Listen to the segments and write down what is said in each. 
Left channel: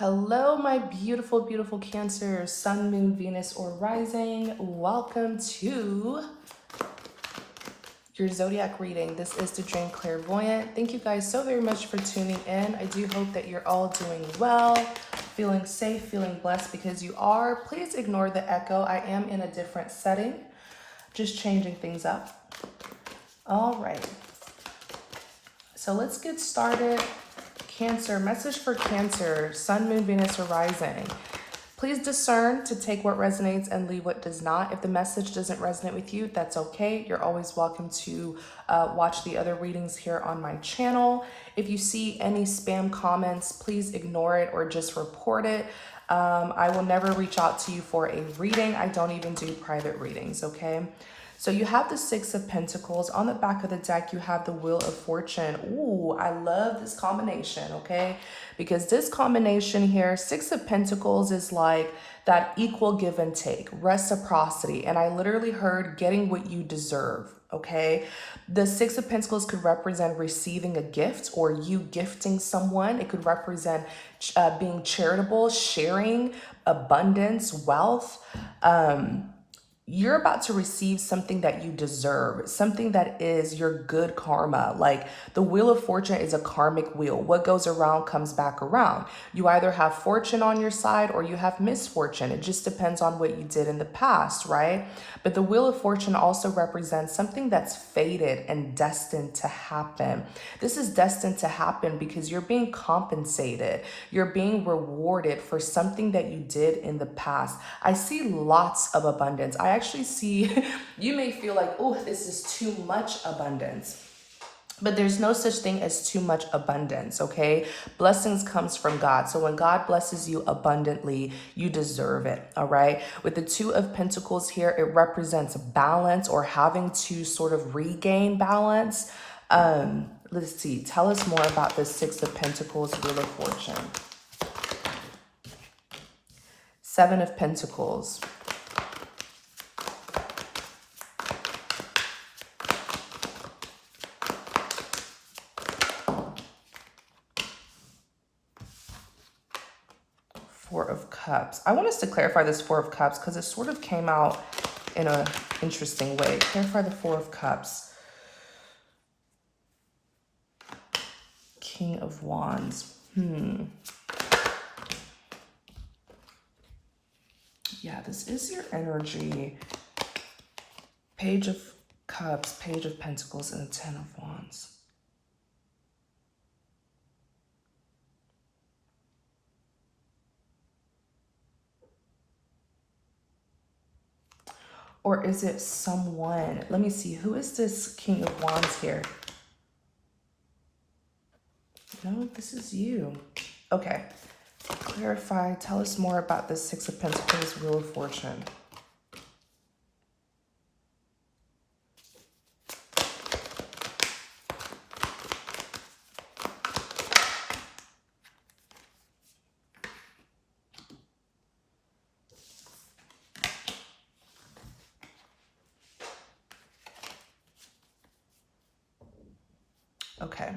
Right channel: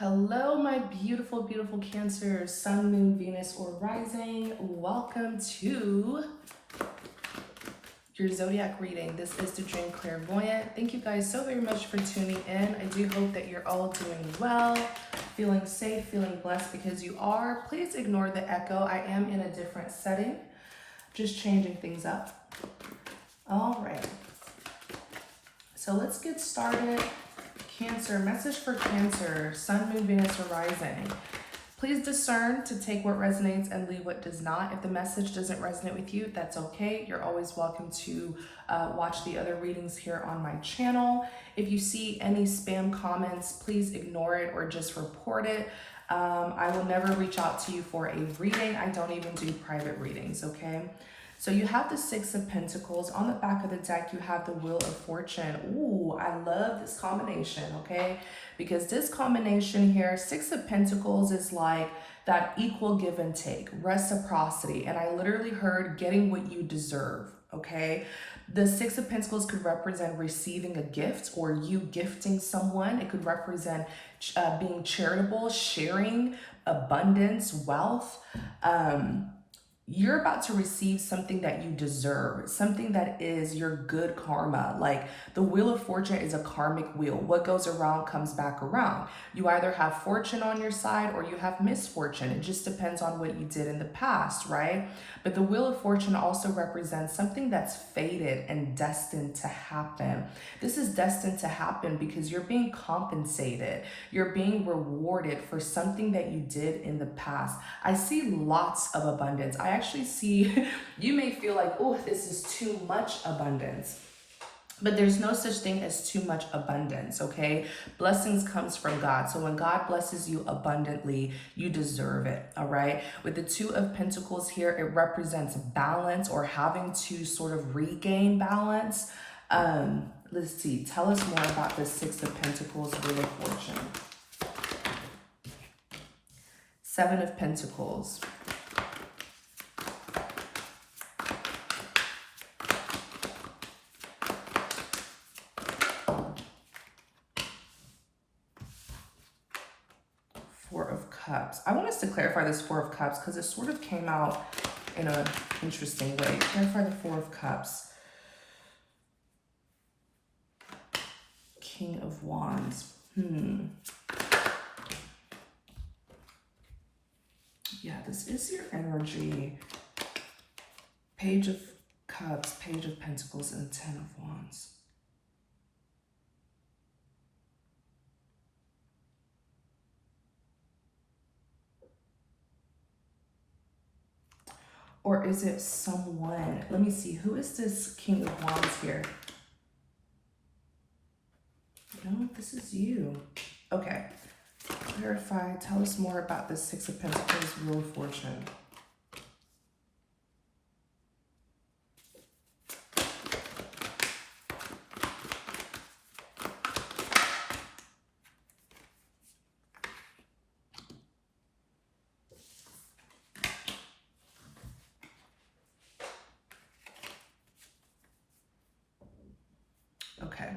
Hello, my beautiful, beautiful Cancer, Sun, Moon, Venus, or Rising. Welcome to your zodiac reading. This is the Dream Clairvoyant. Thank you guys so very much for tuning in. I do hope that you're all doing well, feeling safe, feeling blessed because you are. Please ignore the echo. I am in a different setting, just changing things up. All right. So let's get started. Cancer, message for Cancer, Sun, Moon, Venus, or Rising. Please discern to take what resonates and leave what does not. If the message doesn't resonate with you, that's okay. You're always welcome to watch the other readings here on my channel. If you see any spam comments, please ignore it or just report it. I will never reach out to you for a reading. I don't even do private readings, okay? So you have the Six of Pentacles. On the back of the deck, you have the Wheel of Fortune. Ooh, I love this combination, okay? Because this combination here, Six of Pentacles is like that equal give and take, reciprocity. And I literally heard getting what you deserve, okay? The Six of Pentacles could represent receiving a gift or you gifting someone. It could represent being charitable, sharing, abundance, wealth. You're about to receive something that you deserve, something that is your good karma. Like the Wheel of Fortune is a karmic wheel. What goes around comes back around. You either have fortune on your side or you have misfortune. It just depends on what you did in the past, right? But the Wheel of Fortune also represents something that's fated and destined to happen. This is destined to happen because you're being compensated. You're being rewarded for something that you did in the past. I see lots of abundance. I actually see, you may feel like, oh, this is too much abundance. But there's no such thing as too much abundance, okay? Blessings comes from God. So when God blesses you abundantly, you deserve it, all right? With the Two of Pentacles here, it represents balance or having to sort of regain balance. Let's see, tell us more about the Six of Pentacles, Wheel of Fortune. Seven of Pentacles. Four of Cups. I want us to clarify this Four of Cups because it sort of came out in an interesting way. Clarify the Four of Cups. King of Wands. Yeah, this is your energy. Page of Cups, Page of Pentacles, and the Ten of Wands. Or is it someone? Let me see. Who is this King of Wands here? No, this is you. Okay. Clarify. Tell us more about the Six of Pentacles, Wheel of Fortune. Okay.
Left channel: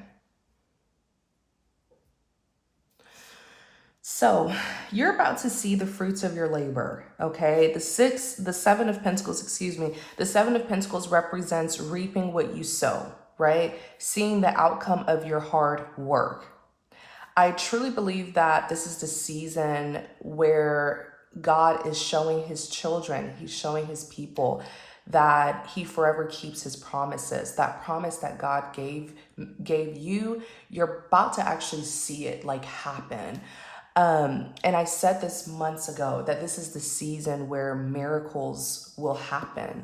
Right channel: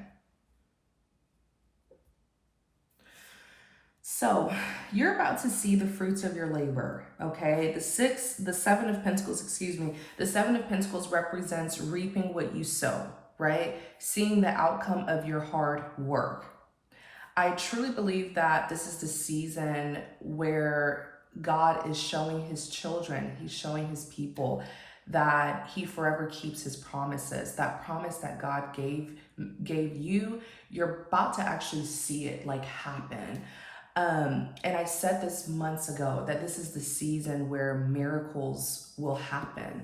So you're about to see the fruits of your labor, okay? The Seven of Pentacles, excuse me. The Seven of Pentacles represents reaping what you sow, right? Seeing the outcome of your hard work. I truly believe that this is the season where God is showing his children, he's showing his people that he forever keeps his promises. That promise that God gave you, you're about to actually see it like happen. And I said this months ago that this is the season where miracles will happen.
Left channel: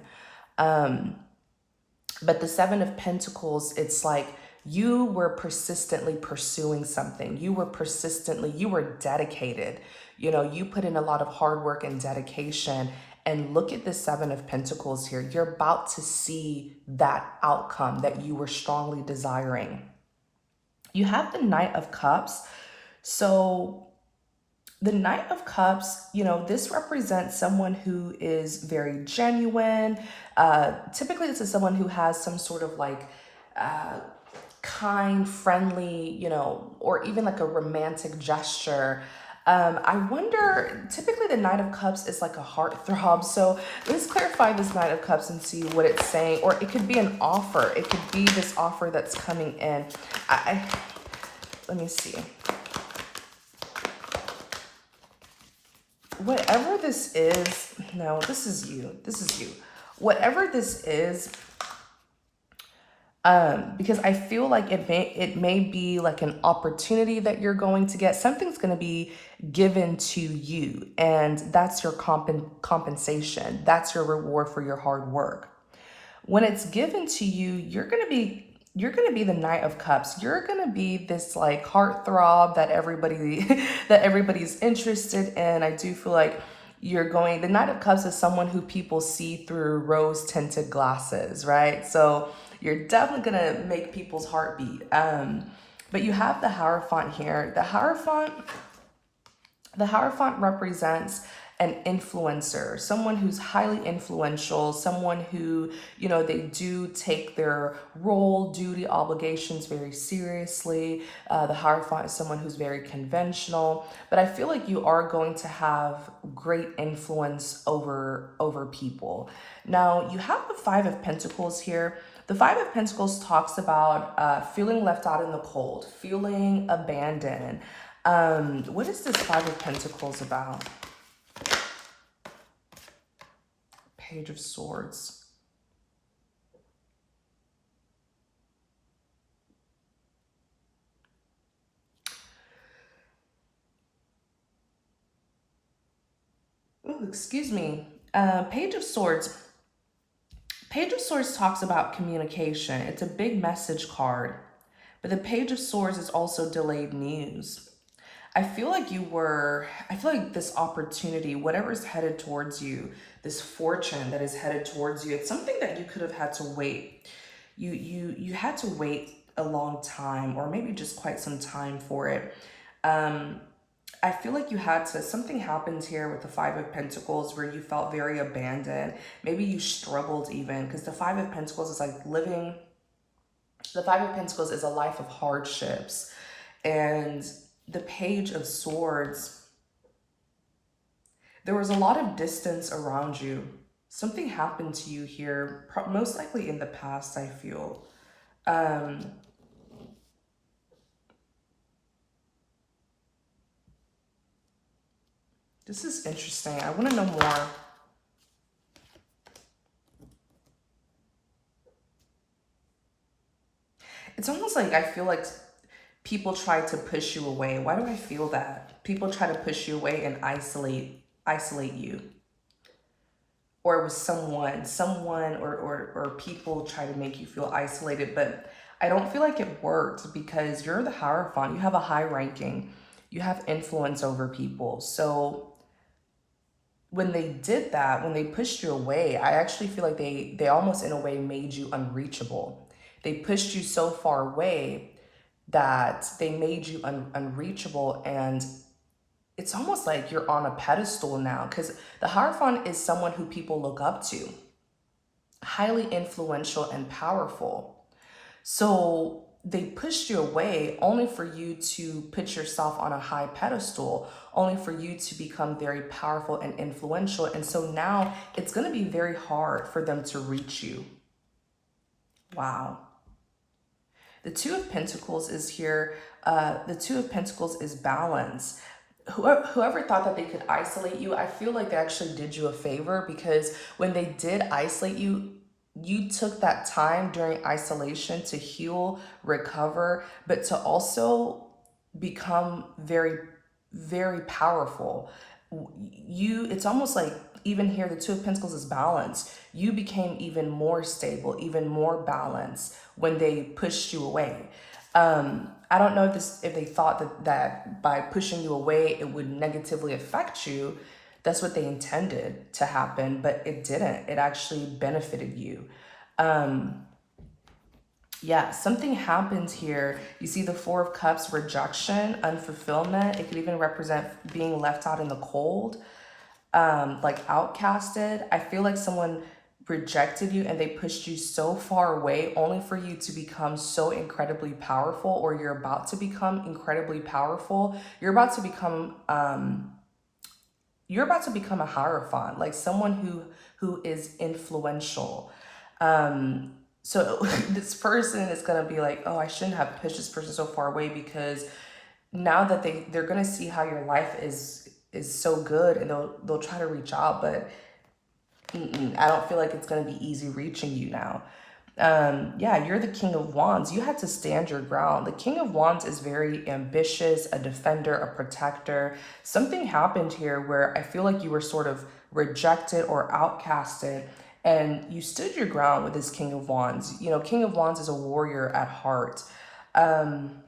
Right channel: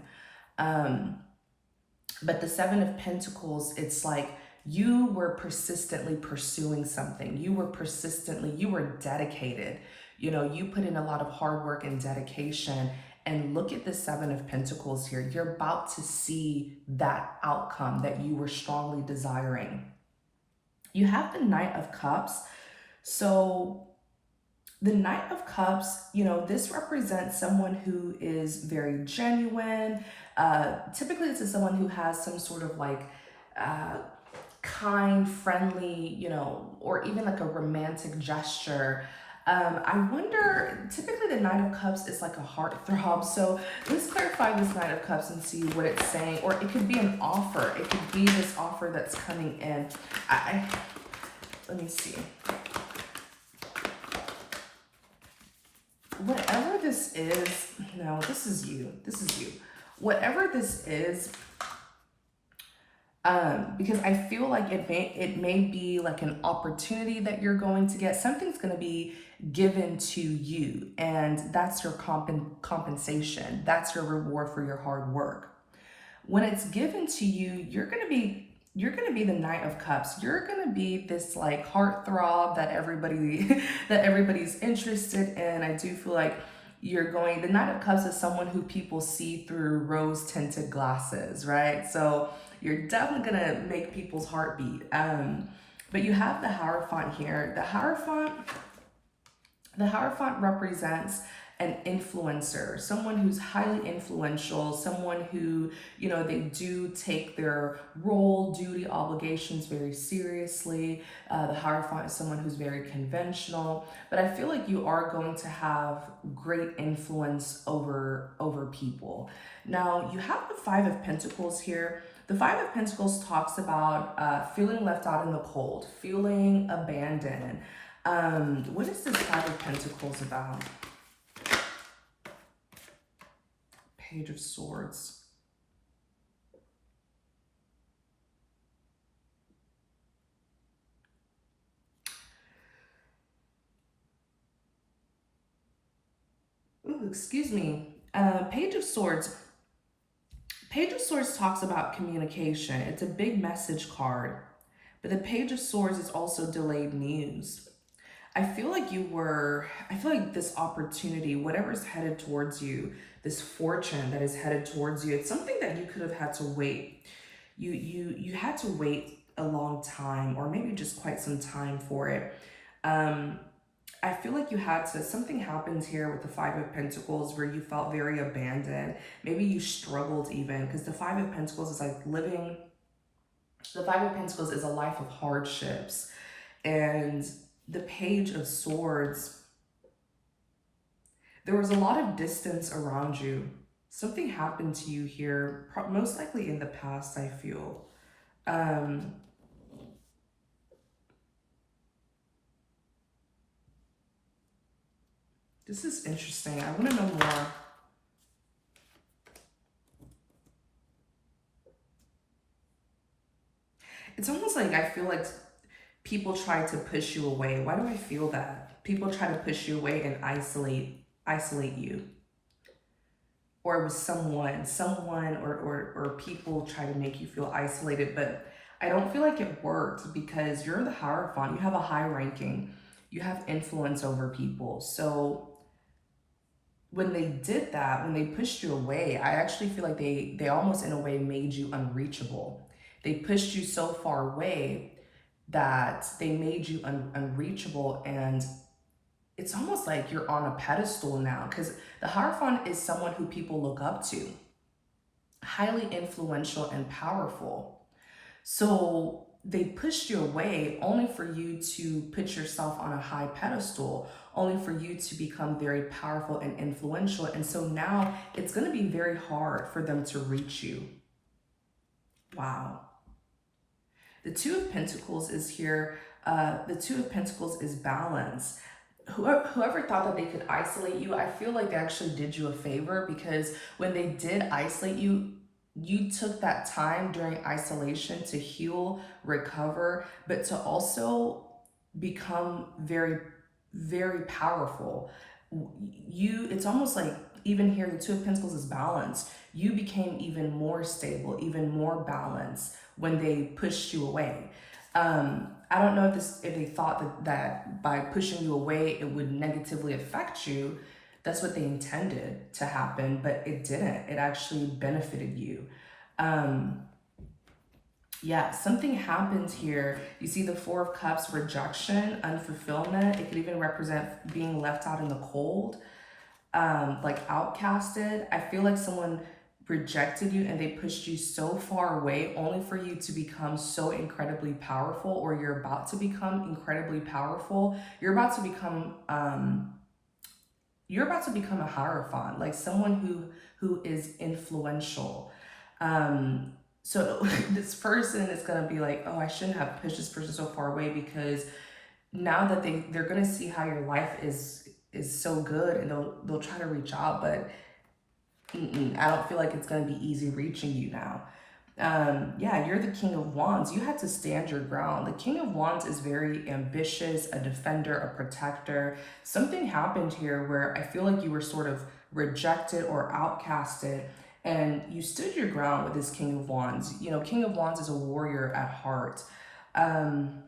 But the Seven of Pentacles, it's like you were persistently pursuing something. You were dedicated. You know, you put in a lot of hard work and dedication. And look at the Seven of Pentacles here. You're about to see that outcome that you were strongly desiring. You have the Knight of Cups. So the Knight of Cups, you know, this represents someone who is very genuine. Typically, this is someone who has some sort of like kind, friendly, you know, or even like a romantic gesture I wonder, typically the Knight of Cups is like a heartthrob. So let's clarify this Knight of Cups and see what it's saying. Or it could be an offer. It could be this offer that's coming in. Let me see. Whatever this is, no, this is you. This is you. Whatever this is, because I feel like it may be like an opportunity that you're going to get. Something's going to be given to you, and that's your compensation. That's your reward for your hard work. When it's given to you, you're going to be the Knight of Cups. You're going to be this like heartthrob that everybody's interested in. I do feel like the Knight of Cups is someone who people see through rose tinted glasses, right? So you're definitely going to make people's heart beat. But you have the Hierophant here. The Hierophant represents an influencer, someone who's highly influential, someone who, they do take their role, duty, obligations very seriously. The Hierophant is someone who's very conventional, but I feel like you are going to have great influence over people. Now, you have the Five of Pentacles here. The Five of Pentacles talks about feeling left out in the cold, feeling abandoned. What is this Five of Pentacles about? Page of Swords. Ooh, excuse me. Page of Swords. Page of Swords talks about communication. It's a big message card. But the Page of Swords is also delayed news. I feel like this opportunity, whatever's headed towards you, this fortune that is headed towards you, it's something that you could have had to wait. You had to wait a long time, or maybe just quite some time for it. I feel like something happened here with the Five of Pentacles where you felt very abandoned. Maybe you struggled even, because the Five of Pentacles is like the Five of Pentacles is a life of hardships. And the Page of Swords, there was a lot of distance around you. Something happened to you here, most likely in the past, I feel. This is interesting. I want to know more. It's almost like I feel like people try to push you away. Why do I feel that? People try to push you away and isolate you. Or it was someone or people try to make you feel isolated, but I don't feel like it worked, because you're the Hierophant. You have a high ranking. You have influence over people. So when they did that, when they pushed you away, I actually feel like they almost in a way made you unreachable. They pushed you so far away that they made you unreachable, and it's almost like you're on a pedestal now, because the Hierophant is someone who people look up to, highly influential and powerful. So they pushed you away only for you to put yourself on a high pedestal, only for you to become very powerful and influential. And so now it's going to be very hard for them to reach you. Wow. The Two of Pentacles is here. The Two of Pentacles is balance. Whoever thought that they could isolate you, I feel like they actually did you a favor, because when they did isolate you, you took that time during isolation to heal, recover, but to also become very, very powerful. It's almost like, even here, the Two of Pentacles is balance. You became even more stable, even more balanced when they pushed you away. I don't know if they thought that by pushing you away, it would negatively affect you. That's what they intended to happen, but it didn't. It actually benefited you. Yeah, something happened here. You see the Four of Cups, rejection, unfulfillment. It could even represent being left out in the cold, like outcasted. I feel like someone rejected you and they pushed you so far away only for you to become so incredibly powerful, or you're about to become incredibly powerful. You're about to become a hierophant, like someone who is influential. So this person is gonna be like, oh, I shouldn't have pushed this person so far away, because now that they're gonna see how your life is so good, and they'll try to reach out, but I don't feel like it's gonna be easy reaching you now. Yeah, you're the King of Wands. You had to stand your ground. The King of Wands is very ambitious, a defender, a protector. Something happened here where I feel like you were sort of rejected or outcasted, and you stood your ground with this King of Wands. You know, King of Wands is a warrior at heart. Um,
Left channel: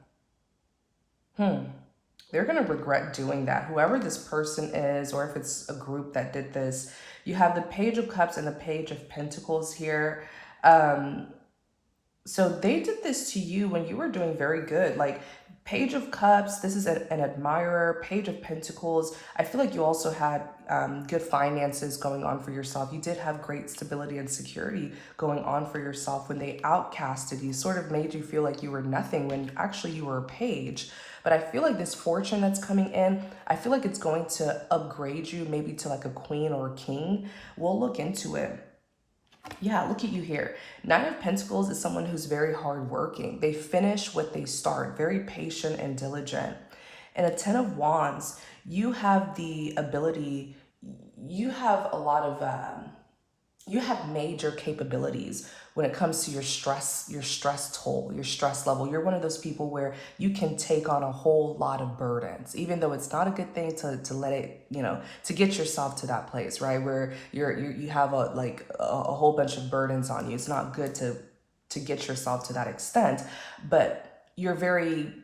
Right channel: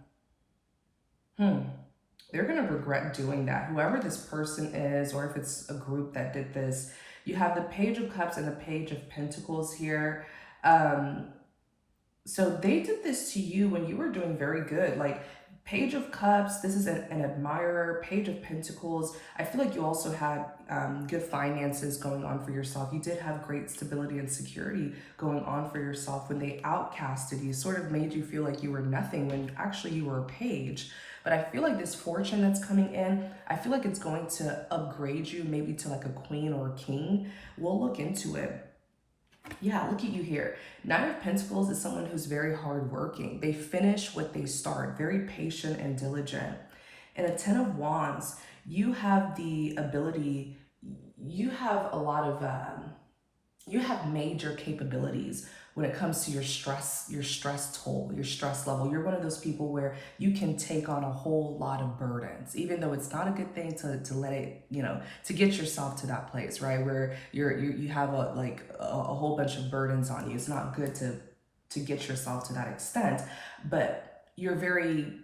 they're going to regret doing that. Whoever this person is, or if it's a group that did this, you have the Page of Cups and the Page of Pentacles here. So they did this to you when you were doing very good. Like, Page of Cups, this is an admirer. Page of Pentacles, I feel like you also had good finances going on for yourself. You did have great stability and security going on for yourself. When they outcasted you, sort of made you feel like you were nothing when actually you were a page. But I feel like this fortune that's coming in, I feel like it's going to upgrade you maybe to like a queen or a king. We'll look into it. Yeah, look at you here. Nine of Pentacles is someone who's very hardworking. They finish what they start, very patient and diligent. And a Ten of Wands, you have the ability, you have a lot of, you have major capabilities when it comes to your stress toll, your stress level. You're one of those people where you can take on a whole lot of burdens, even though it's not a good thing to let it, you know, to get yourself to that place, right? Where you have a whole bunch of burdens on you. It's not good to get yourself to that extent, but you're very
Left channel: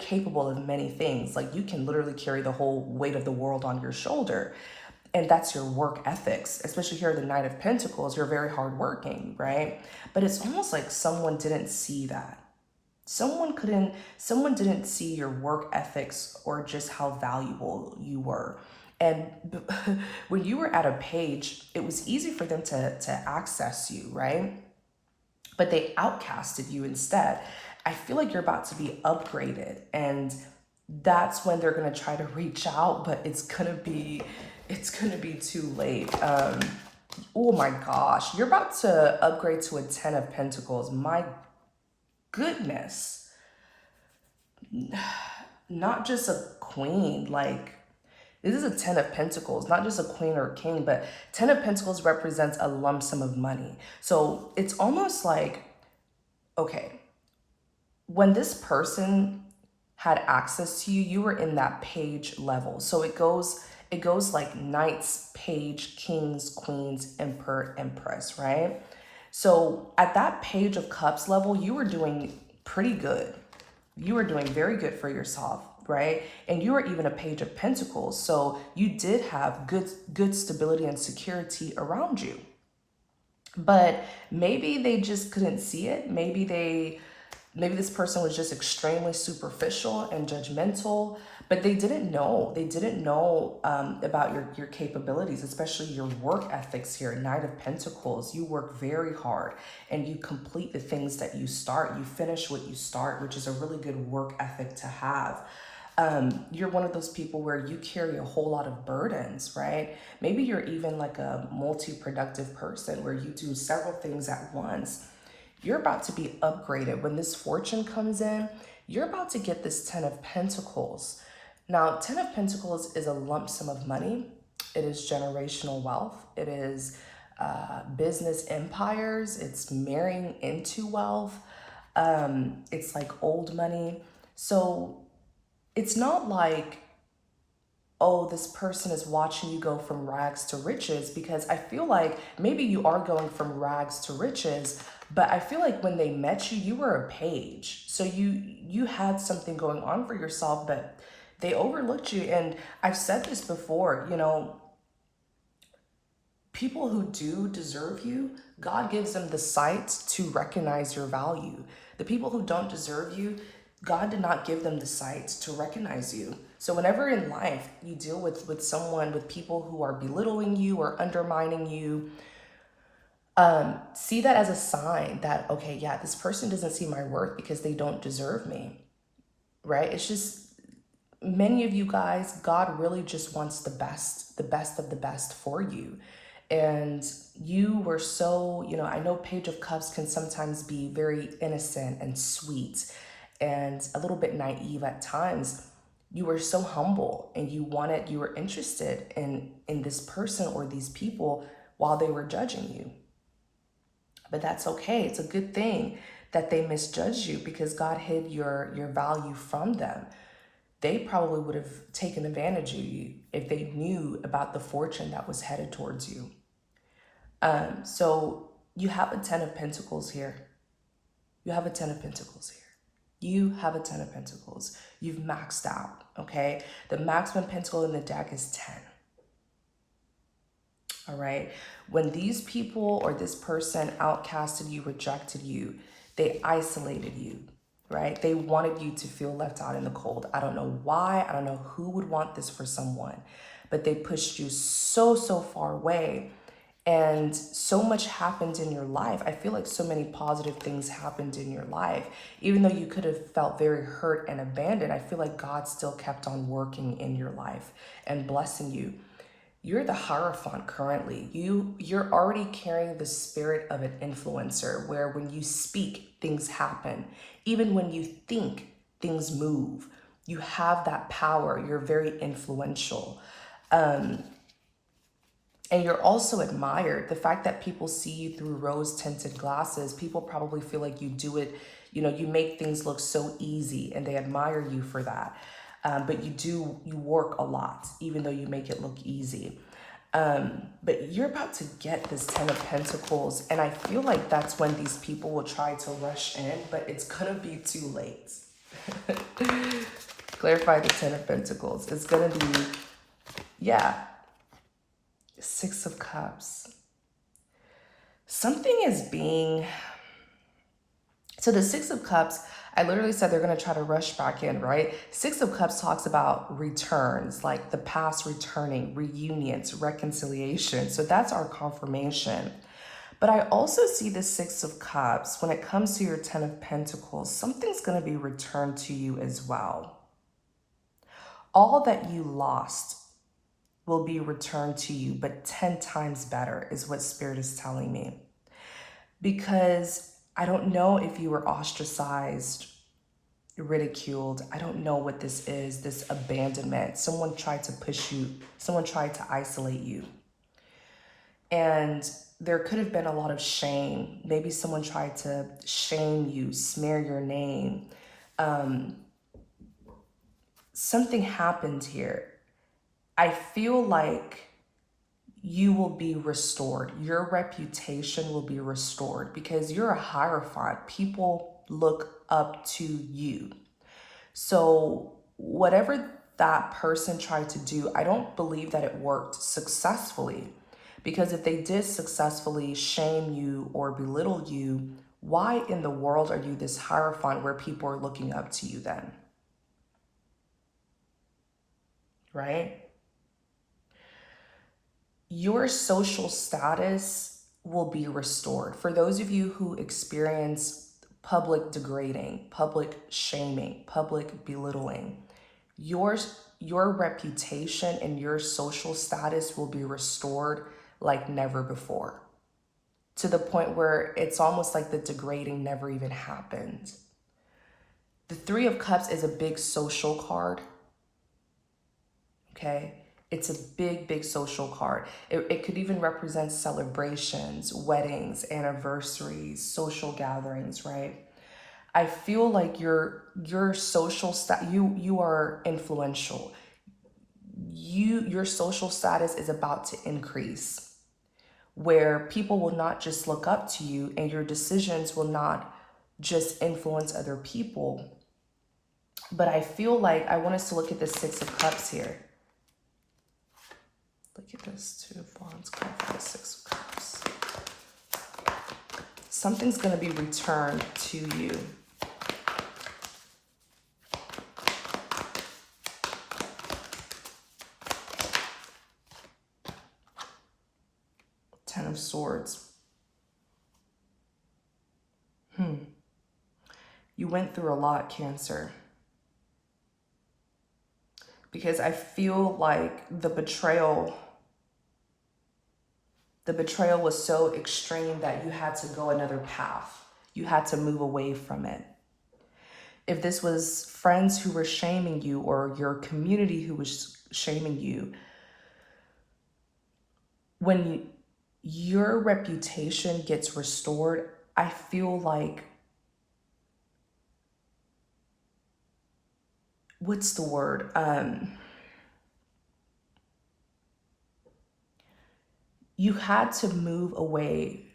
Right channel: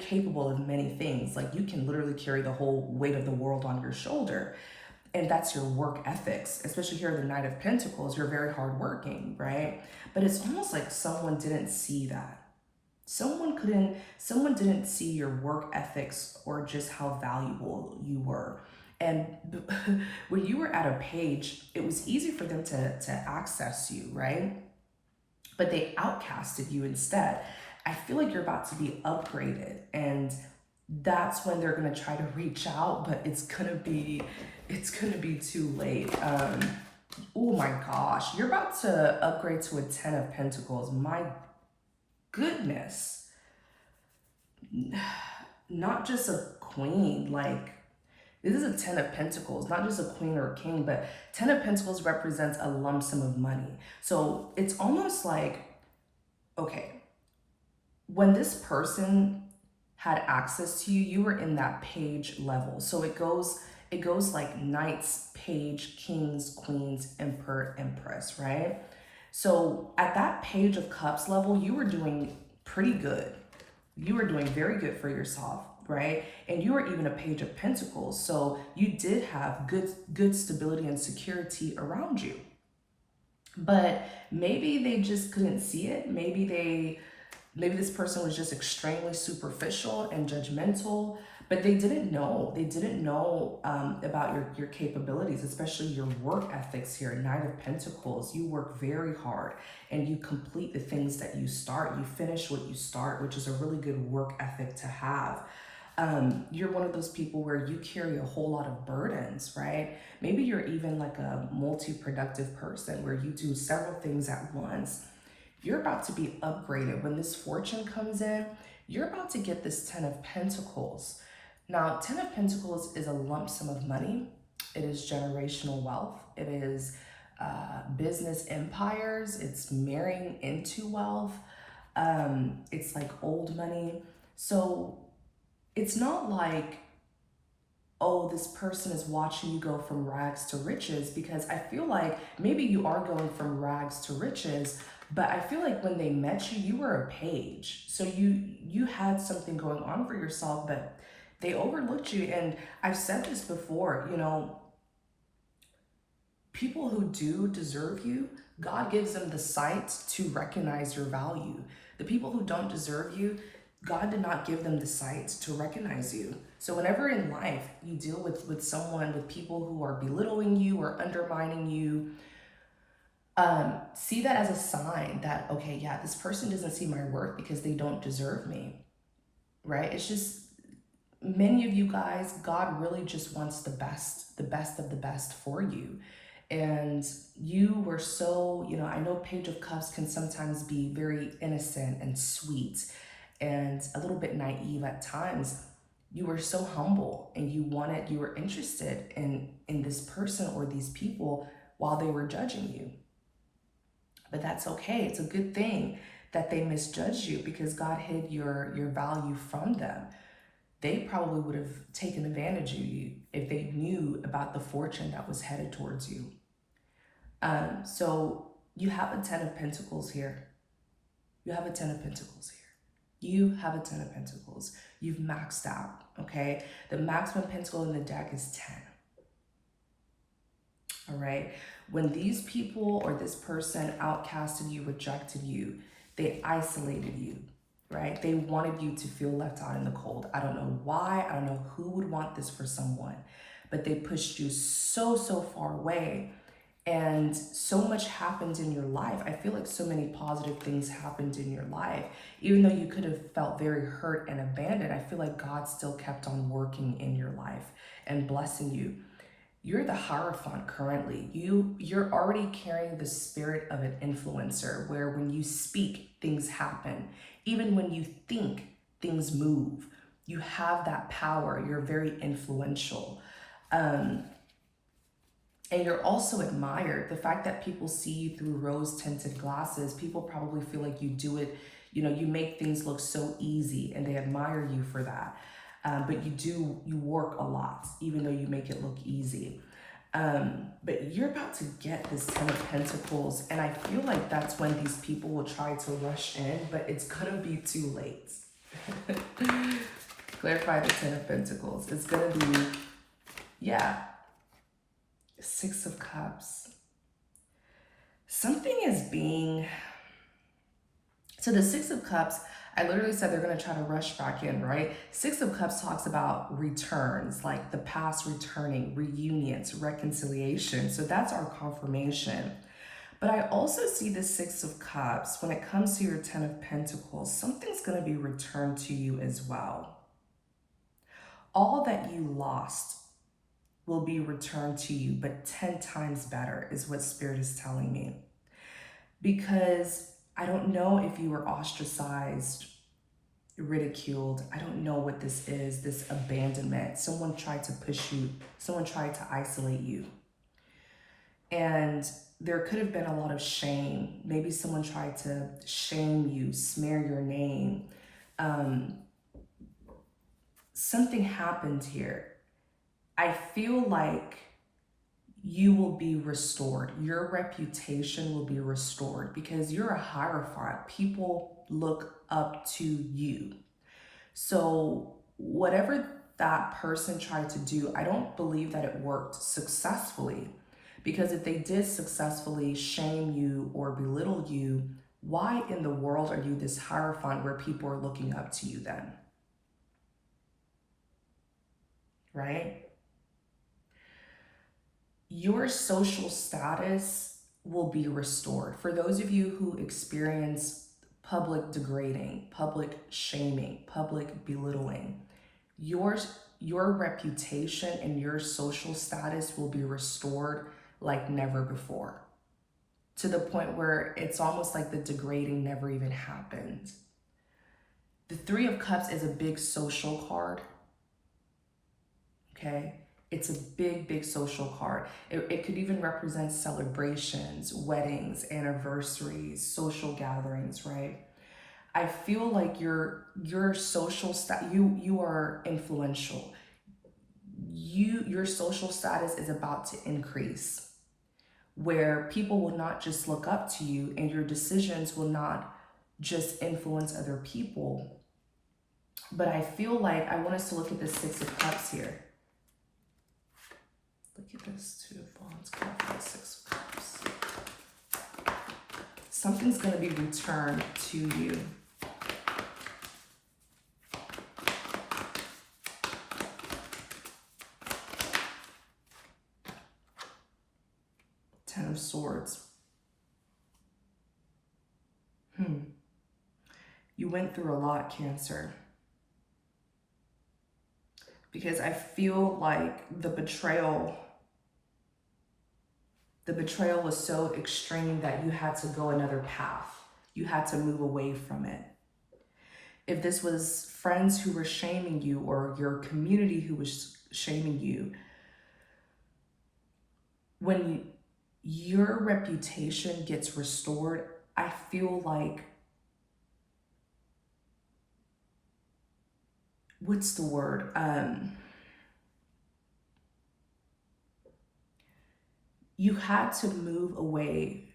capable of many things. Like, you can literally carry the whole weight of the world on your shoulder. And that's your work ethics, especially here at the Knight of Pentacles. You're very hardworking, right? But it's almost like someone didn't see that. Someone didn't see your work ethics or just how valuable you were. And when you were at a page, it was easy for them to access you, right? But they outcasted you instead. I feel like you're about to be upgraded, and that's when they're gonna try to reach out, but it's gonna be too late. Oh my gosh, you're about to upgrade to a Ten of Pentacles. My goodness. Not just a queen, like, this is a Ten of Pentacles, not just a queen or a king, but Ten of Pentacles represents a lump sum of money. So it's almost like, okay, when this person had access to you, you were in that page level. So it goes like knights, page, kings, queens, emperor, empress, right? So at that Page of Cups level, you were doing pretty good. You were doing very good for yourself, right? And you were even a Page of Pentacles. So you did have good stability and security around you. But maybe they just couldn't see it. Maybe this person was just extremely superficial and judgmental, but they didn't know. They didn't know about your capabilities, especially your work ethics here. Knight of Pentacles, you work very hard and you complete the things that you start. You finish what you start, which is a really good work ethic to have. You're one of those people where you carry a whole lot of burdens, right? Maybe you're even like a multi-productive person where you do several things at once. You're about to be upgraded. When this fortune comes in, you're about to get this Ten of Pentacles. Now, Ten of Pentacles is a lump sum of money. It is generational wealth. It is business empires. It's marrying into wealth. It's like old money. So it's not like, oh, this person is watching you go from rags to riches, because I feel like maybe you are going from rags to riches, but I feel like when they met you, you were a page. So you had something going on for yourself, but they overlooked you. And I've said this before, you know, people who do deserve you, God gives them the sight to recognize your value. The people who don't deserve you, God did not give them the sight to recognize you. So whenever in life you deal with someone, with people who are belittling you or undermining you, See that as a sign that, okay, yeah, this person doesn't see my worth because they don't deserve me, right? It's just, many of you guys, God really just wants the best of the best for you. And you were so, I know Page of Cups can sometimes be very innocent and sweet and a little bit naive at times. You were so humble and you were interested in this person or these people while they were judging you. But that's okay. It's a good thing that they misjudged you because God hid your value from them. They probably would have taken advantage of you if they knew about the fortune that was headed towards you. So you have a 10 of Pentacles here. You have a 10 of Pentacles here. You have a 10 of Pentacles. You've maxed out, okay? The maximum pentacle in the deck is 10. All right? When these people or this person outcasted you, rejected you, they isolated you, right? They wanted you to feel left out in the cold. I don't know why. I don't know who would want this for someone, but they pushed you so far away. And so much happened in your life. I feel like so many positive things happened in your life. Even though you could have felt very hurt and abandoned, I feel like God still kept on working in your life and blessing you. You're the Hierophant currently. You're already carrying the spirit of an influencer where when you speak, things happen. Even when you think, things move. You have that power. You're very influential. And you're also admired. The fact that people see you through rose-tinted glasses, people probably feel like you do it, you make things look so easy and they admire you for that. But you work a lot, even though you make it look easy. But you're about to get this 10 of Pentacles, and I feel like that's when these people will try to rush in, but it's gonna be too late. Clarify the 10 of Pentacles. It's gonna be, yeah, 6 of Cups. Something is being, so the 6 of Cups, I literally said they're going to try to rush back in, right? 6 of Cups talks about returns, like the past returning, reunions, reconciliation. So that's our confirmation. But I also see the 6 of Cups, when it comes to your 10 of Pentacles, something's going to be returned to you as well. All that you lost will be returned to you, but 10 times better is what Spirit is telling me. Because I don't know if you were ostracized, ridiculed. I don't know what this is, this abandonment. Someone tried to push you. Someone tried to isolate you. And there could have been a lot of shame. Maybe someone tried to shame you, smear your name. Something happened here. I feel like you will be restored. Your reputation will be restored because you're a Hierophant. People look up to you. So whatever that person tried to do, I don't believe that it worked successfully, because if they did successfully shame you or belittle you, why in the world are you this Hierophant where people are looking up to you then? Right? Your social status will be restored. For those of you who experience public degrading, public shaming, public belittling, your reputation and your social status will be restored like never before, to the point where it's almost like the degrading never even happened. The 3 of Cups is a big social card, okay? It's a big social card. It could even represent celebrations, weddings, anniversaries, social gatherings, right? I feel like your social you are influential. Your social status is about to increase, where people will not just look up to you and your decisions will not just influence other people. But I feel like I want us to look at the 6 of Cups here. Look at this 2 of Wands, come from the 6 of Cups. Something's going to be returned to you. Ten of Swords. went through a lot, Cancer. Because I feel like the betrayal was so extreme that you had to go another path. You had to move away from it. If this was friends who were shaming you or your community who was shaming you, when your reputation gets restored, I feel like, what's the word? You had to move away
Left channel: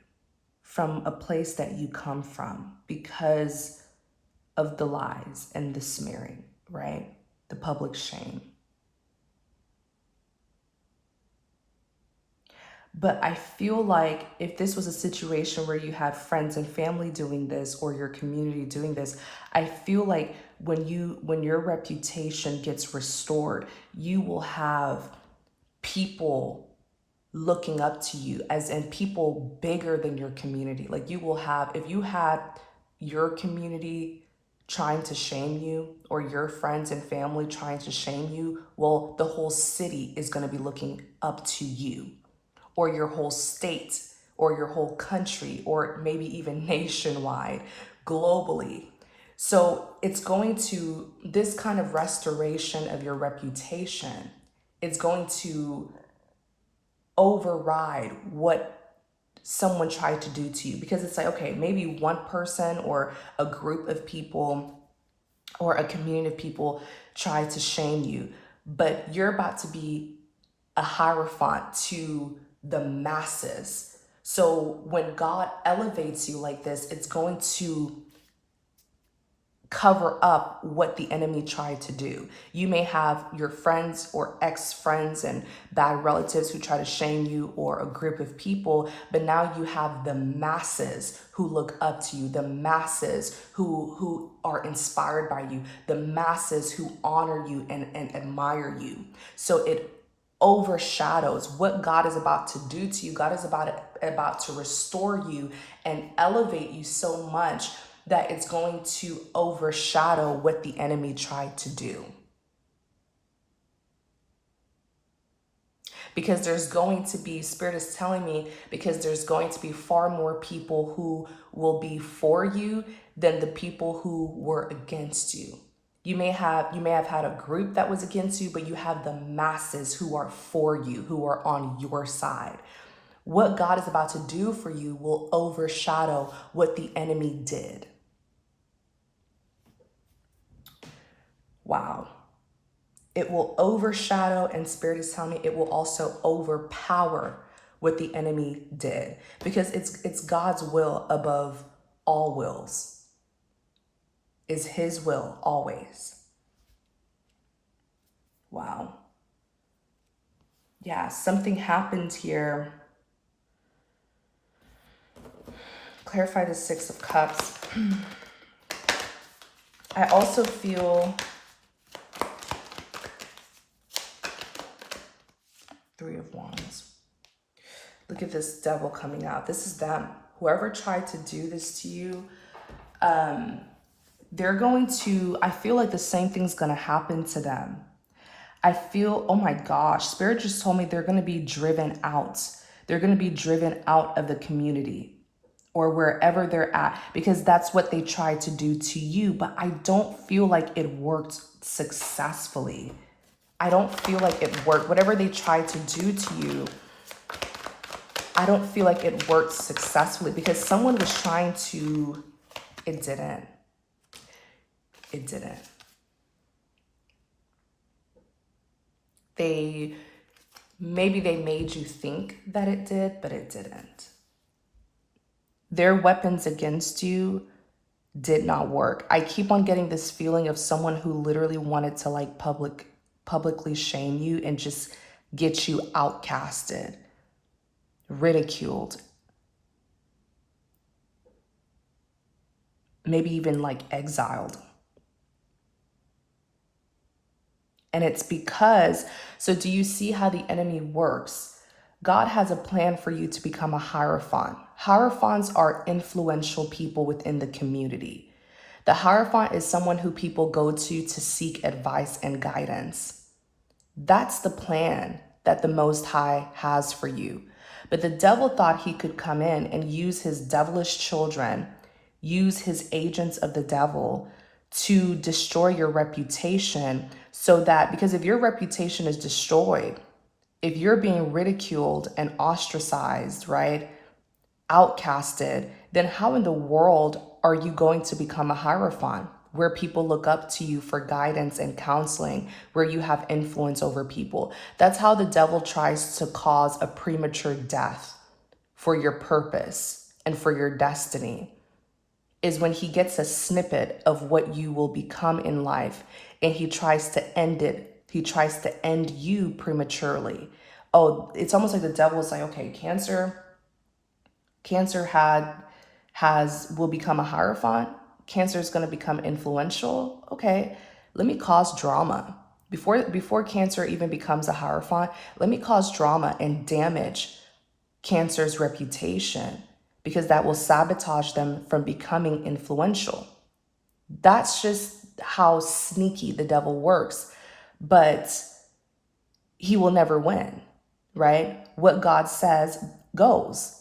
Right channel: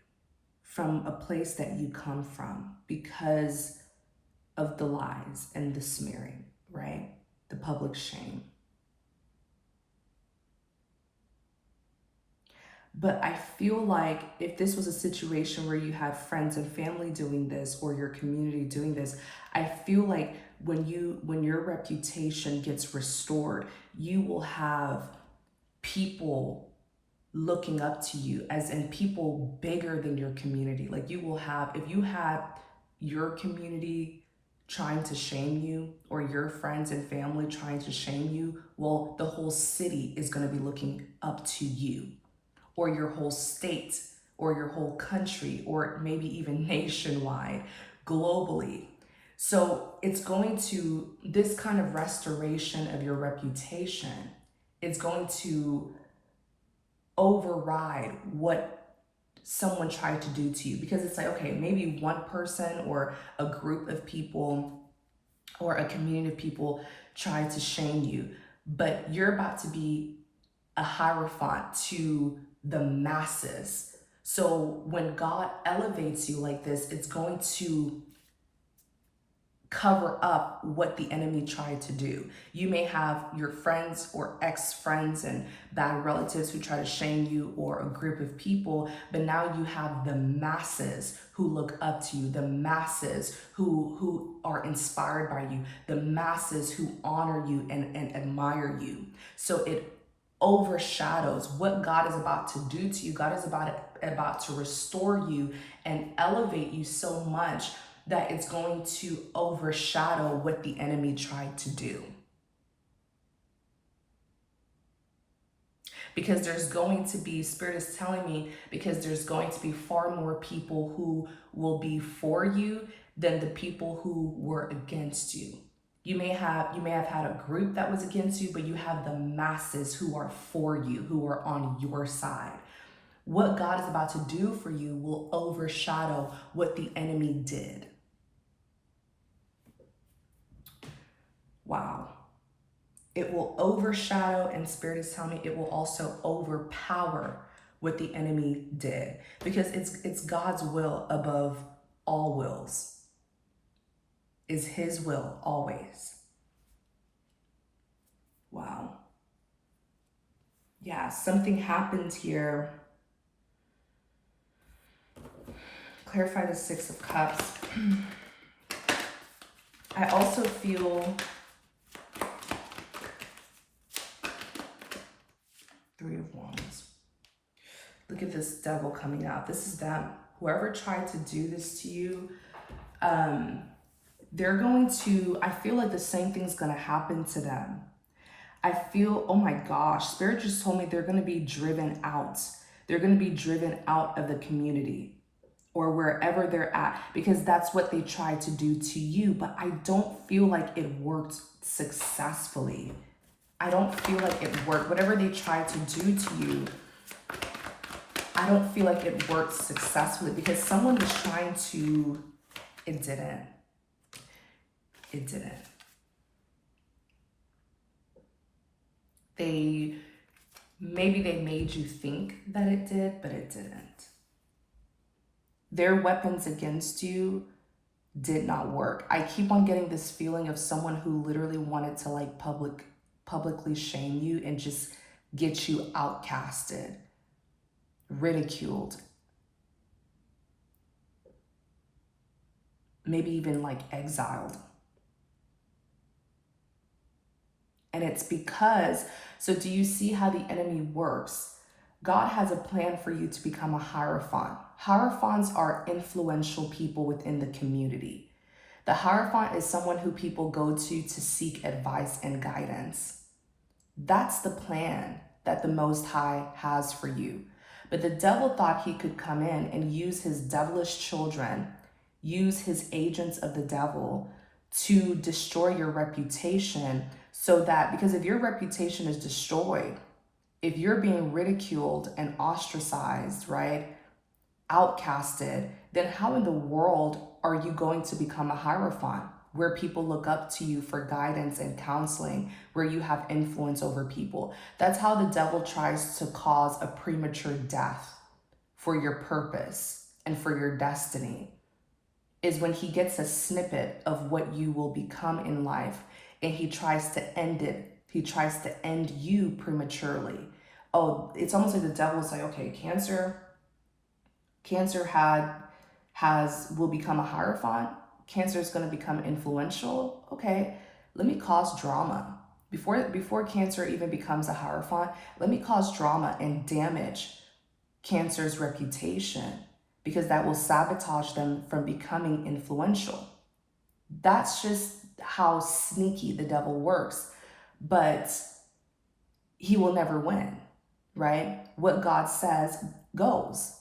from a place that you come from because of the lies and the smearing, right? The public shame. But I feel like if this was a situation where you had friends and family doing this or your community doing this, I feel like when your reputation gets restored, you will have people looking up to you, as in people bigger than your community. Like you will have, if you had your community trying to shame you or your friends and family trying to shame you, well, the whole city is going to be looking up to you, or your whole state, or your whole country, or maybe even nationwide, globally. So it's going to, this kind of restoration of your reputation, it's going to override what someone tried to do to you. Because it's like, okay, maybe one person or a group of people or a community of people tried to shame you, but you're about to be a hierophant to the masses. So when God elevates you like this, it's going to cover up what the enemy tried to do. You may have your friends or ex-friends and bad relatives who try to shame you, or a group of people, but now you have the masses who look up to you, the masses who are inspired by you, the masses who honor you and admire you. So it overshadows what God is about to do to you. God is about to restore you and elevate you so much that it's going to overshadow what the enemy tried to do. Because there's going to be, Spirit is telling me, because there's going to be far more people who will be for you than the people who were against you. You may have had a group that was against you, but you have the masses who are for you, who are on your side. What God is about to do for you will overshadow what the enemy did. Wow. It will overshadow, and Spirit is telling me it will also overpower what the enemy did, because it's God's will above all wills. Is his will always. Wow. Yeah, something happened here. Clarify the Six of Cups. I also feel Three of Wands. Look at this Devil coming out. This is them. Whoever tried to do this to you, they're going to, I feel like the same thing's going to happen to them. I feel, oh my gosh, Spirit just told me they're going to be driven out. They're going to be driven out of the community or wherever they're at, because that's what they tried to do to you. But I don't feel like it worked successfully. I don't feel like it worked. Whatever they tried to do to you, I don't feel like it worked successfully, because someone was trying to, it didn't. It didn't. Maybe they made you think that it did, but it didn't. Their weapons against you did not work. I keep on getting this feeling of someone who literally wanted to like publicly shame you and just get you outcasted, ridiculed, maybe even like exiled. And it's because, so do you see how the enemy works? God has a plan for you to become a hierophant. Hierophants are influential people within the community. The Hierophant is someone who people go to seek advice and guidance. That's the plan that the Most High has for you. But the devil thought he could come in and use his devilish children, use his agents of the devil to destroy your reputation, so that, because if your reputation is destroyed, if you're being ridiculed and ostracized, right, outcasted, then how in the world are you going to become a Hierophant, where people look up to you for guidance and counseling, where you have influence over people? That's how the devil tries to cause a premature death for your purpose and for your destiny, is when he gets a snippet of what you will become in life and he tries to end it. He tries to end you prematurely. Oh, it's almost like the devil's like, okay, Cancer will become a Hierophant. Cancer is going to become influential. Okay, let me cause drama. Before Cancer even becomes a Hierophant, let me cause drama and damage Cancer's reputation, because that will sabotage them from becoming influential. That's just how sneaky the devil works. But he will never win, right? What God says goes.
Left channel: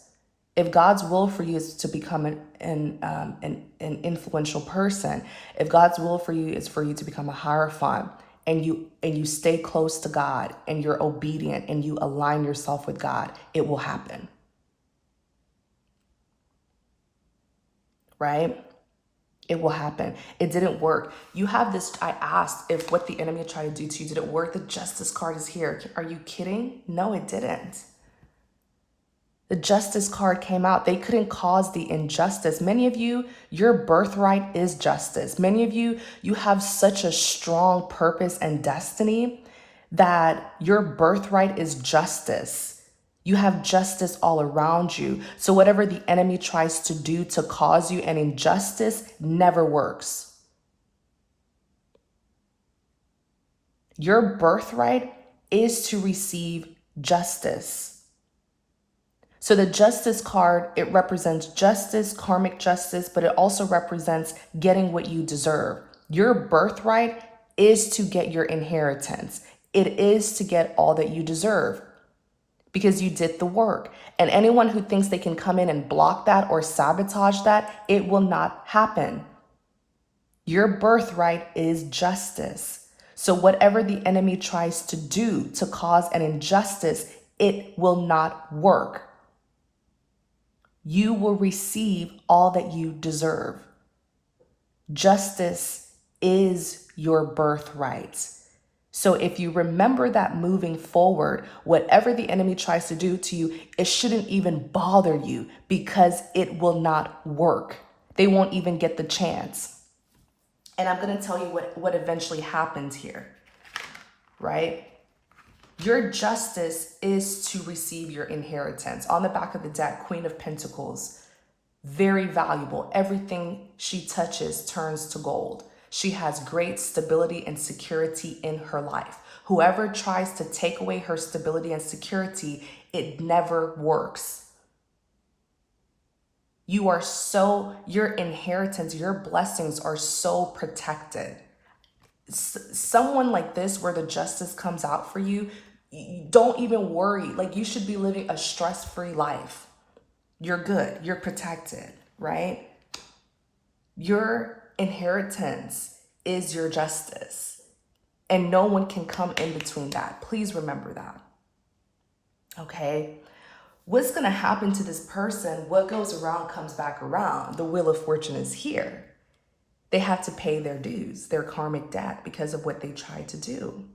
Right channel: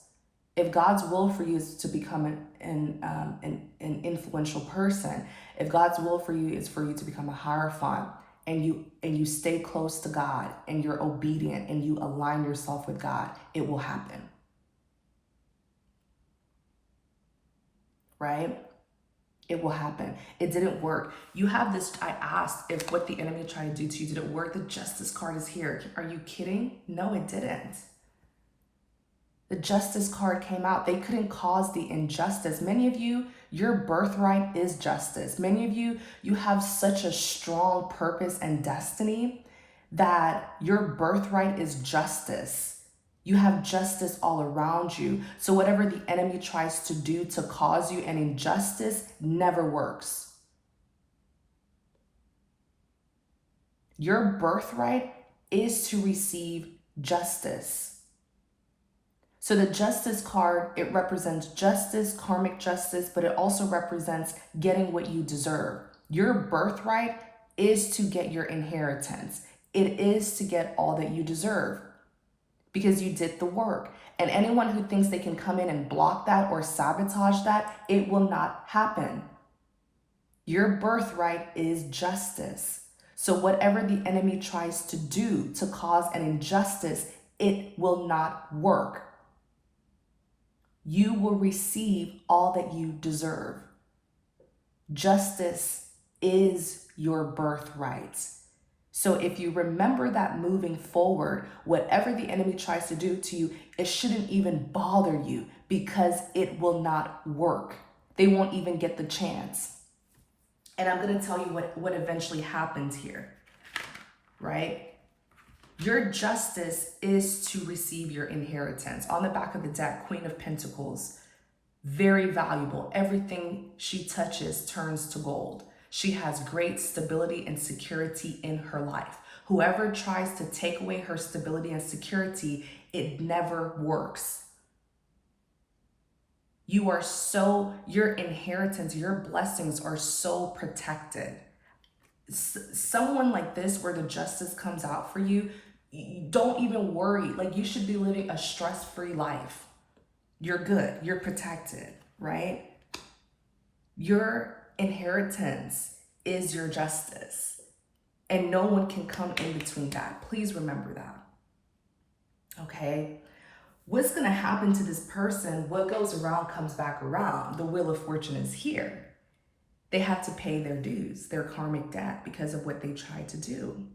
If God's will for you is to become an influential person, if God's will for you is for you to become a Hierophant, and you stay close to God and you're obedient and you align yourself with God, it will happen. Right? It will happen. It didn't work. You have this, I asked if what the enemy tried to do to you, did it work? The Justice card is here. Are you kidding? No, it didn't. The Justice card came out. They couldn't cause the injustice. Many of you, your birthright is justice. Many of you, you have such a strong purpose and destiny that your birthright is justice. You have justice all around you. So whatever the enemy tries to do to cause you an injustice never works. Your birthright is to receive justice. So the Justice card, it represents justice, karmic justice, but it also represents getting what you deserve. Your birthright is to get your inheritance. It is to get all that you deserve, because you did the work. And anyone who thinks they can come in and block that or sabotage that, it will not happen. Your birthright is justice. So whatever the enemy tries to do to cause an injustice, it will not work. You will receive all that you deserve. Justice is your birthright. So if you remember that moving forward, whatever the enemy tries to do to you, it shouldn't even bother you, because it will not work. They won't even get the chance. And I'm going to tell you what eventually happens here, right? Your justice is to receive your inheritance. On the back of the deck, Queen of Pentacles, very valuable. Everything she touches turns to gold. She has great stability and security in her life. Whoever tries to take away her stability and security, it never works. Your inheritance, your blessings are so protected. Someone like this, where the justice comes out for you, don't even worry. Like, you should be living a stress-free life. You're good. You're protected, right? Your inheritance is your justice, and no one can come in between that. Please remember that. Okay? What's going to happen to this person? What goes around comes back around. The Wheel of Fortune is here. They have to pay their dues, their karmic debt, because of what they tried to do.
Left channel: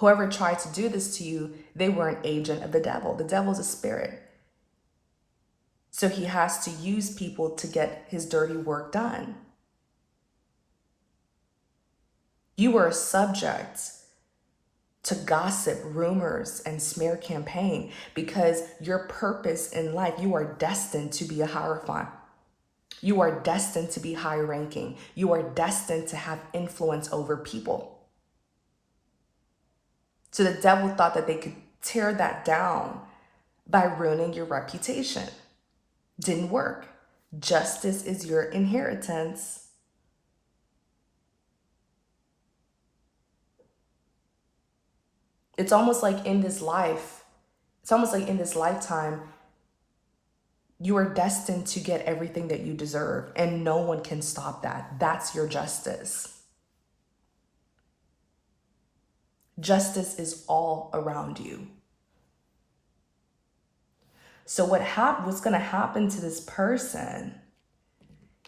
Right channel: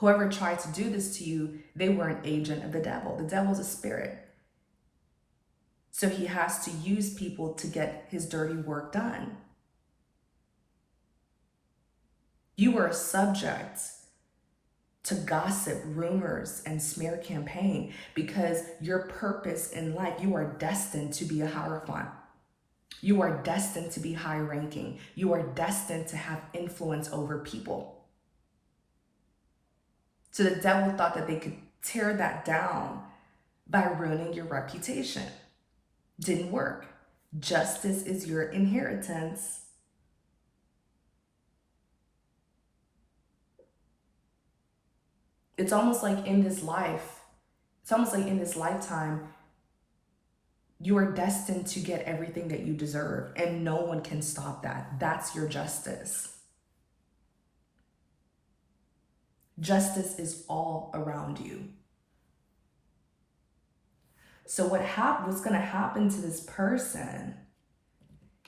Whoever tried to do this to you, they were an agent of the devil. The devil's a spirit. So he has to use people to get his dirty work done. You were subject to gossip, rumors, and smear campaign, because your purpose in life, you are destined to be a Hierophant. You are destined to be high ranking. You are destined to have influence over people. So the devil thought that they could tear that down by ruining your reputation. Didn't work. Justice is your inheritance. It's almost like in this life, it's almost like in this lifetime, you are destined to get everything that you deserve, and no one can stop that. That's your justice. Justice is all around you. So what's going to happen to this person,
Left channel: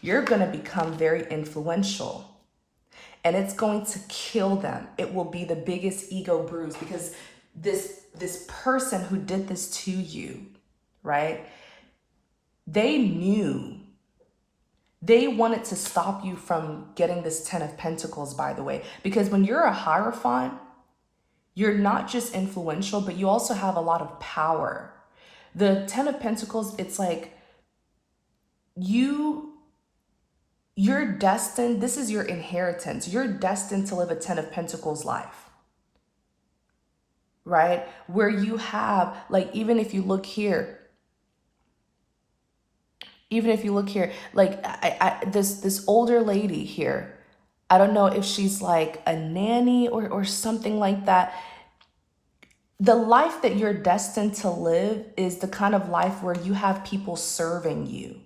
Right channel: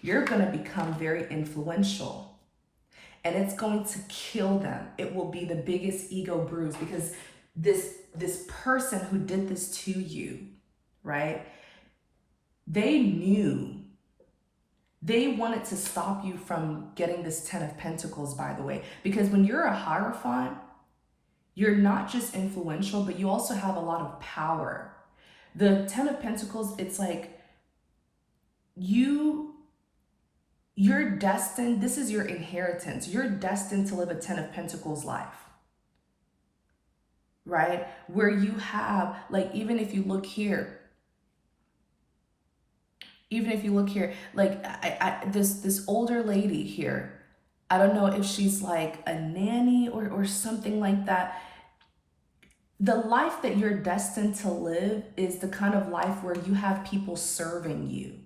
you're going to become very influential, and it's going to kill them. It will be the biggest ego bruise, because this person who did this to you, right? They knew. They wanted to stop you from getting this 10 of Pentacles, by the way, because when you're a Hierophant, you're not just influential, but you also have a lot of power. The 10 of Pentacles, it's like you're destined, this is your inheritance. You're destined to live a 10 of Pentacles life, right? Where you have, like, even if you look here, like this older lady here, I don't know if she's like a nanny or something like that. The life that you're destined to live is the kind of life where you have people serving you.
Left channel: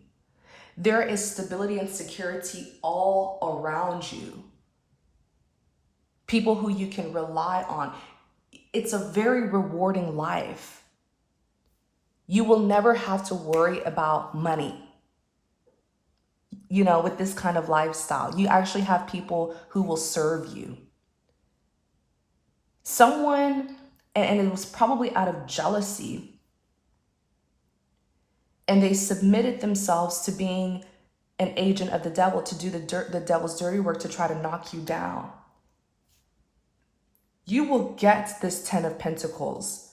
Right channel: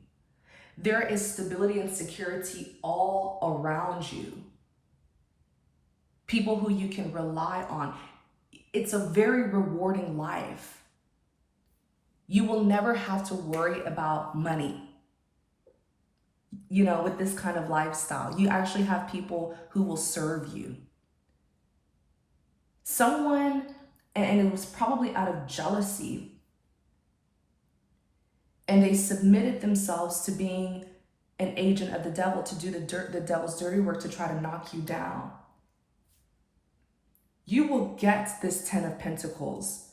There is stability and security all around you. People who you can rely on. It's a very rewarding life. You will never have to worry about money. You know, with this kind of lifestyle, you actually have people who will serve you. Someone, and it was probably out of jealousy, and they submitted themselves to being an agent of the devil, to do the devil's dirty work, to try to knock you down. You will get this 10 of Pentacles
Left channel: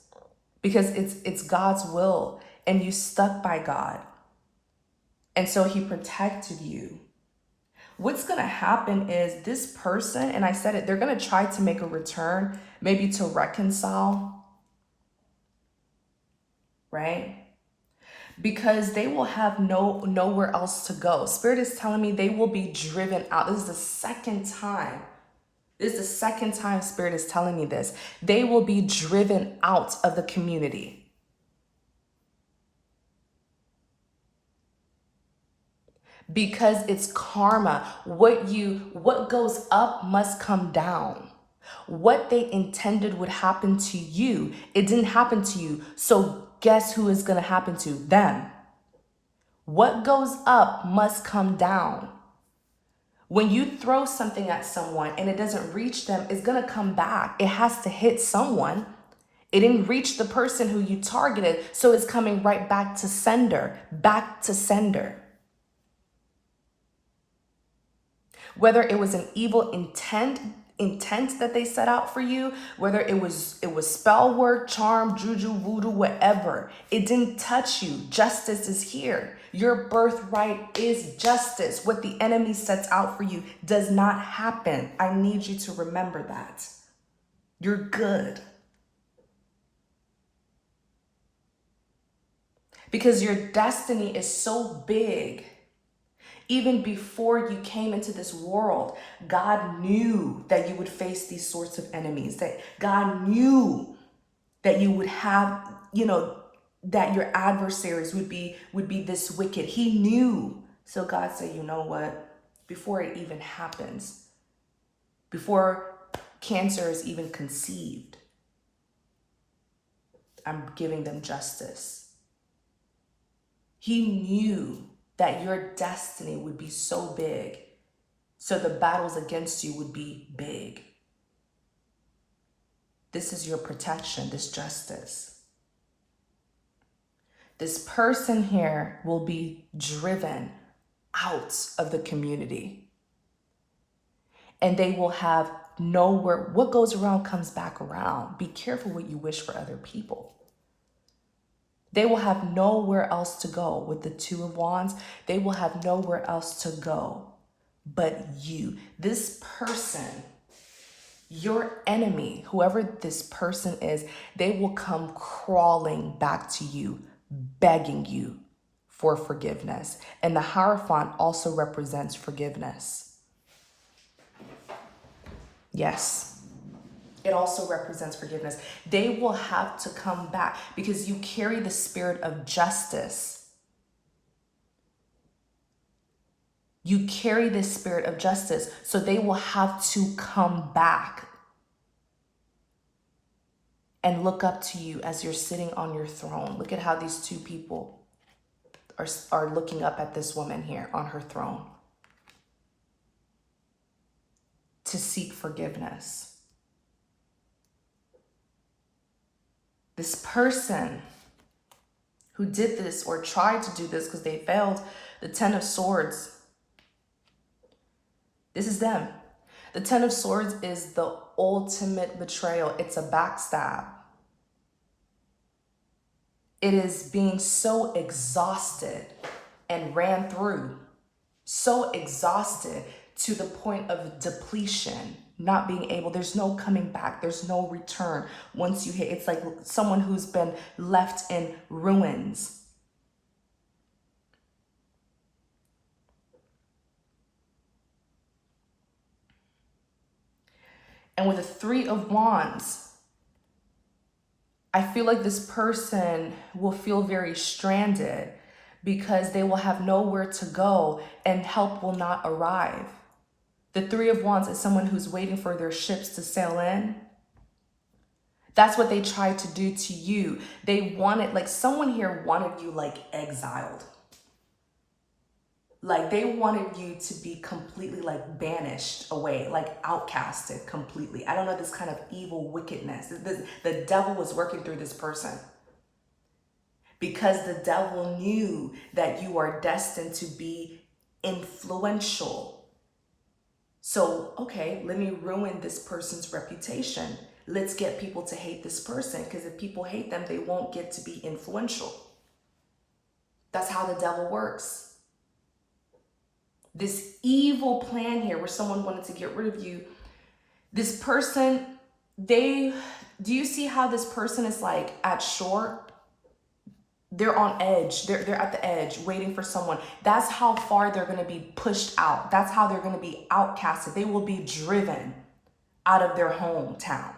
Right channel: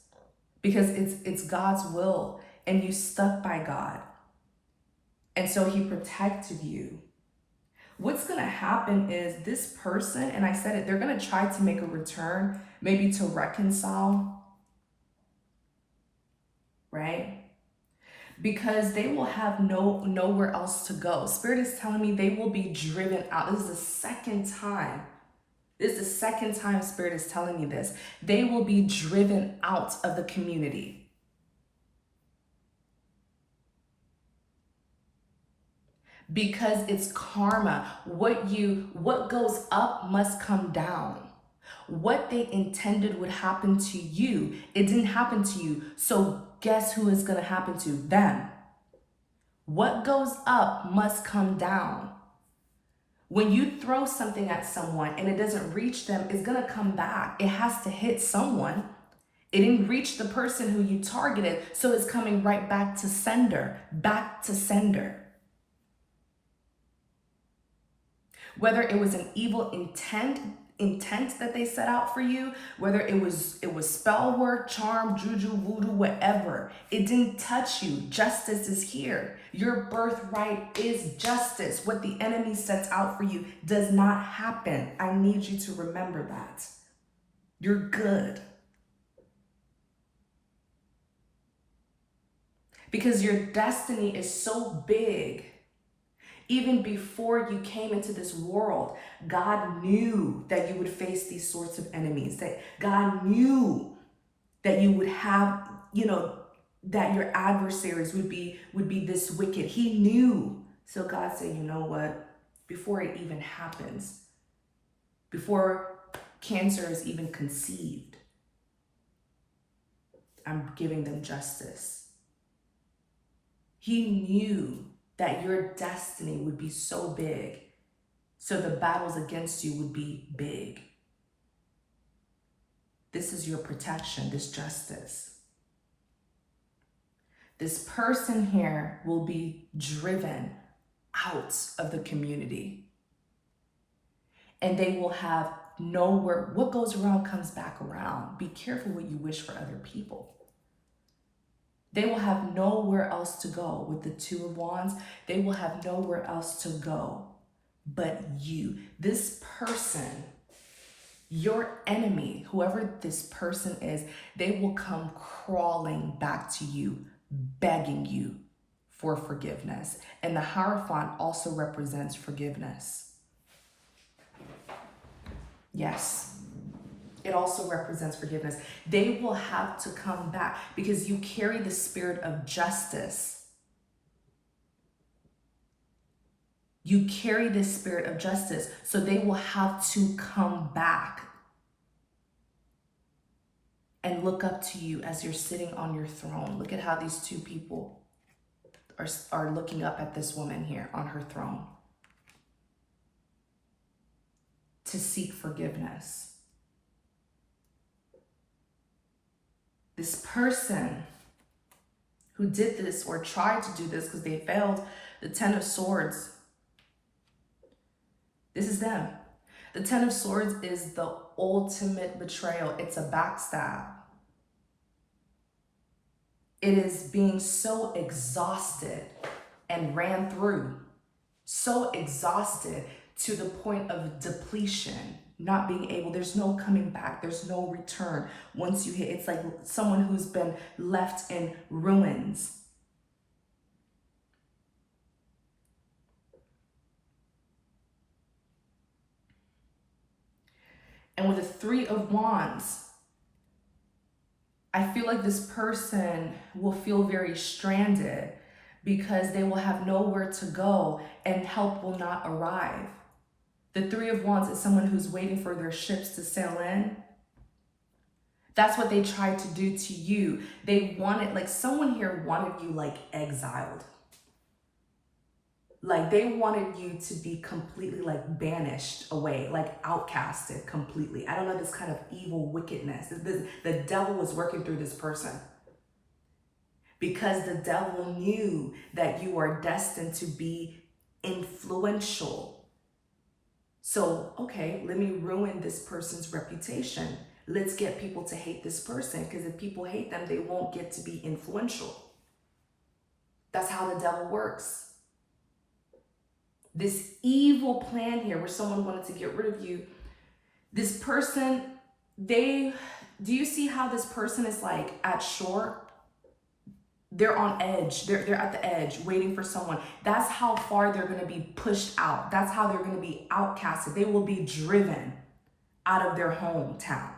because it's God's will, and you stuck by God. And so he protected you. What's going to happen is this person, and I said it, they're going to try to make a return, maybe to reconcile, right? Because they will have nowhere else to go. Spirit is telling me they will be driven out. This is the second time. Spirit is telling me this. They will be driven out of the community. Because it's karma. What goes up must come down. What they intended would happen to you, it didn't happen to you. So guess who is going to happen to? Them. What goes up must come down. When you throw something at someone and it doesn't reach them, it's going to come back. It has to hit someone. It didn't reach the person who you targeted, so it's coming right back to sender. Whether it was an evil intent that they set out for you, whether it was spell work, charm, juju, voodoo, whatever, it didn't touch you. Justice is here. Your birthright is justice. What the enemy sets out for you does not happen. I need you to remember that. You're good. Because your destiny is so big. Even before you came into this world, God knew that you would face these sorts of enemies, that God knew that you would have, that your adversaries would be this wicked. He knew. So God said, you know what? Before it even happens, before cancer is even conceived, I'm giving them justice. He knew that your destiny would be so big, so the battles against you would be big. This is your protection, this justice. This person here will be driven out of the community, and they will have nowhere. What goes around comes back around. Be careful what you wish for other people. They will have nowhere else to go. With the Two of Wands, they will have nowhere else to go but you. This person, your enemy, whoever this person is, they will come crawling back to you, begging you for forgiveness. And the Hierophant also represents forgiveness. Yes. It also represents forgiveness. They will have to come back because you carry the spirit of justice. You carry the spirit of justice. So they will have to come back and look up to you as you're sitting on your throne. Look at how these two people are looking up at this woman here on her throne to seek forgiveness. This person who did this or tried to do this because they failed, the Ten of Swords, this is them. The Ten of Swords is the ultimate betrayal. It's a backstab. It is being so exhausted and ran through, so exhausted to the point of depletion, not being able, there's no coming back, there's no return. Once you hit, it's like someone who's been left in ruins. And with the Three of Wands, I feel like this person will feel very stranded because they will have nowhere to go and help will not arrive. The Three of Wands is someone who's waiting for their ships to sail in. That's what they tried to do to you. They wanted, like someone here wanted you like exiled. Like they wanted you to be completely like banished away, like outcasted completely. I don't know, this kind of evil wickedness. The devil was working through this person because the devil knew that you are destined to be influential. So, okay, let me ruin this person's reputation. Let's get people to hate this person, because if people hate them, they won't get to be influential. That's how the devil works. This evil plan here where someone wanted to get rid of you, this person, do you see how this person is like at shore? They're on edge. They're at the edge waiting for someone. That's how far they're going to be pushed out. That's how they're going to be outcasted. They will be driven out of their hometown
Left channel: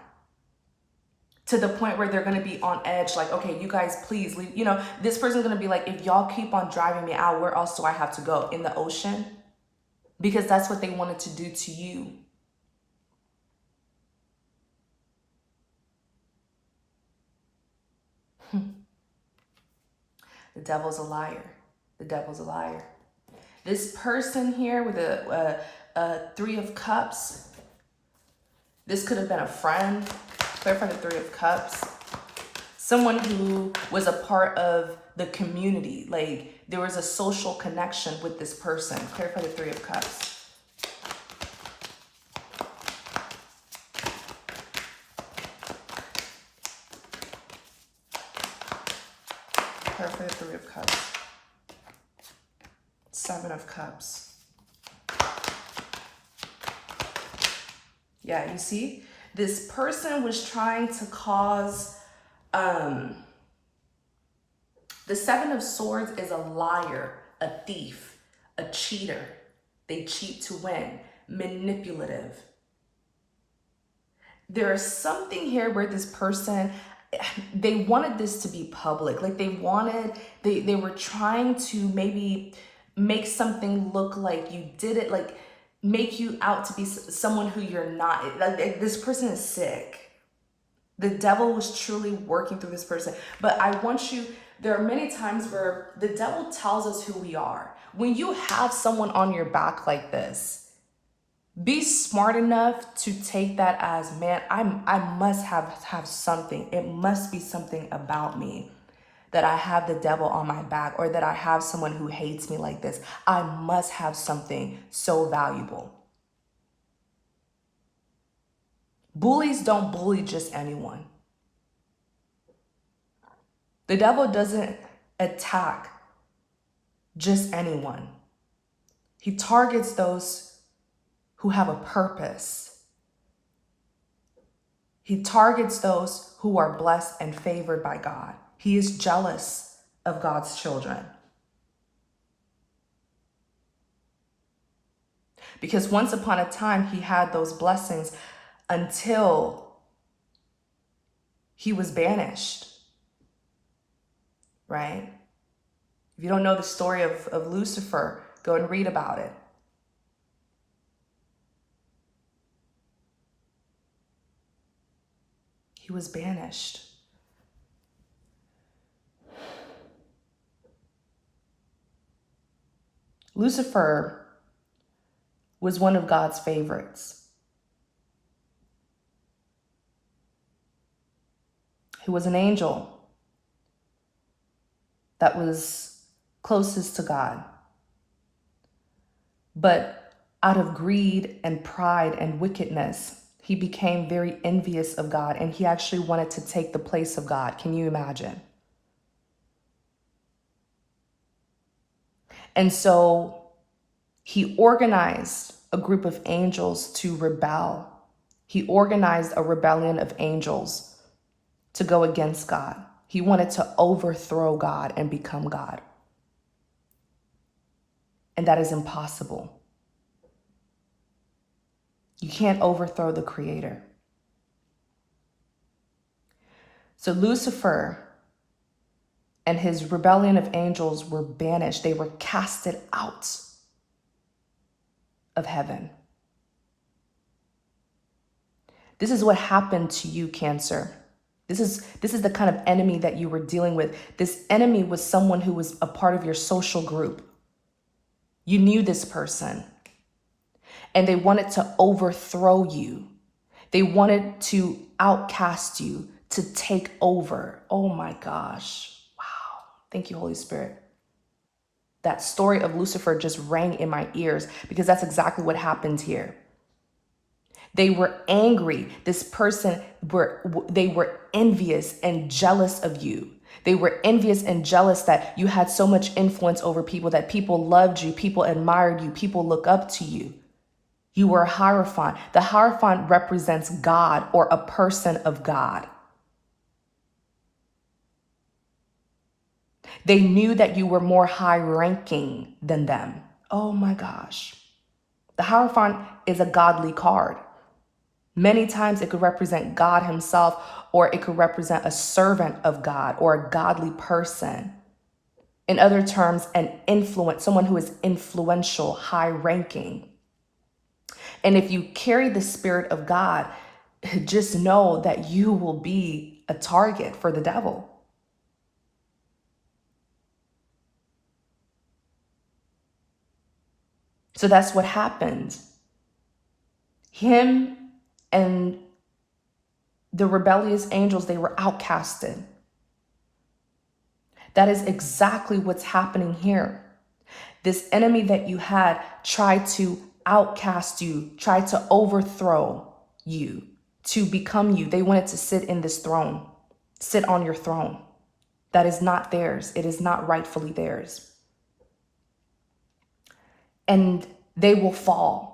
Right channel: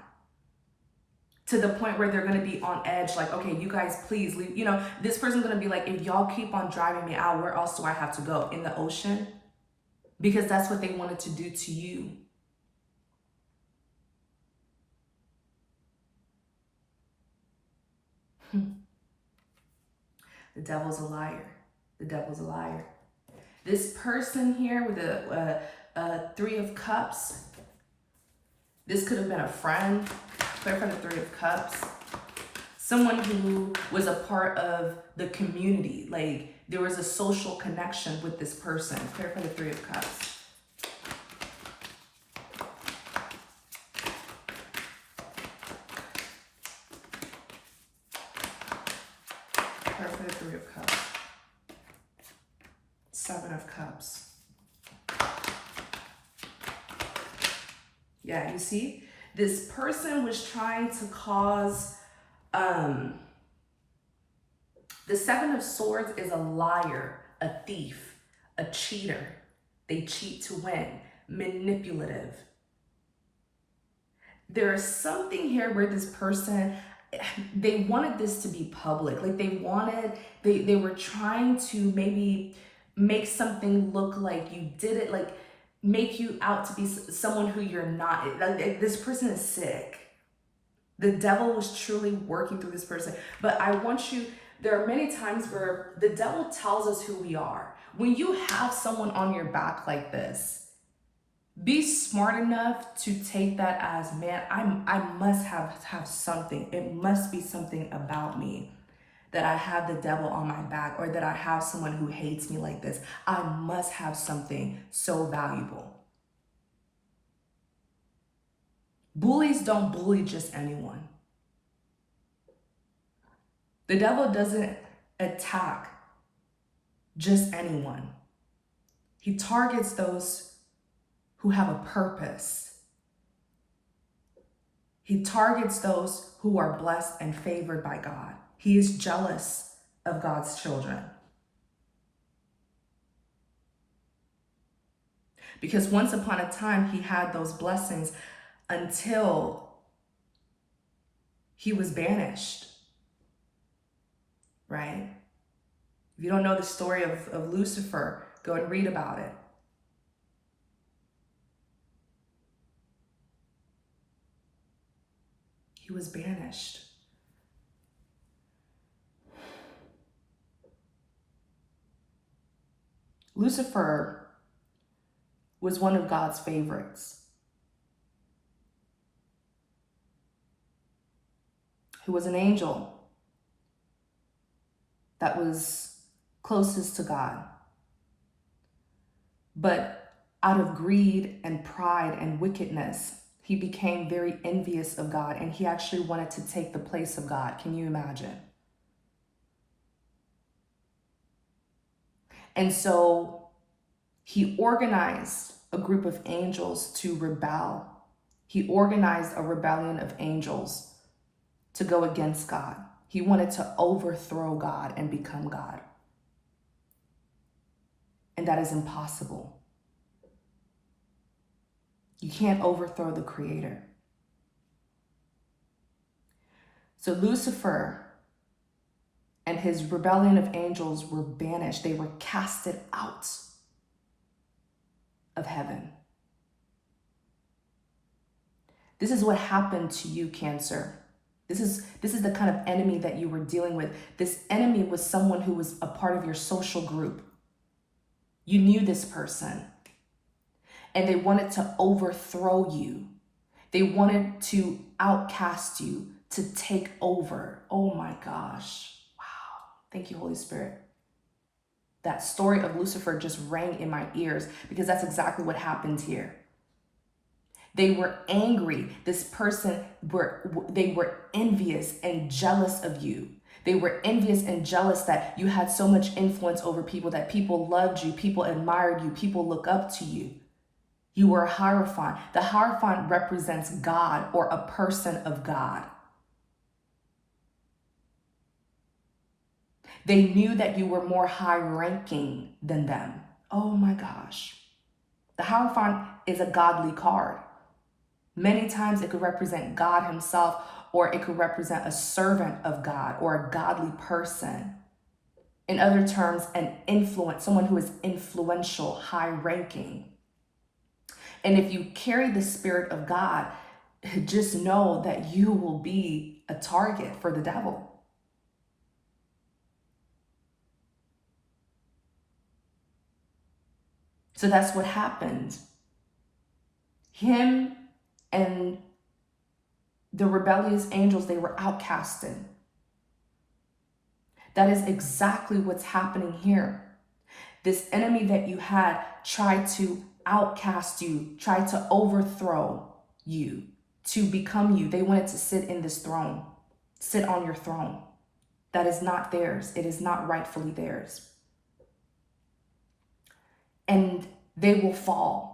to the point where they're going to be on edge. Like, okay, you guys, please leave. You know, this person's going to be like, if y'all keep on driving me out, where else do I have to go? In the ocean? Because that's what they wanted to do to you. The devil's a liar. The devil's a liar. This person here with a Three of Cups, this could have been a friend. Clarify the Three of Cups. Someone who was a part of the community. Like there was a social connection with this person. Clarify the Three of Cups. For the Three of Cups. Seven of Cups. Yeah, you see? This person was trying to cause, the Seven of Swords is a liar, a thief, a cheater. They cheat to win, manipulative. There is something here where this person, they wanted this to be public. Like they were trying to maybe make something look like you did it, like make you out to be someone who you're not. Like this person is sick. The devil was truly working through this person. But I want you, there are many times where the devil tells us who we are. When you have someone on your back like this, be smart enough to take that as, man, I must have something. It must be something about me that I have the devil on my back, or that I have someone who hates me like this. I must have something so valuable. Bullies don't bully just anyone. The devil doesn't attack just anyone. He targets those who have a purpose. He targets those who are blessed and favored by God. He is jealous of God's children. Because once upon a time, he had those blessings until he was banished, right? If you don't know the story of Lucifer, go and read about it. He was banished. Lucifer was one of God's favorites. He was an angel that was closest to God. But out of greed and pride and wickedness, he became very envious of God, and he actually wanted to take the place of God. Can you imagine? And so he organized a group of angels to rebel. He organized a rebellion of angels to go against God. He wanted to overthrow God and become God. And that is impossible. You can't overthrow the Creator. So Lucifer and his rebellion of angels were banished. They were casted out of heaven. This is what happened to you, Cancer. This is the kind of enemy that you were dealing with. This enemy was someone who was a part of your social group. You knew this person, and they wanted to overthrow you. They wanted to outcast you, to take over. Oh my gosh. Wow. Thank you, Holy Spirit. That story of Lucifer just rang in my ears because that's exactly what happened here. They were angry. This person, they were envious and jealous of you. They were envious and jealous that you had so much influence over people, that people loved you, people admired you, people look up to you. You were a Hierophant. The Hierophant represents God or a person of God. They knew that you were more high ranking than them. Oh my gosh. The Hierophant is a godly card. Many times it could represent God himself, or it could represent a servant of God or a godly person. In other terms, an influence, someone who is influential, high ranking. And if you carry the Spirit of God, just know that you will be a target for the devil. So that's what happened. Him and the rebellious angels, they were outcasted. That is exactly what's happening here. This enemy that you had tried to outcast you, tried to overthrow you, to become you. They wanted to sit in this throne, sit on your throne. That is not theirs. It is not rightfully theirs. And they will fall.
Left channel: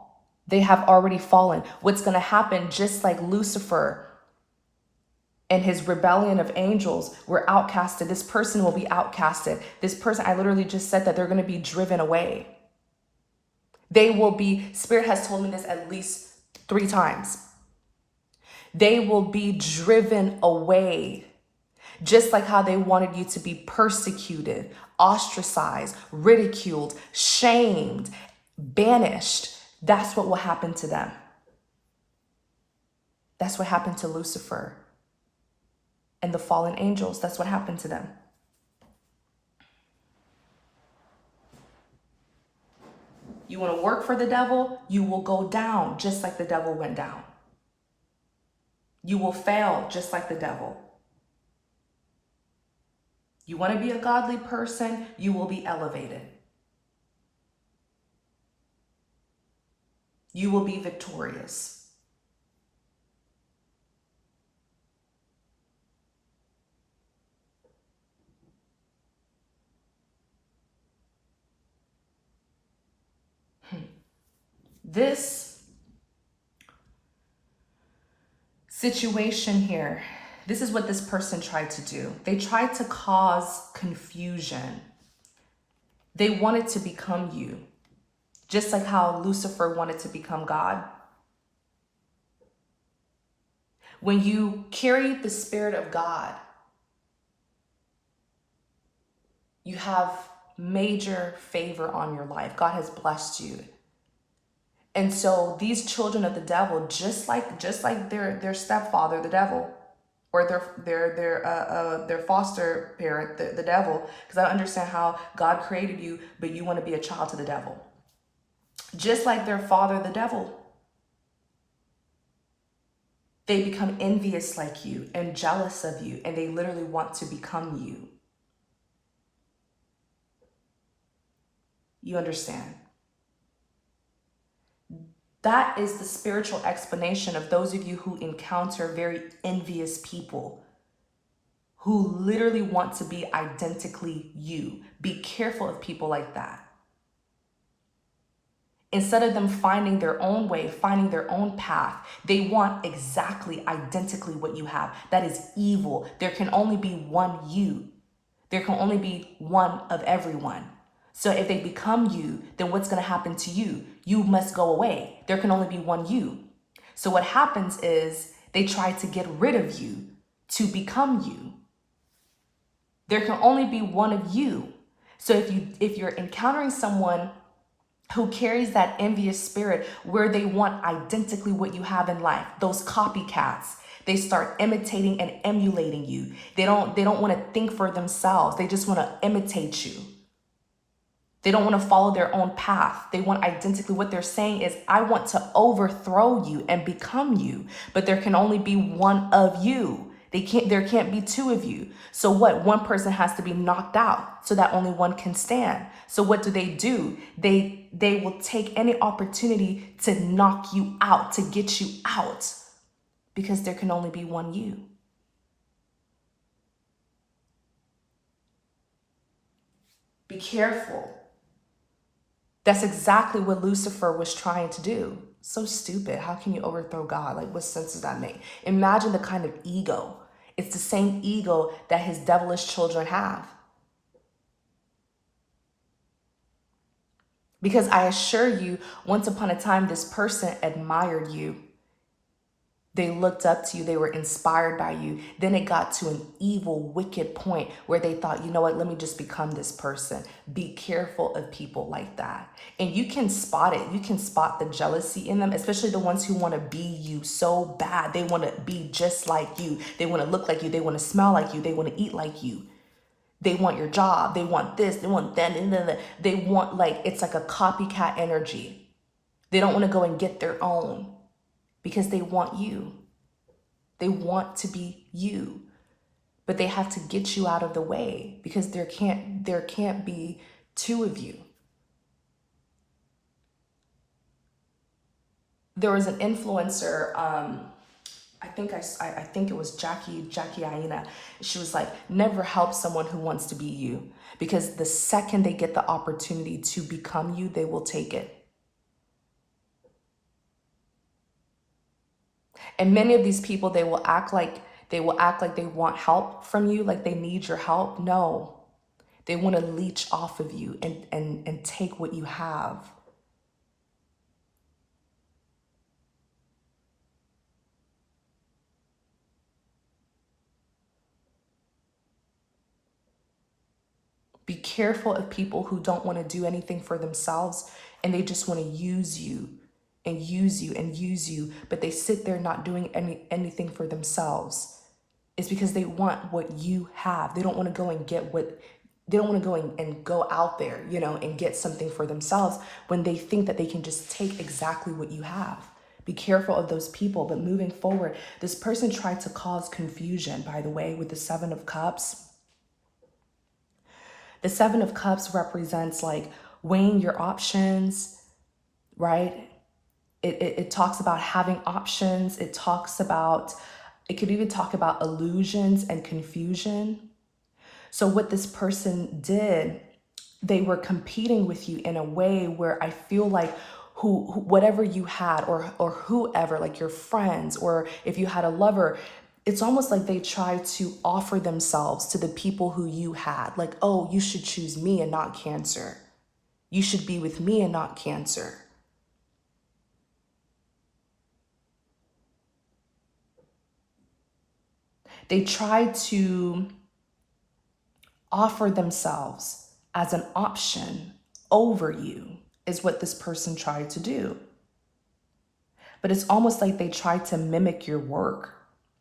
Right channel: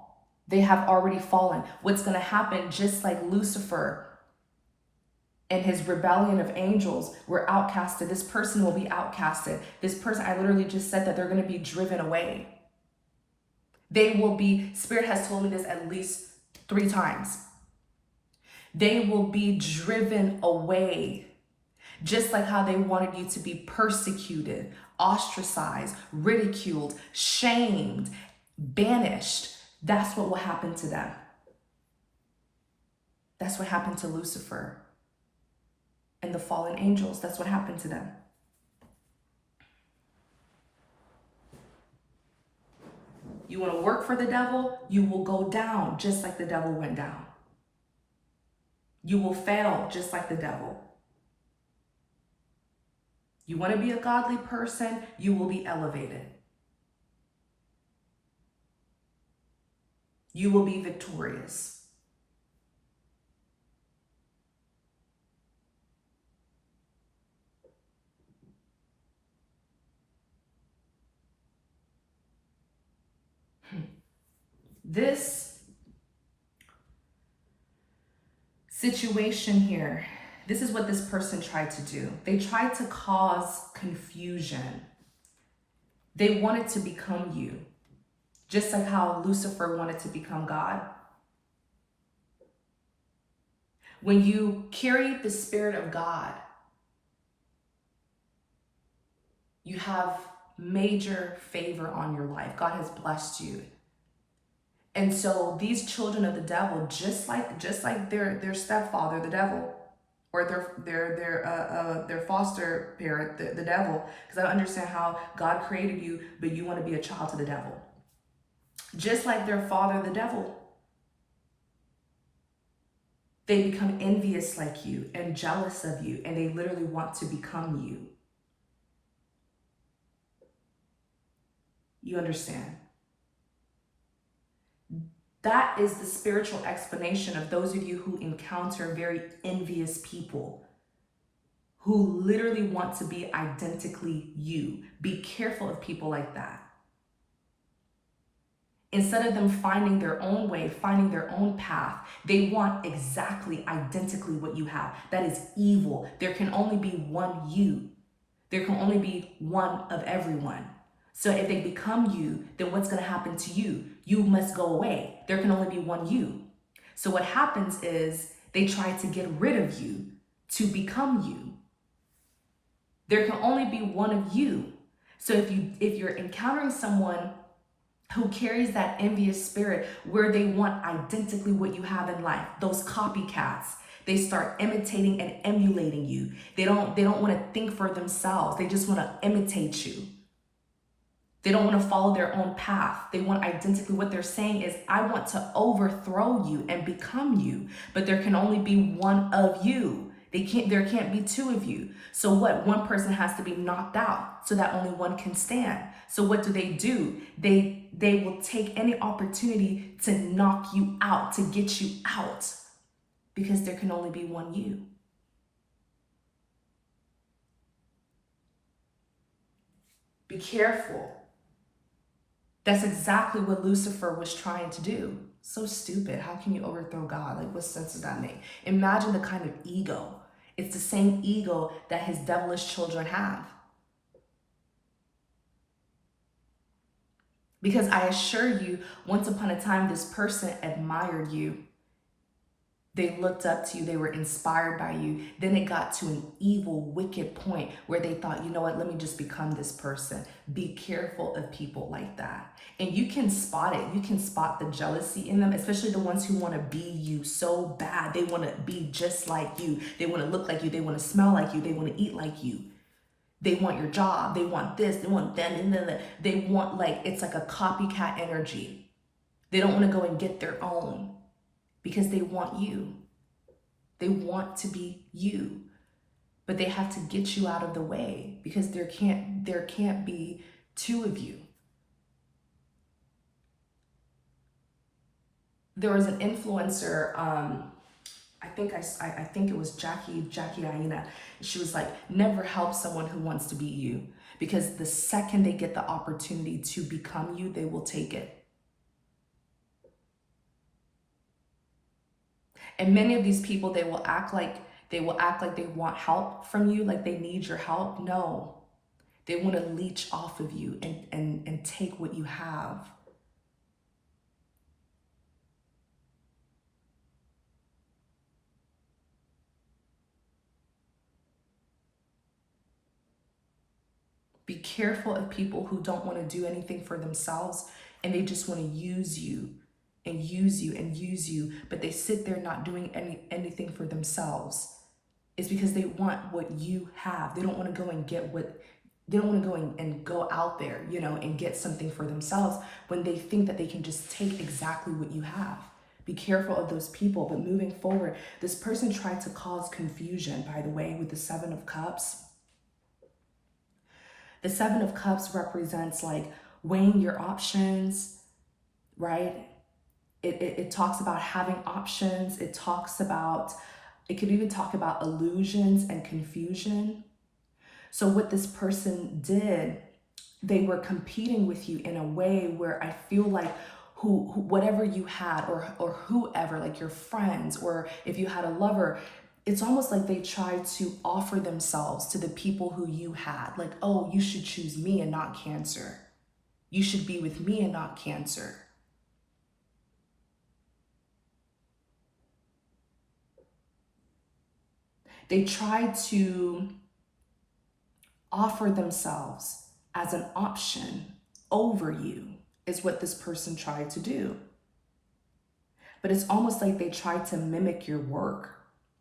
They have already fallen. What's going to happen, just like Lucifer and his rebellion of angels were outcasted, this person will be outcasted. This person, I literally just said that they're going to be driven away. They will be, Spirit has told me this at least 3 times. They will be driven away, just like how they wanted you to be persecuted, ostracized, ridiculed, shamed, banished. That's what will happen to them. That's what happened to Lucifer and the fallen angels. That's what happened to them. You want to work for the devil, you will go down just like the devil went down. You will fail just like the devil. You want to be a godly person, you will be elevated. You will be victorious. This situation here, this is what this person tried to do. They tried to cause confusion. They wanted to become you. Just like how Lucifer wanted to become God. When you carry the Spirit of God, you have major favor on your life. God has blessed you. And so these children of the devil, just like their stepfather, the devil, or their foster parent, the devil, because I understand how God created you, but you want to be a child to the devil. Just like their father, the devil, they become envious like you and jealous of you, and they literally want to become you. You understand? That is the spiritual explanation of those of you who encounter very envious people who literally want to be identically you. Be careful of people like that. Instead of them finding their own way, finding their own path, they want exactly, identically what you have. That is evil. There can only be one you. There can only be one of everyone. So if they become you, then what's going to happen to you? You must go away. There can only be one you. So what happens is they try to get rid of you to become you. There can only be one of you. So if you're encountering someone who carries that envious spirit where they want identically what you have in life, those copycats, they start imitating and emulating you. They don't want to think for themselves. They just want to imitate you. They don't want to follow their own path. They want identically. What they're saying is, I want to overthrow you and become you, but there can only be one of you. There can't be two of you. So what? One person has to be knocked out so that only one can stand. So what do? They will take any opportunity to knock you out, to get you out, because there can only be one you. Be careful. That's exactly what Lucifer was trying to do. So stupid. How can you overthrow God? Like, what sense does that make? Imagine the kind of ego. It's the same ego that his devilish children have. Because I assure you, once upon a time, this person admired you. They looked up to you. They were inspired by you. Then it got to an evil, wicked point where they thought, you know what, let me just become this person. Be careful of people like that. And you can spot it. You can spot the jealousy in them, especially the ones who want to be you so bad. They want to be just like you. They want to look like you. They want to smell like you. They want to eat like you. They want your job. They want this. They want that. They want, like, it's like a copycat energy. They don't want to go and get their own. Because they want you. They want to be you. But they have to get you out of the way because there can't be two of you. There was an influencer, I think it was Jackie Aina. She was like, never help someone who wants to be you, because the second they get the opportunity to become you, they will take it. And many of these people, they will act like they want help from you, like they need your help. No, they want to leech off of you and take what you have. Be careful of people who don't want to do anything for themselves, and they just want to use you and use you and use you, but they sit there not doing anything for themselves. It's because they want what you have. They don't want to go and get they don't want to go and go out there, and get something for themselves when they think that they can just take exactly what you have. Be careful of those people. But moving forward, this person tried to cause confusion, by the way, with the Seven of Cups. The Seven of Cups represents like weighing your options, right? It talks about having options. It could even talk about illusions and confusion. So what this person did, they were competing with you in a way where I feel like whatever you had or whoever, like your friends, or if you had a lover, it's almost like they tried to offer themselves to the people who you had. Like, oh, you should choose me and not Cancer. You should be with me and not Cancer. They tried to offer themselves as an option over you, is what this person tried to do. But it's almost like they tried to mimic your work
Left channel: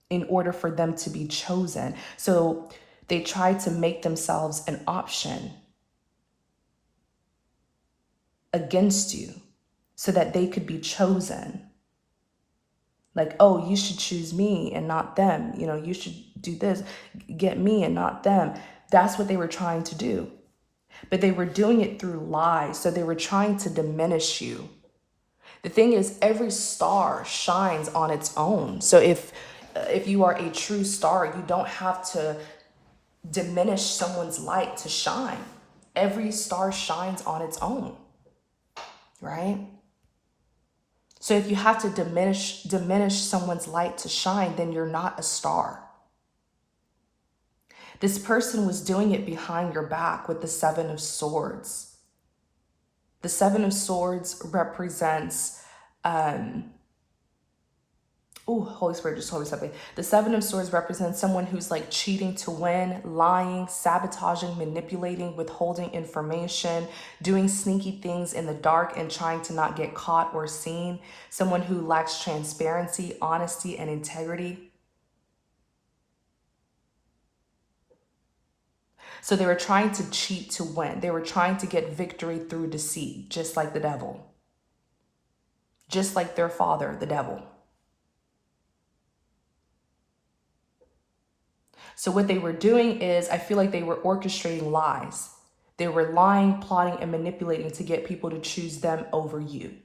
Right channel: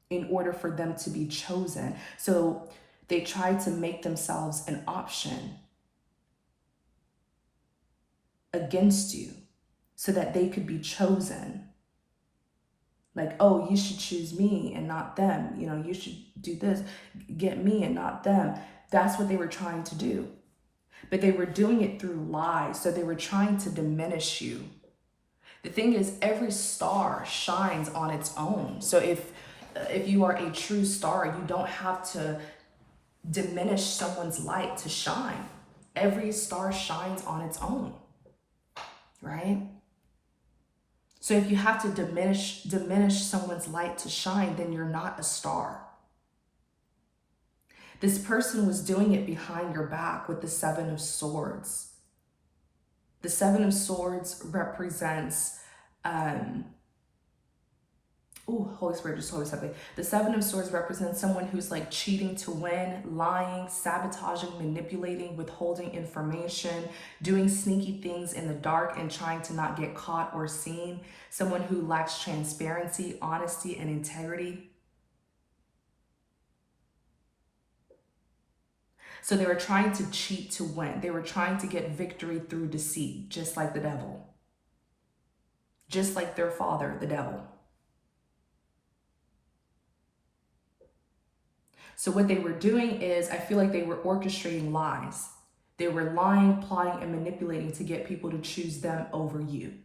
in order for them to be chosen. So they tried to make themselves an option against you so that they could be chosen. Like, oh, you should choose me and not them. You know, you should do this, get me and not them. That's what they were trying to do. But they were doing it through lies. So they were trying to diminish you. The thing is, every star shines on its own. So if you are a true star, you don't have to diminish someone's light to shine. Every star shines on its own, right? So if you have to diminish someone's light to shine, then you're not a star. This person was doing it behind your back with the Seven of Swords. The Seven of Swords represents, Holy Spirit just told me something. The Seven of Swords represents someone who's like cheating to win, lying, sabotaging, manipulating, withholding information, doing sneaky things in the dark and trying to not get caught or seen. Someone who lacks transparency, honesty, and integrity. So they were trying to cheat to win. They were trying to get victory through deceit, just like the devil. Just like their father, the devil. So what they were doing is, I feel like they were orchestrating lies. They were lying, plotting, and manipulating to get people to choose them over you.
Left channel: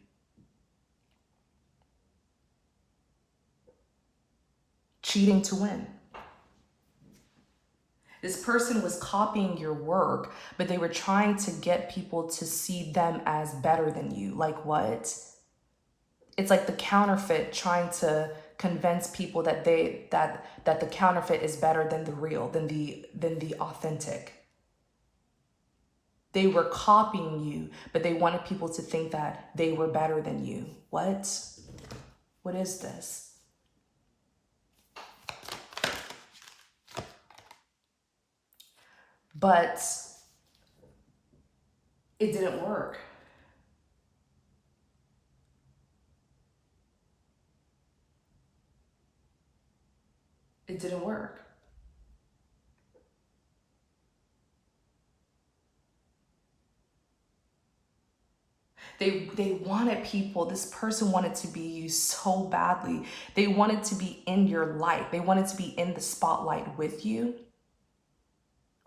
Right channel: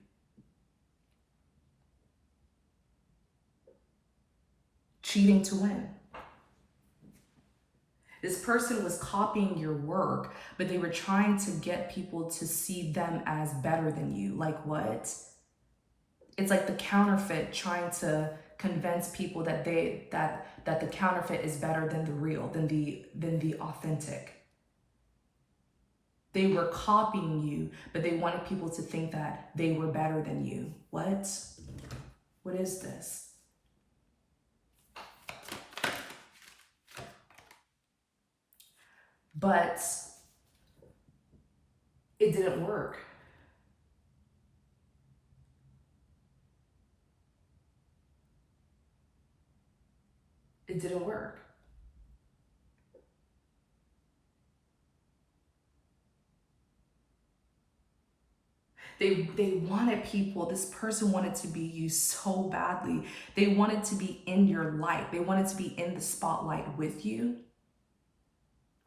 Cheating to win. This person was copying your work, but they were trying to get people to see them as better than you. Like what? It's like the counterfeit trying to convince people that that the counterfeit is better than the real, than the authentic. They were copying you, but they wanted people to think that they were better than you. What? What is this? But it didn't work. It didn't work. They wanted people, this person wanted to be you so badly. They wanted to be in your light. They wanted to be in the spotlight with you,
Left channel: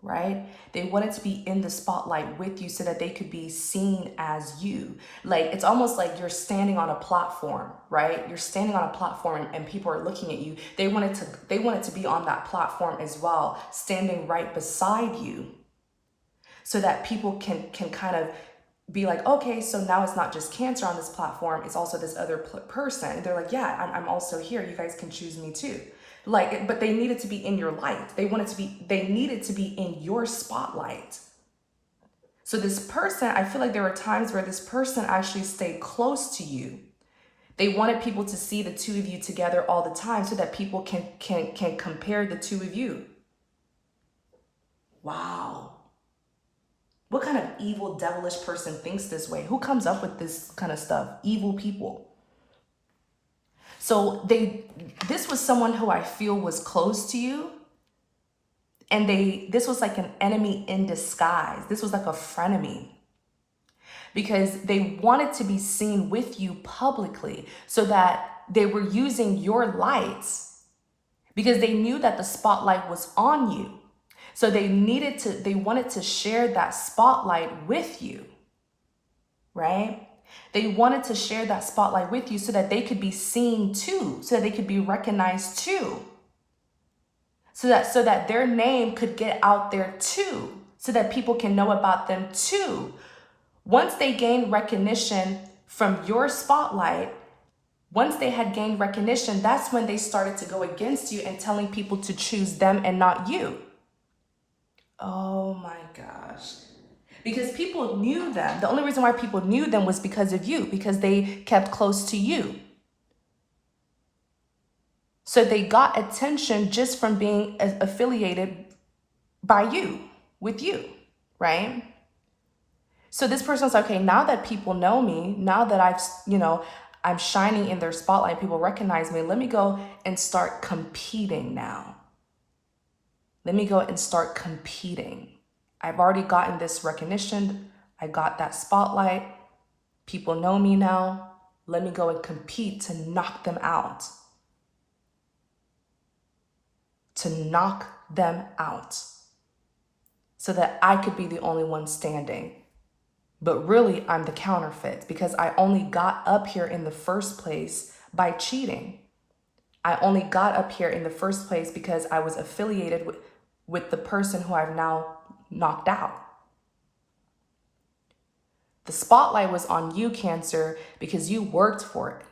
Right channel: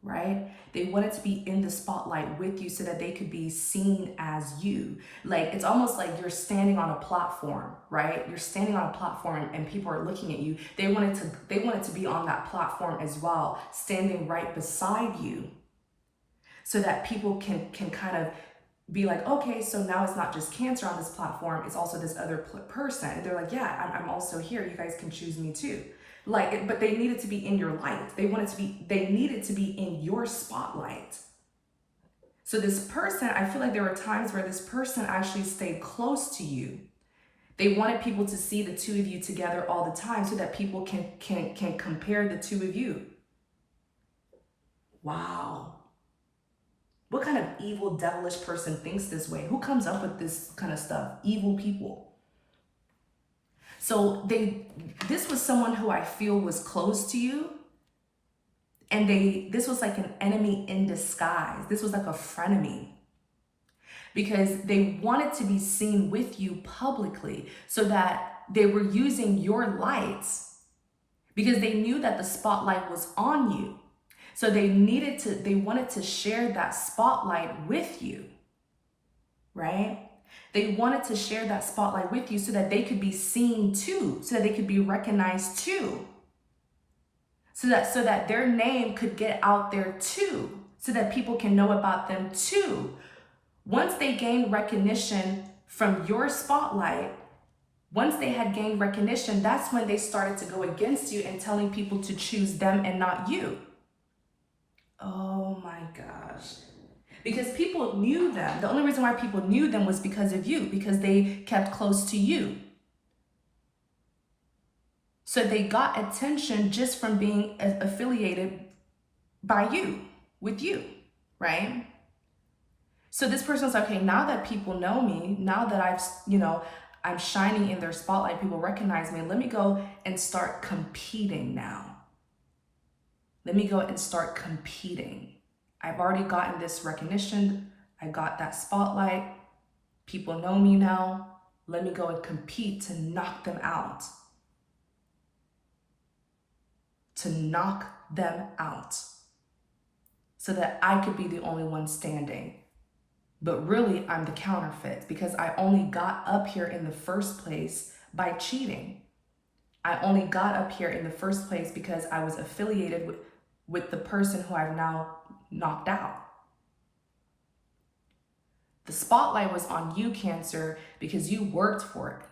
right? They wanted to be in the spotlight with you so that they could be seen as you. Like, it's almost like you're standing on a platform, right? You're standing on a platform and people are looking at you. They wanted to be on that platform as well, standing right beside you so that people can kind of be like, okay, so now it's not just Cancer on this platform, it's also this other person. They're like, yeah, I'm also here. You guys can choose me too. Like, but they needed to be in your light. They needed to be in your spotlight. So this person, I feel like there were times where this person actually stayed close to you. They wanted people to see the two of you together all the time so that people can compare the two of you. Wow. What kind of evil, devilish person thinks this way? Who comes up with this kind of stuff? Evil people. So this was someone who I feel was close to you. And this was like an enemy in disguise. This was like a frenemy. Because they wanted to be seen with you publicly so that they were using your lights because they knew that the spotlight was on you. So they wanted to share that spotlight with you, right? They wanted to share that spotlight with you so that they could be seen too, so that they could be recognized too. So that their name could get out there too, so that people can know about them too. Once they gained recognition from your spotlight, once they had gained recognition, that's when they started to go against you and telling people to choose them and not you. Oh my gosh. Because people knew them. The only reason why people knew them was because of you, because they kept close to you. So they got attention just from being affiliated by you, with you, right? So this person's like, okay, now that people know me, now that I'm shining in their spotlight, people recognize me, let me go and start competing now. Let me go and start competing. I've already gotten this recognition. I got that spotlight. People know me now. Let me go and compete to knock them out. To knock them out. So that I could be the only one standing. But really, I'm the counterfeit because I only got up here in the first place by cheating. I only got up here in the first place because I was affiliated with the person who I've now knocked out. The spotlight was on you, Cancer, because you worked for it.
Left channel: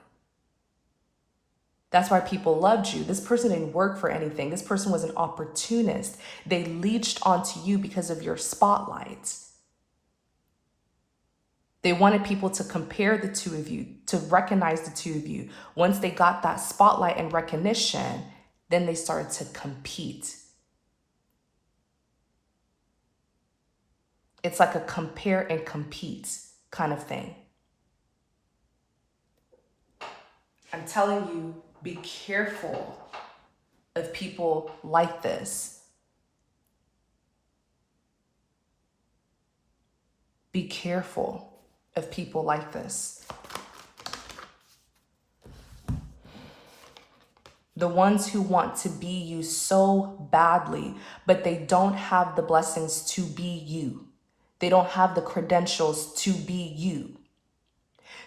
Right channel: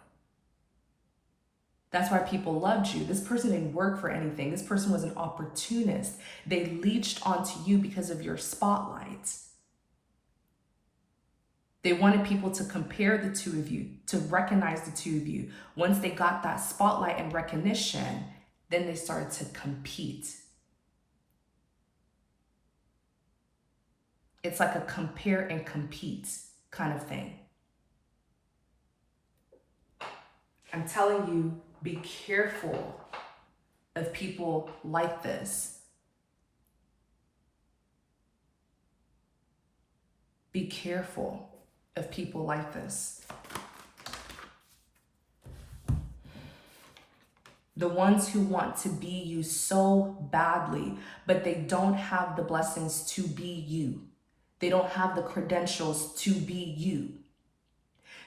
That's why people loved you. This person didn't work for anything. This person was an opportunist. They leached onto you because of your spotlight. They wanted people to compare the two of you, to recognize the two of you. Once they got that spotlight and recognition, then they started to compete. It's like a compare and compete kind of thing. I'm telling you, be careful of people like this. Be careful of people like this. The ones who want to be you so badly, but they don't have the blessings to be you. They don't have the credentials to be you.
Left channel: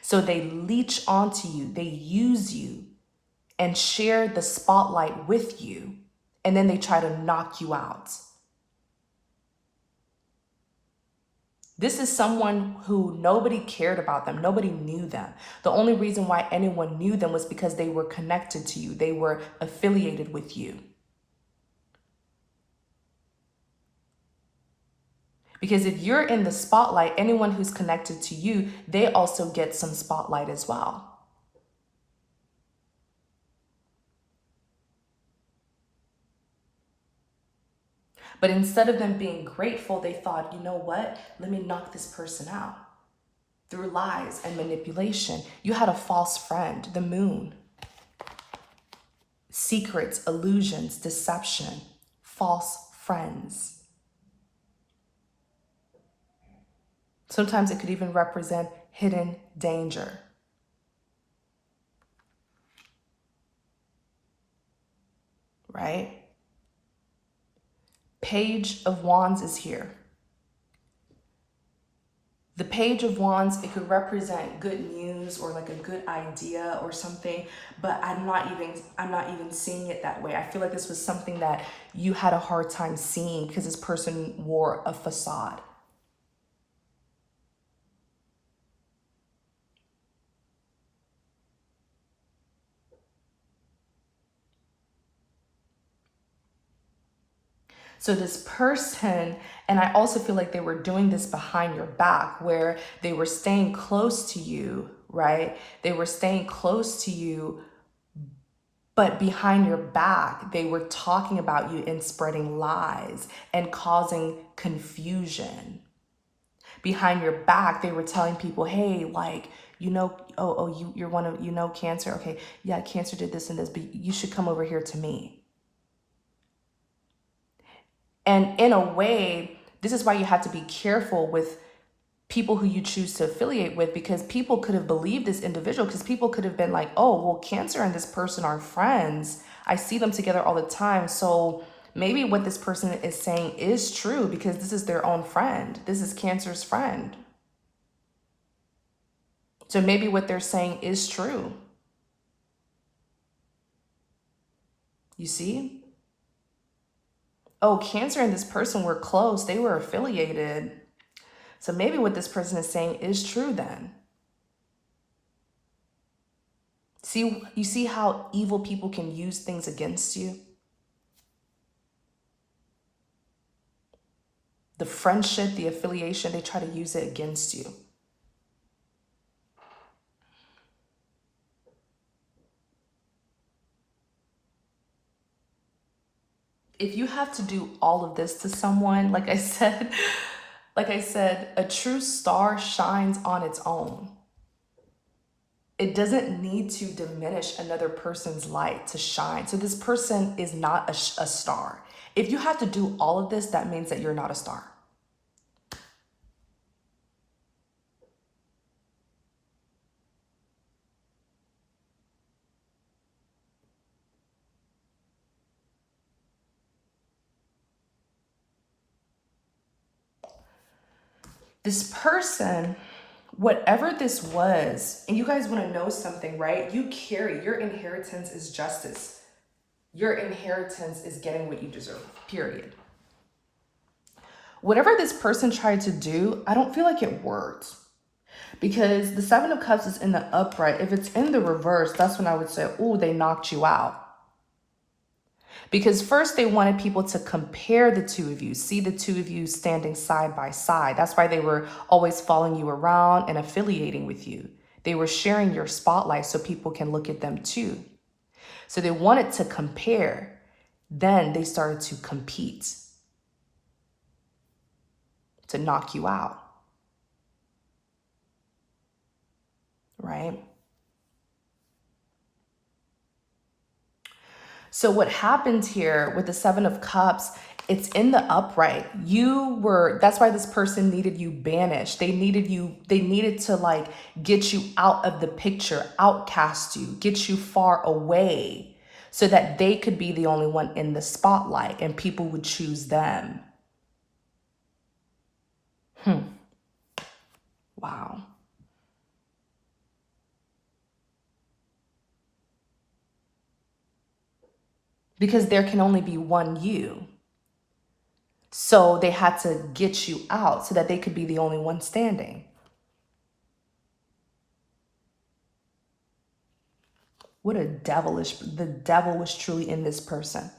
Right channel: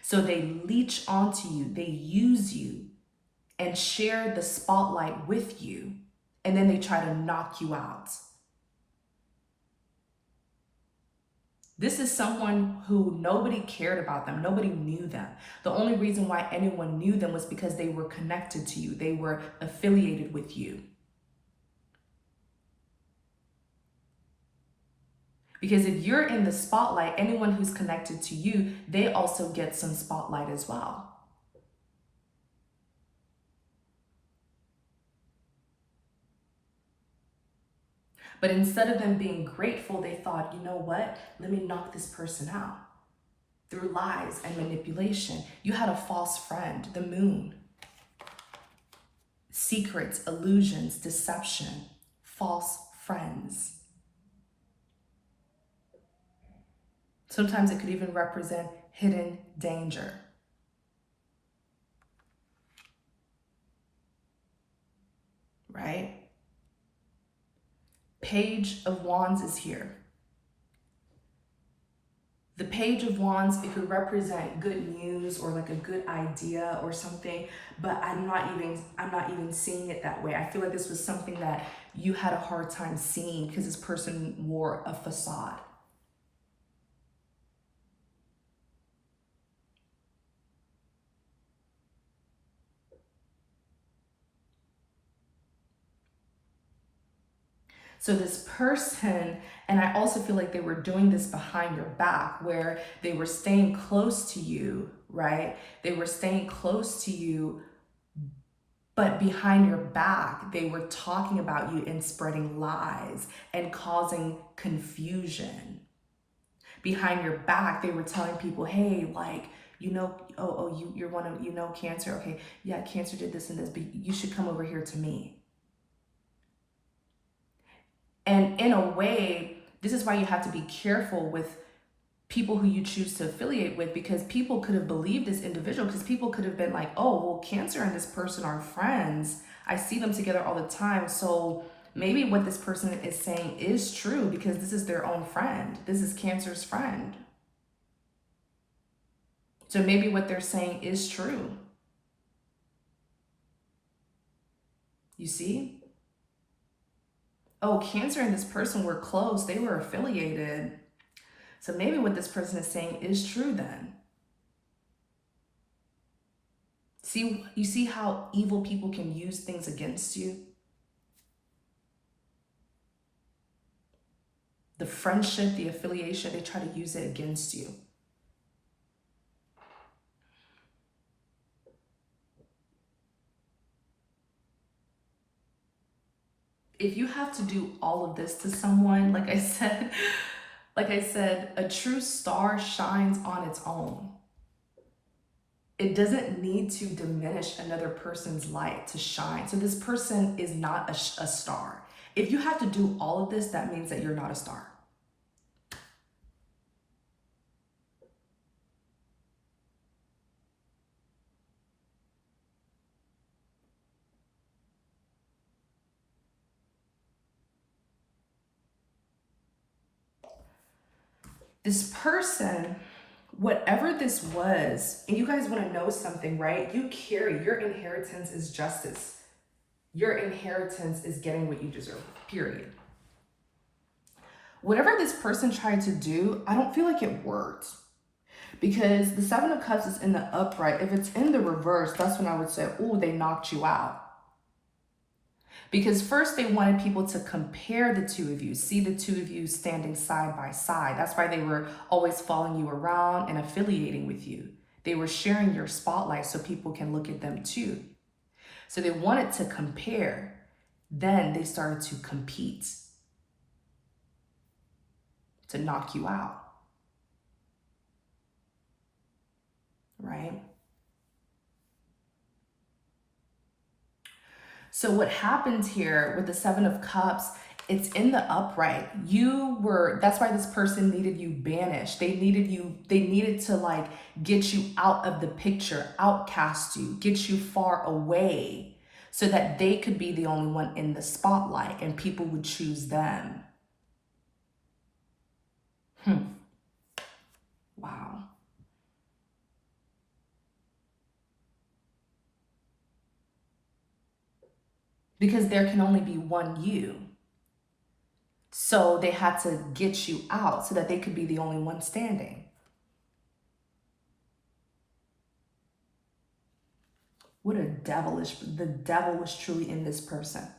So they leech onto you, they use you and share the spotlight with you, and then they try to knock you out. This is someone who nobody cared about them. Nobody knew them. The only reason why anyone knew them was because they were connected to you. They were affiliated with you. Because if you're in the spotlight, anyone who's connected to you, they also get some spotlight as well. But instead of them being grateful, they thought, you know what? Let me knock this person out. Through lies and manipulation. You had a false friend, the moon. Secrets, illusions, deception, false friends. Sometimes it could even represent hidden danger. Right? Page of Wands is here. The Page of Wands, it could represent good news or like a good idea or something, but I'm not even seeing it that way. I feel like this was something that you had a hard time seeing because this person wore a facade. So this person, and I also feel like they were doing this behind your back, where they were staying close to you, right? They were staying close to you, but behind your back, they were talking about you and spreading lies and causing confusion. Behind your back, they were telling people, hey, like, you're one of, Cancer. Okay, yeah, Cancer did this and this, but you should come over here to me. And in a way, this is why you have to be careful with people who you choose to affiliate with, because people could have believed this individual, because people could have been like, oh, well, Cancer and this person are friends. I see them together all the time. So maybe what this person is saying is true because this is their own friend. This is Cancer's friend. So maybe what they're saying is true. You see? Oh, Cancer and this person were close. They were affiliated. So maybe what this person is saying is true then. You see how evil people can use things against you? The the friendship, the affiliation, they try to use it against you. If you have to do all of this to someone, like I said, a true star shines on its own. It doesn't need to diminish another person's light to shine. So this person is not a star. If you have to do all of this, that means that you're not a star. This person, whatever this was, and you guys want to know something, right? You carry, your inheritance is justice. Your inheritance is getting what you deserve, period. Whatever this person tried to do, I don't feel like it worked. Because the Seven of Cups is in the upright. If it's in the reverse, that's when I would say, ooh, they knocked you out. Because first they wanted people to compare the two of you, see the two of you standing side by side. That's why they were always following you around and affiliating with you. They were sharing your spotlight so people can look at them too. So they wanted to compare. Then they started to compete to knock you out. Right? So what happened here with the Seven of Cups, it's in the upright. That's why this person needed you banished. They needed to like get you out of the picture, outcast you, get you far away so that they could be the only one in the spotlight and people would choose them. Wow. Because there can only be one you. So they had to get you out so that they could be the only one standing. What the devil was truly in this person.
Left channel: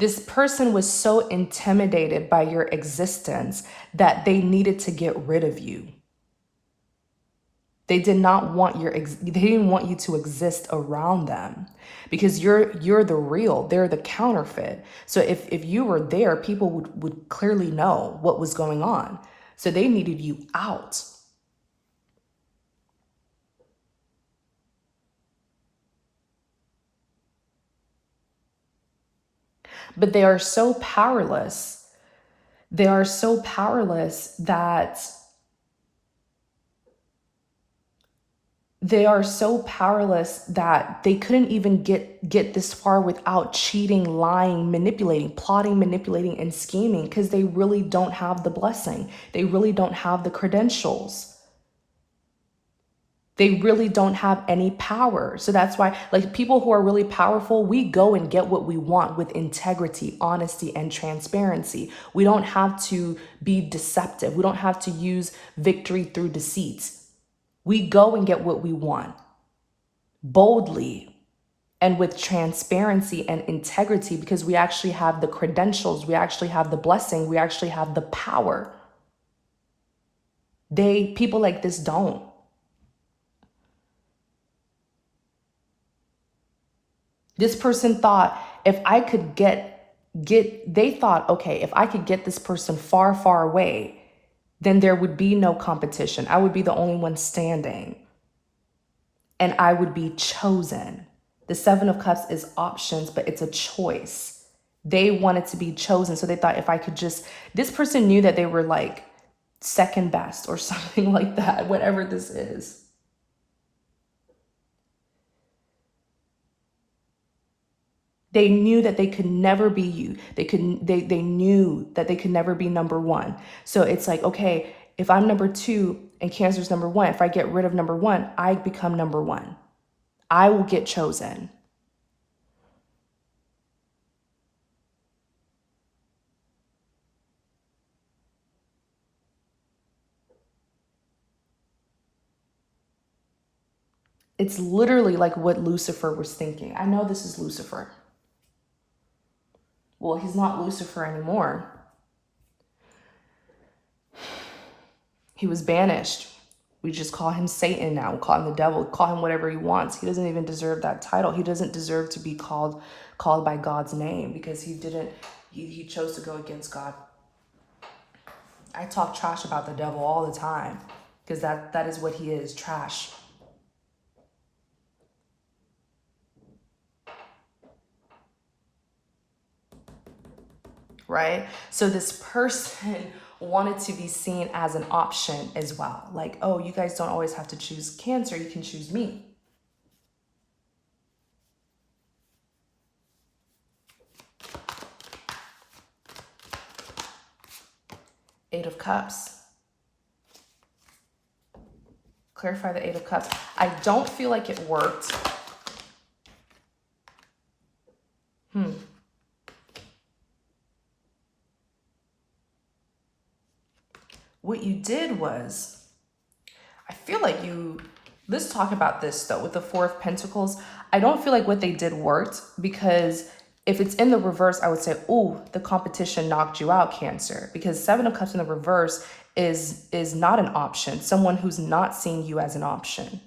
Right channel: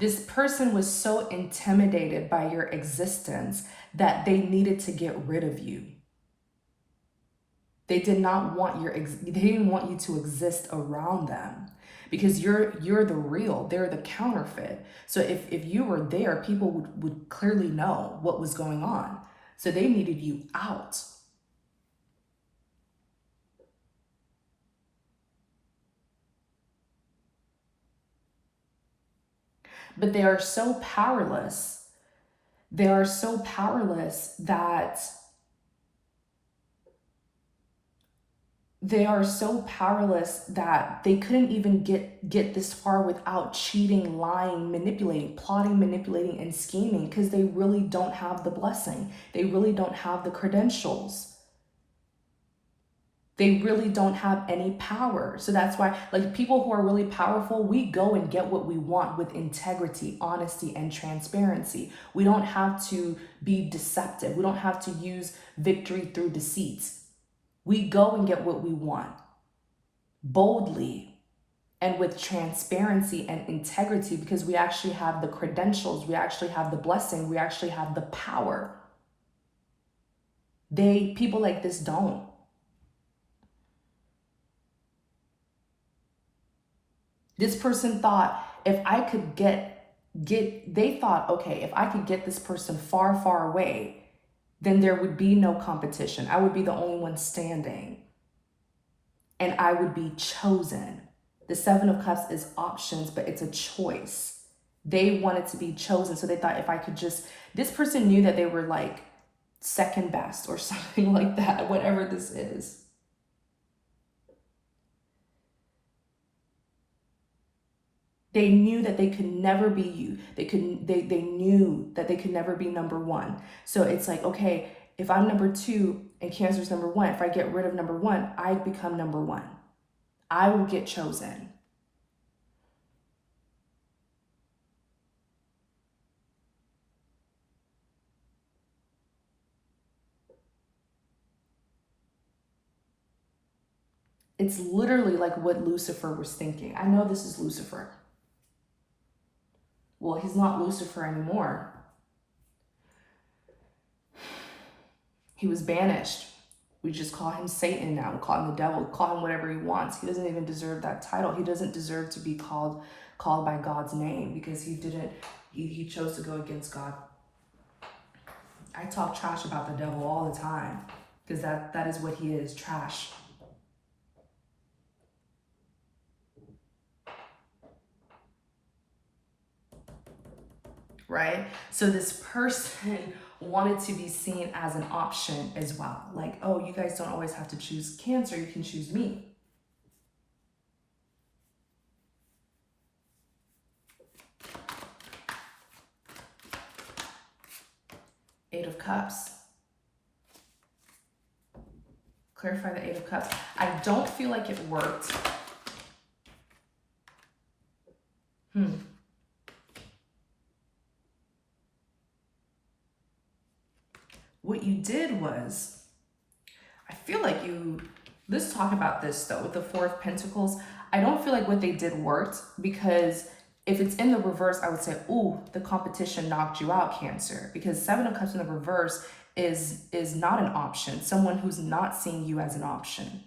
This person was so intimidated by your existence that they needed to get rid of you. They did not want they didn't want you to exist around them because you're the real, they're the counterfeit. So if you were there, people would clearly know what was going on. So they needed you out. But they are so powerless. They are so powerless that they couldn't even get this far without cheating, lying, manipulating, plotting, manipulating, and scheming because they really don't have the blessing. They really don't have the credentials. They really don't have any power. So that's why, like, people who are really powerful, we go and get what we want with integrity, honesty, and transparency. We don't have to be deceptive. We don't have to use victory through deceit. We go and get what we want boldly and with transparency and integrity because we actually have the credentials. We actually have the blessing. We actually have the power. People like this don't. This person thought if I could they thought, okay, if I could get this person far, far away, then there would be no competition. I would be the only one standing and I would be chosen. The Seven of Cups is options, but it's a choice. They wanted to be chosen. So they thought if I could this person knew that they were like second best or something like that, whatever this is. They knew that they could never be you. They knew that they could never be number one. So it's like, okay, if I'm number two and Cancer's number one, if I get rid of number one, I become number one. I will get chosen. It's literally like what Lucifer was thinking. I know this is Lucifer. Well, he's not Lucifer anymore. He was banished. We just call him Satan now. We call him the devil. We call him whatever he wants. He doesn't even deserve that title. He doesn't deserve to be called by God's name because he chose to go against God. I talk trash about the devil all the time because that is what he is, trash. Right? So this person wanted to be seen as an option as well. Like, oh, you guys don't always have to choose Cancer. You can choose me. Eight of Cups. Clarify the Eight of Cups. I don't feel like it worked. What you did was, I feel like let's talk about this though, with the Four of Pentacles. I don't feel like what they did worked because if it's in the reverse, I would say, oh, the competition knocked you out, Cancer. Because Seven of Cups in the reverse is not an option. Someone who's not seeing you as an option.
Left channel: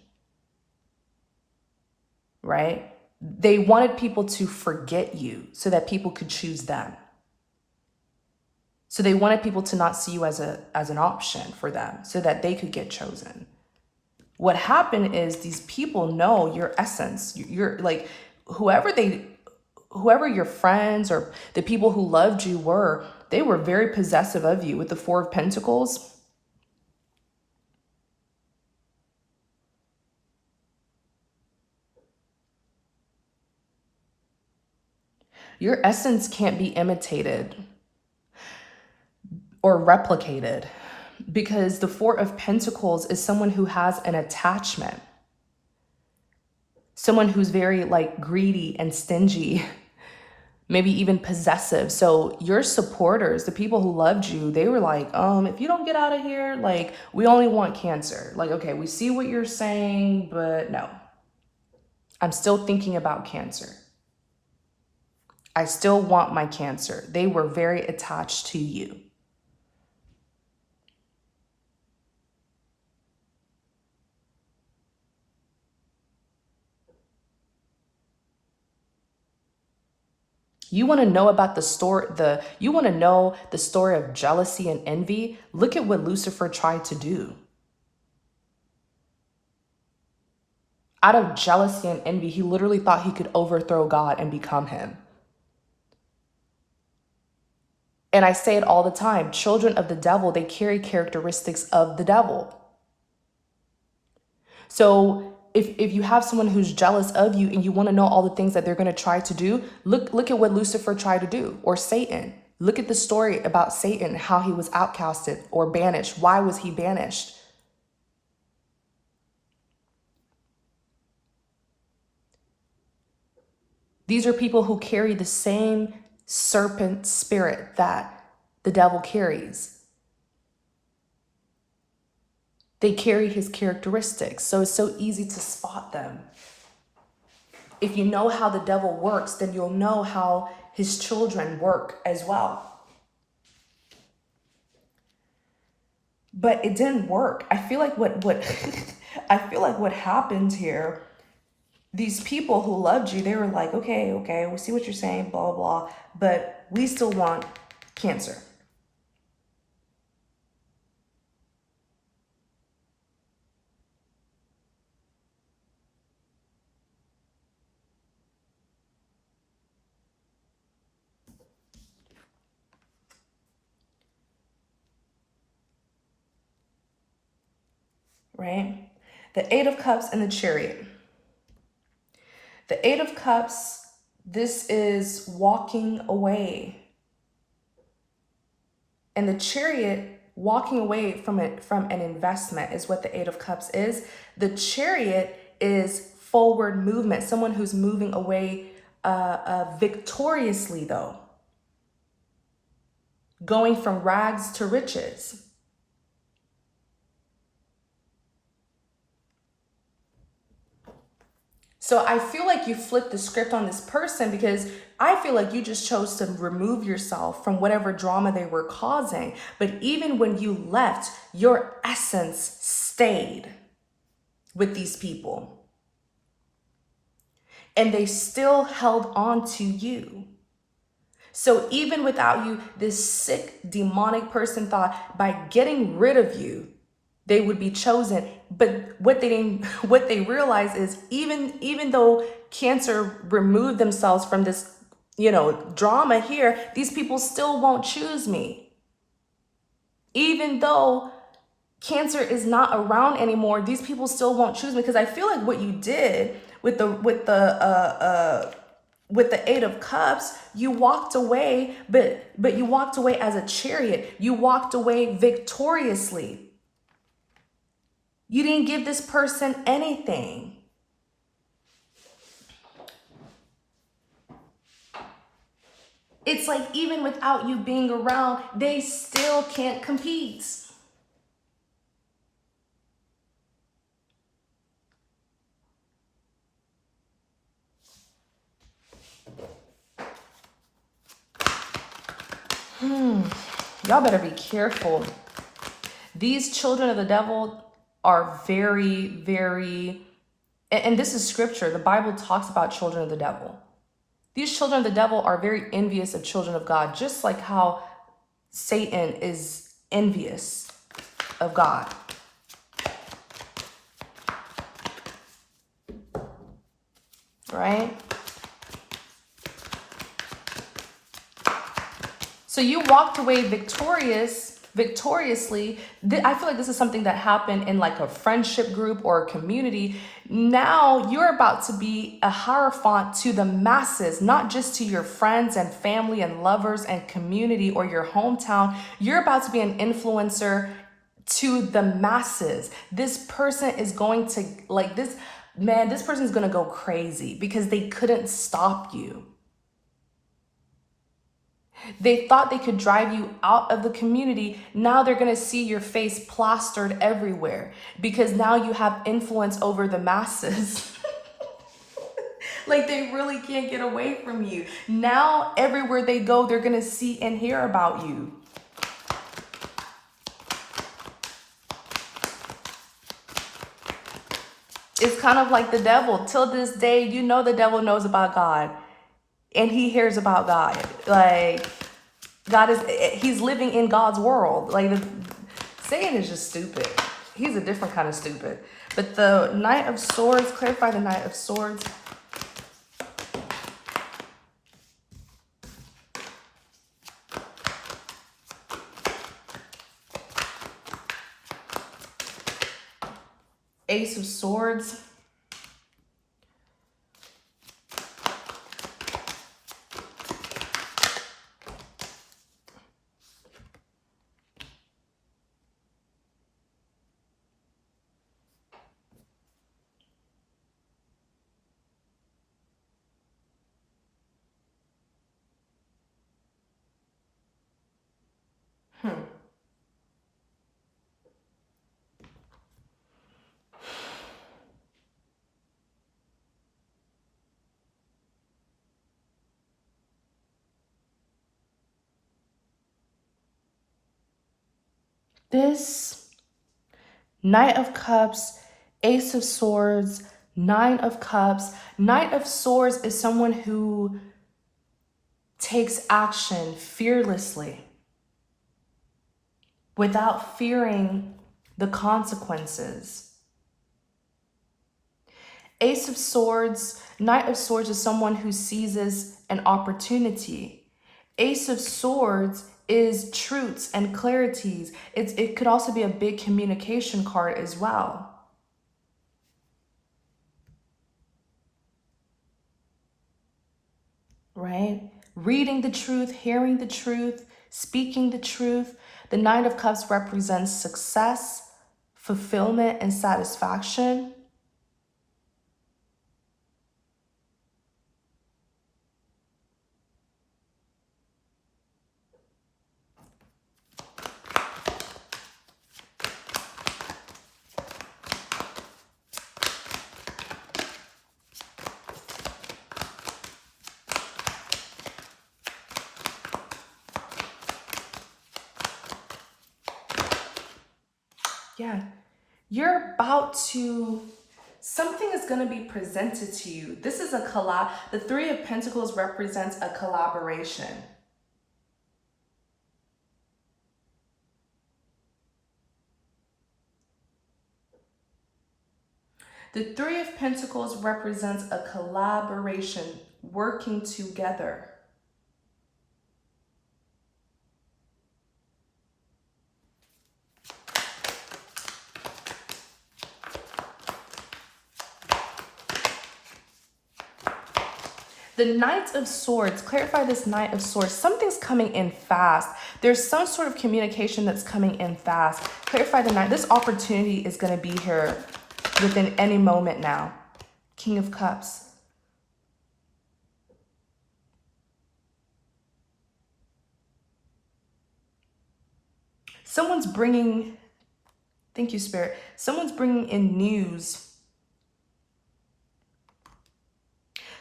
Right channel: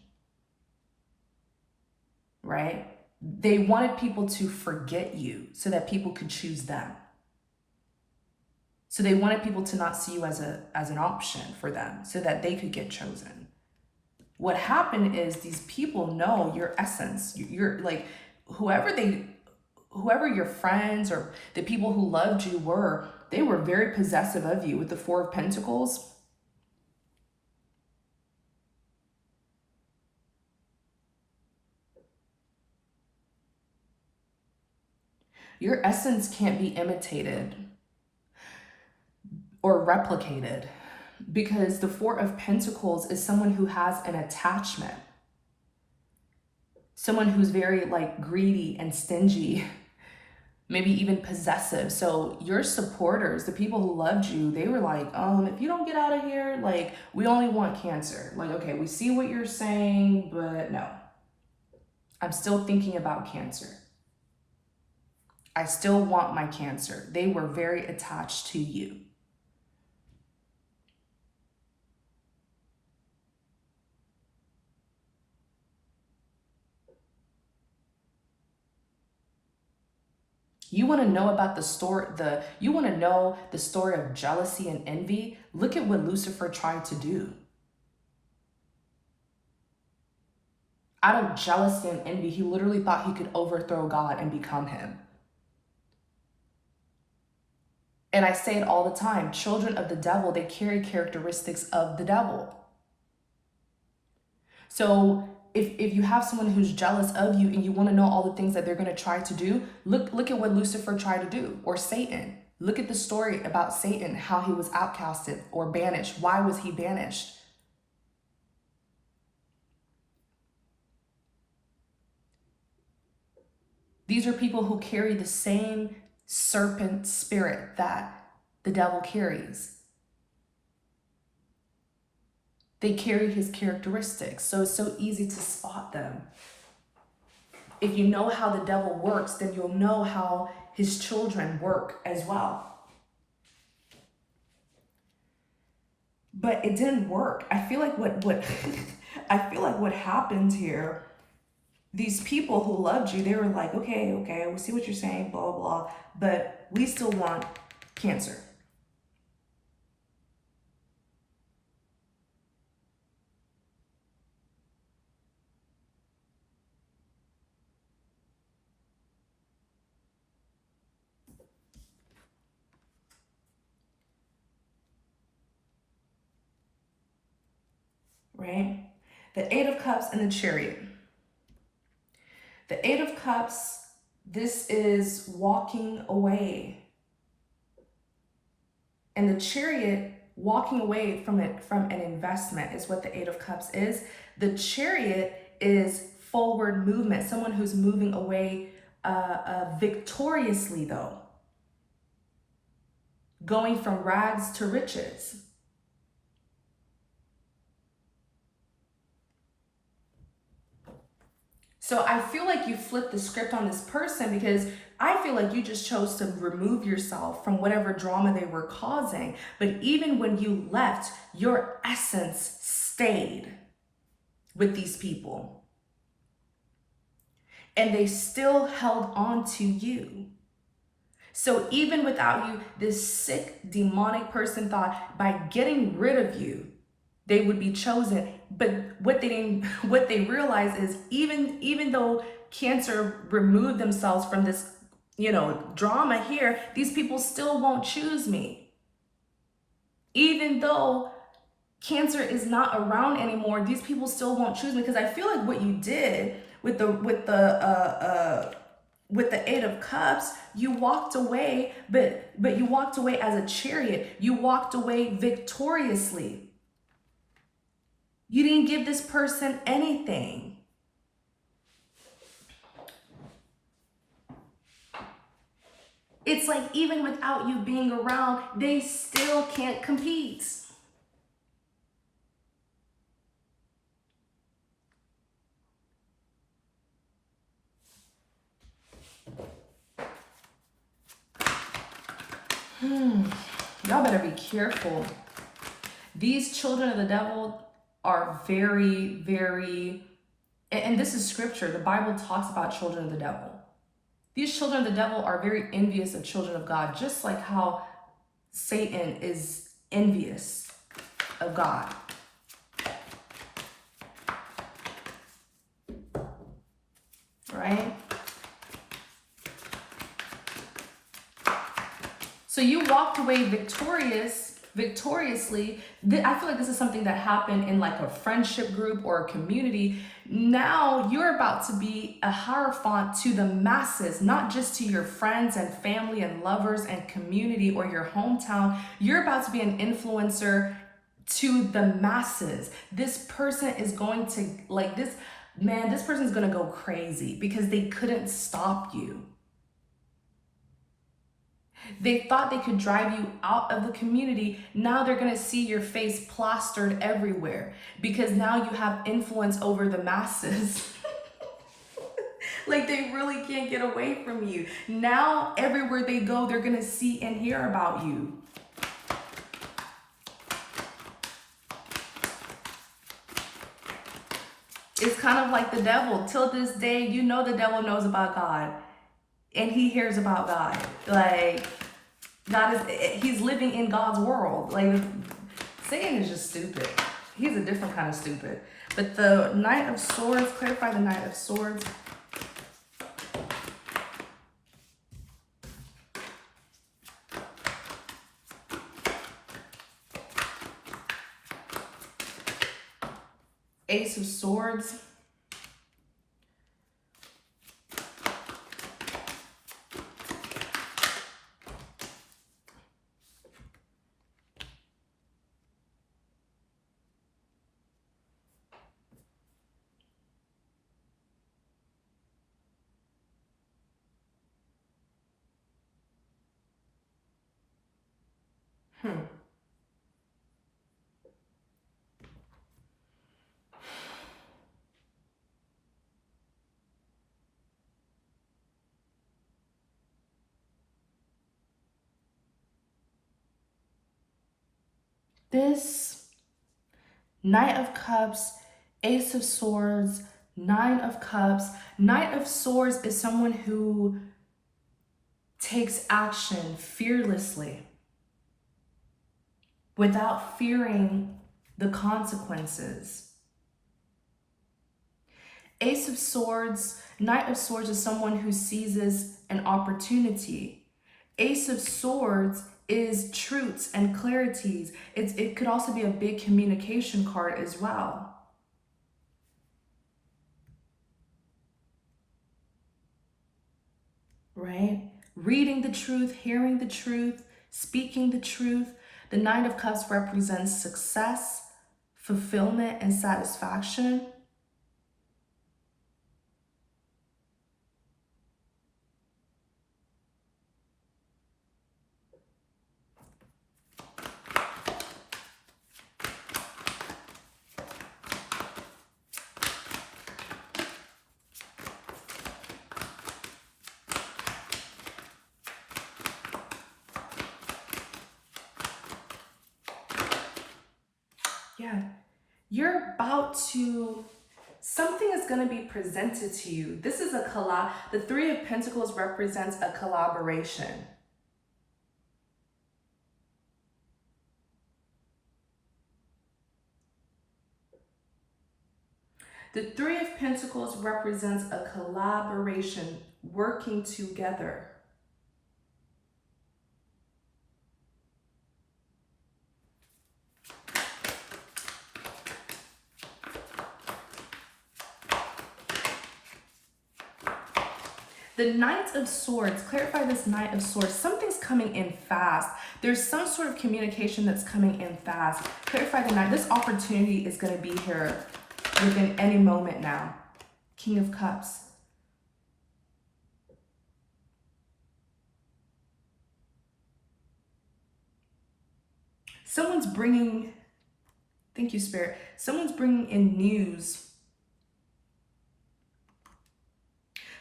Right? They wanted people to forget you so that people could choose them. So they wanted people to not see you as an option for them so that they could get chosen. What happened is these people know your essence. You're like, whoever your friends or the people who loved you were, they were very possessive of you with the Four of Pentacles. Your essence can't be imitated or replicated because the Four of Pentacles is someone who has an attachment. Someone who's very like greedy and stingy, maybe even possessive. So your supporters, the people who loved you, they were like, if you don't get out of here, like, we only want Cancer. Like, okay, we see what you're saying, but no. I'm still thinking about Cancer. I still want my Cancer. They were very attached to you. You want to know about the story, you want to know the story of jealousy and envy? Look at what Lucifer tried to do. Out of jealousy and envy, he literally thought he could overthrow God and become him. And I say it all the time, children of the devil, they carry characteristics of the devil. So if you have someone who's jealous of you and you want to know all the things that they're going to try to do, look at what Lucifer tried to do, or Satan. Look at the story about Satan, how he was outcasted or banished. Why was he banished? These are people who carry the same serpent spirit that the devil carries. They carry his characteristics, so it's so easy to spot them. If you know how the devil works, then you'll know how his children work as well. But it didn't work. I feel like what I feel like what happened here, these people who loved you, they were like, okay, we see what you're saying, blah, blah, blah, but we still want Cancer. Right? The Eight of Cups and the Chariot. The Eight of Cups, this is walking away. And the Chariot, walking away from an investment is what the Eight of Cups is. The Chariot is forward movement, someone who's moving away victoriously though. Going from rags to riches. So I feel like you flipped the script on this person, because I feel like you just chose to remove yourself from whatever drama they were causing. But even when you left, your essence stayed with these people. And they still held on to you. So even without you, this sick, demonic person thought by getting rid of you, they would be chosen. But what they realized is, even though Cancer removed themselves from this, drama here, these people still won't choose me. Even though Cancer is not around anymore, these people still won't choose me, because I feel like what you did with the Eight of Cups, you walked away, but you walked away as a chariot. You walked away victoriously. You didn't give this person anything. It's like, even without you being around, they still can't compete. Y'all better be careful. These children of the devil are very, very, and this is scripture. The Bible talks about children of the devil. These children of the devil are very envious of children of God, just like how Satan is envious of God. Right? So you walked away victoriously. I feel like this is something that happened in like a friendship group or a community. Now you're about to be a hierophant to the masses, not just to your friends and family and lovers and community or your hometown. You're about to be an influencer to the masses. This person is going to, this person is going to go crazy because they couldn't stop you. They thought they could drive you out of the community. Now they're going to see your face plastered everywhere, because now you have influence over the masses. Like, they really can't get away from you. Now everywhere they go, they're going to see and hear about you. It's kind of like the devil. Till this day, the devil knows about God. And he hears about God. Like, he's living in God's world. Like, Satan is just stupid. He's a different kind of stupid. But the Knight of Swords, clarify the Knight of Swords. Ace of Swords. This Knight of Cups, Ace of Swords, Nine of Cups. Knight of Swords is someone who takes action fearlessly without fearing the consequences. Ace of Swords, Knight of Swords is someone who seizes an opportunity. Ace of Swords is truths and clarities. It could also be a big communication card as well. Right? Reading the truth, hearing the truth, speaking the truth. The Nine of Cups represents success, fulfillment, and satisfaction. Yeah. You're about to, something is going to be presented to you. This is a collab. The Three of Pentacles represents a collaboration. The Three of Pentacles represents a collaboration, working together. The Knight of Swords, clarify this Knight of Swords. Something's coming in fast. There's some sort of communication that's coming in fast. Clarify the Knight. This opportunity is going to be here within any moment now. King of Cups. Someone's bringing, thank you, Spirit. Someone's bringing in news.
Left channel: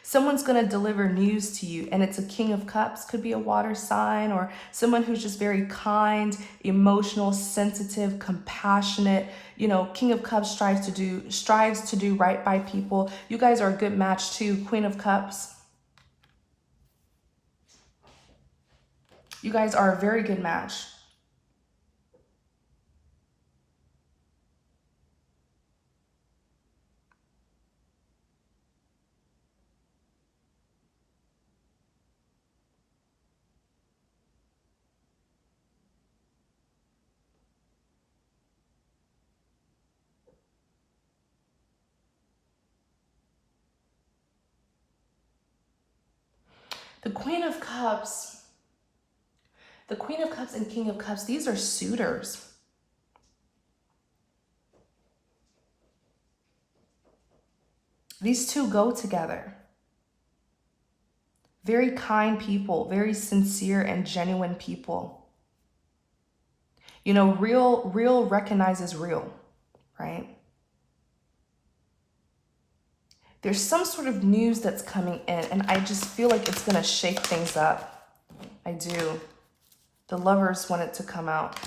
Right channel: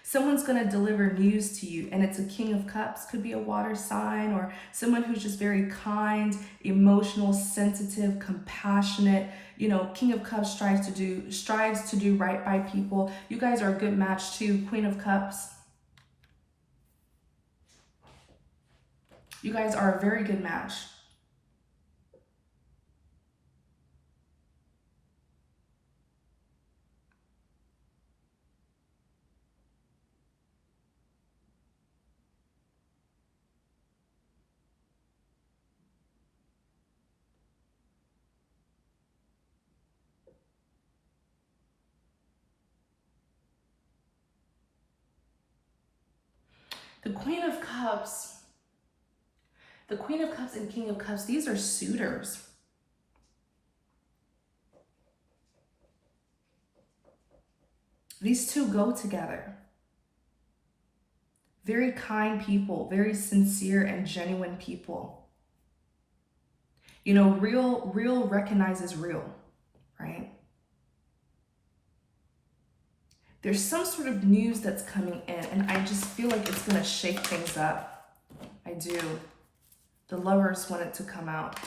Someone's going to deliver news to you, and it's a King of Cups. Could be a water sign or someone who's just very kind, emotional, sensitive, compassionate. You know, King of Cups strives to do right by people. You guys are a good match too. Queen of Cups. You guys are a very good match. The Queen of Cups. The Queen of Cups and King of Cups, these are suitors. These two go together. Very kind people, very sincere and genuine people. You know, real recognizes real, right? There's some sort of news that's coming in, and I just feel like it's going to shake things up. I do. The Lovers want it to come out.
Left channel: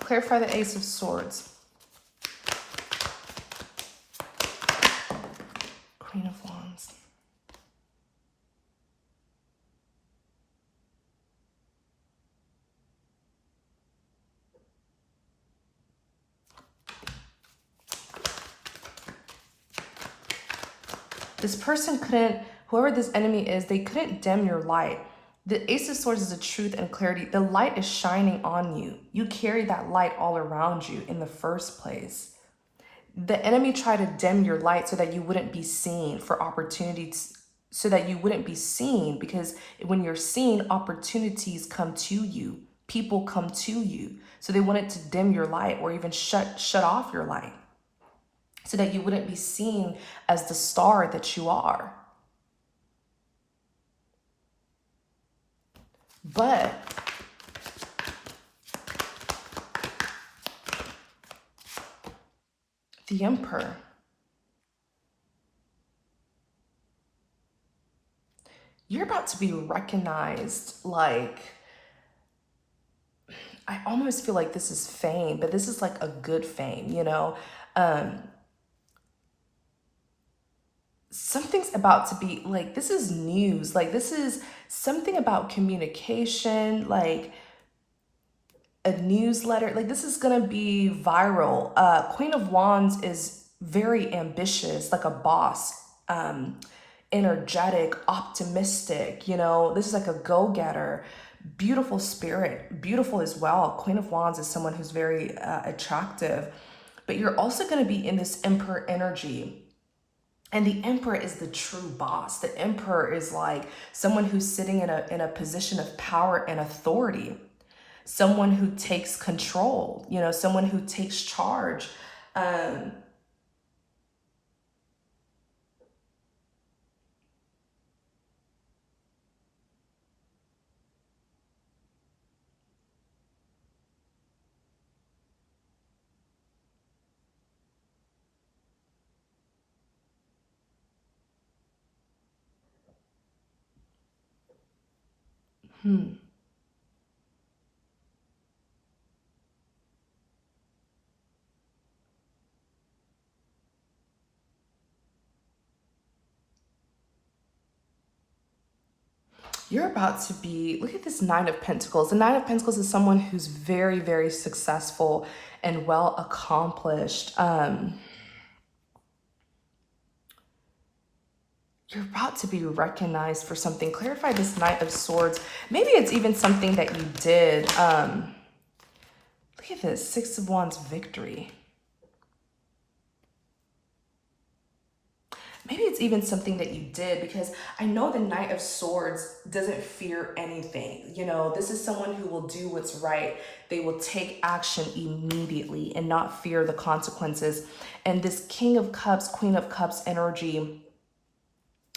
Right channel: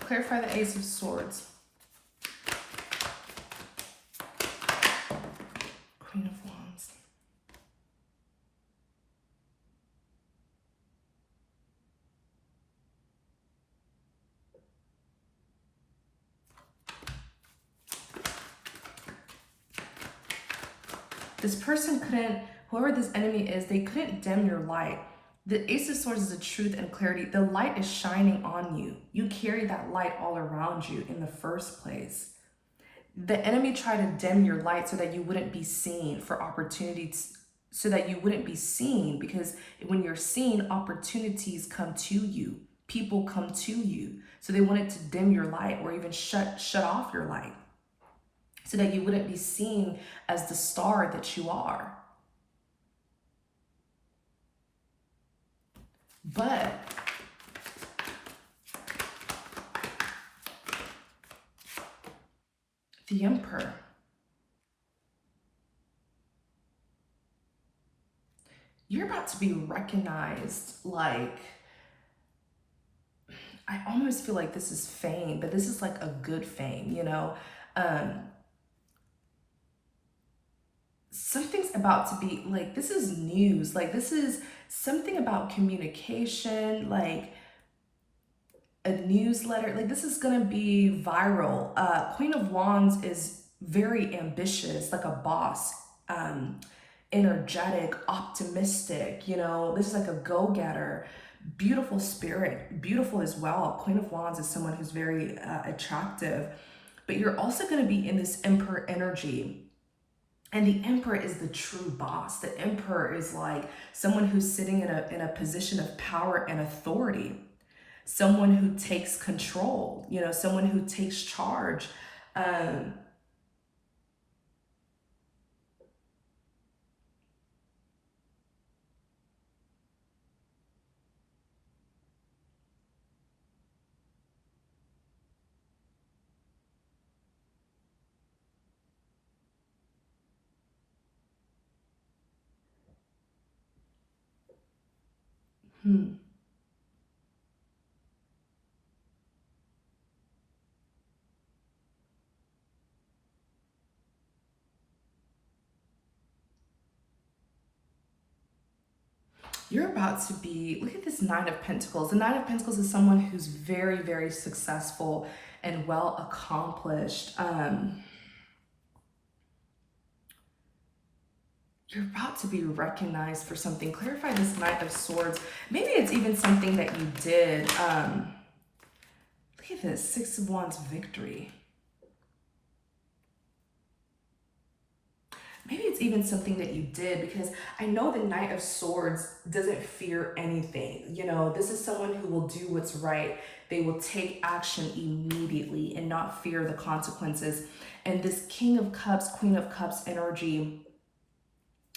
Clarify the Ace of Swords. Queen of Wands. This person couldn't, whoever this enemy is, they couldn't dim your light. The Ace of Swords is the truth and clarity. The light is shining on you. You carry that light all around you in the first place. The enemy tried to dim your light so that you wouldn't be seen for opportunities, so that you wouldn't be seen, because when you're seen, opportunities come to you. People come to you. So they wanted to dim your light or even shut off your light so that you wouldn't be seen as the star that you are. But the Emperor, you're about to be recognized. Like, I almost feel like this is fame, but this is like a good fame, you know? Something's about to be, like, this is news. Like, this is something about communication, like a newsletter. Like, this is gonna be viral. Queen of Wands is very ambitious, like a boss, energetic, optimistic, you know? This is like a go-getter, beautiful spirit, beautiful as well. Queen of Wands is someone who's very attractive, but you're also gonna be in this Emperor energy. And the Emperor is the true boss. The Emperor is like someone who's sitting in a position of power and authority. Someone who takes control, you know, someone who takes charge. You're about to be, look at this Nine of Pentacles. The Nine of Pentacles is someone who's very, very successful and well accomplished. You're about to be recognized for something. Clarify this Knight of Swords. Maybe it's even something that you did. Look at this, Six of Wands, victory. Maybe it's even something that you did, because I know the Knight of Swords doesn't fear anything. You know, this is someone who will do what's right. They will take action immediately and not fear the consequences. And this King of Cups, Queen of Cups energy,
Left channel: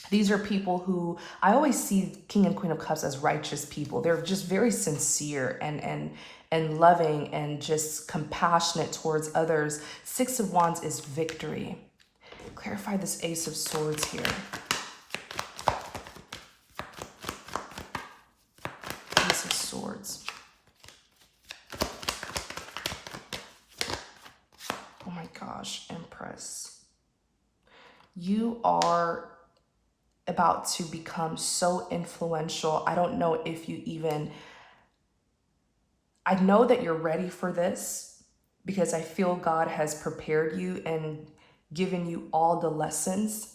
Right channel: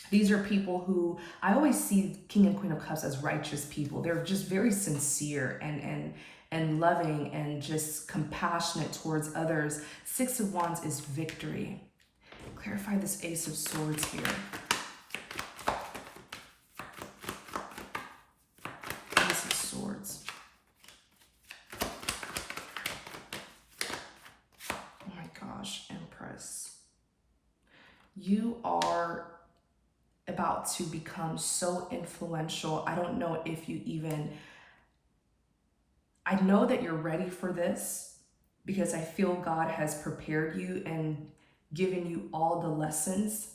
these are people who, I always see King and Queen of Cups as righteous people. They're just very sincere and loving and just compassionate towards others. Six of Wands is victory. Clarify this Ace of Swords here. Ace of Swords. Oh my gosh, Empress. You are about to become so influential. I don't know if you even, I know that you're ready for this, because I feel God has prepared you and given you all the lessons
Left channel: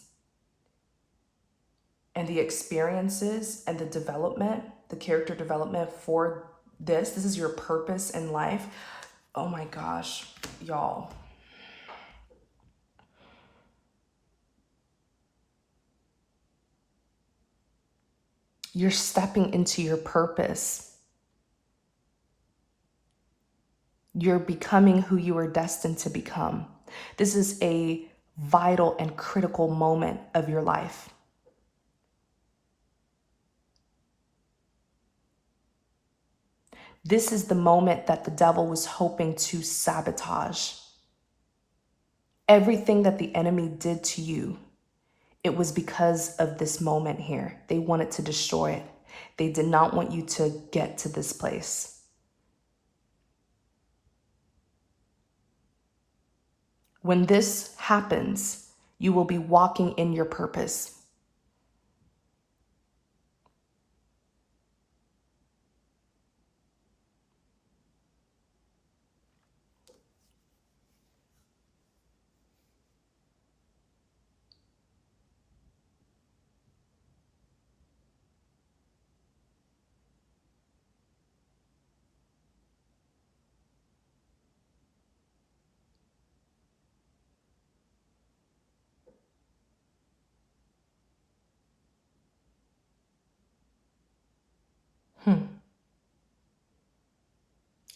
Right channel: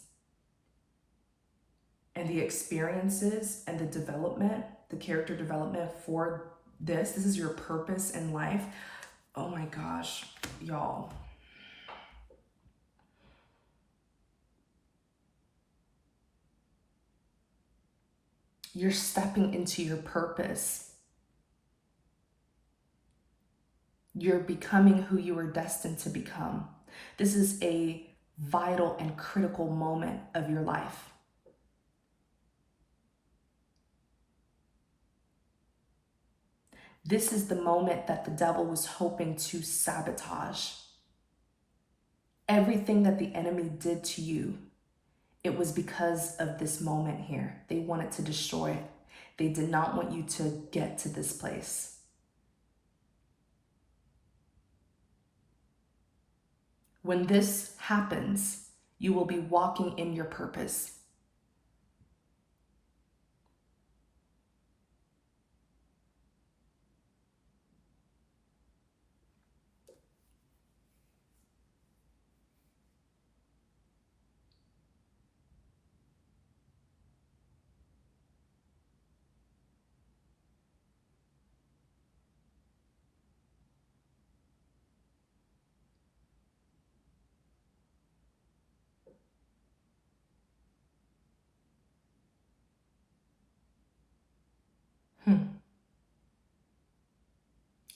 and the experiences and the development, the character development for this. This is your purpose in life. Oh my gosh, y'all. You're stepping into your purpose. You're becoming who you were destined to become. This is a vital and critical moment of your life. This is the moment that the devil was hoping to sabotage. Everything that the enemy did to you, it was because of this moment here. They wanted to destroy it. They did not want you to get to this place. When this happens, you will be walking in your purpose.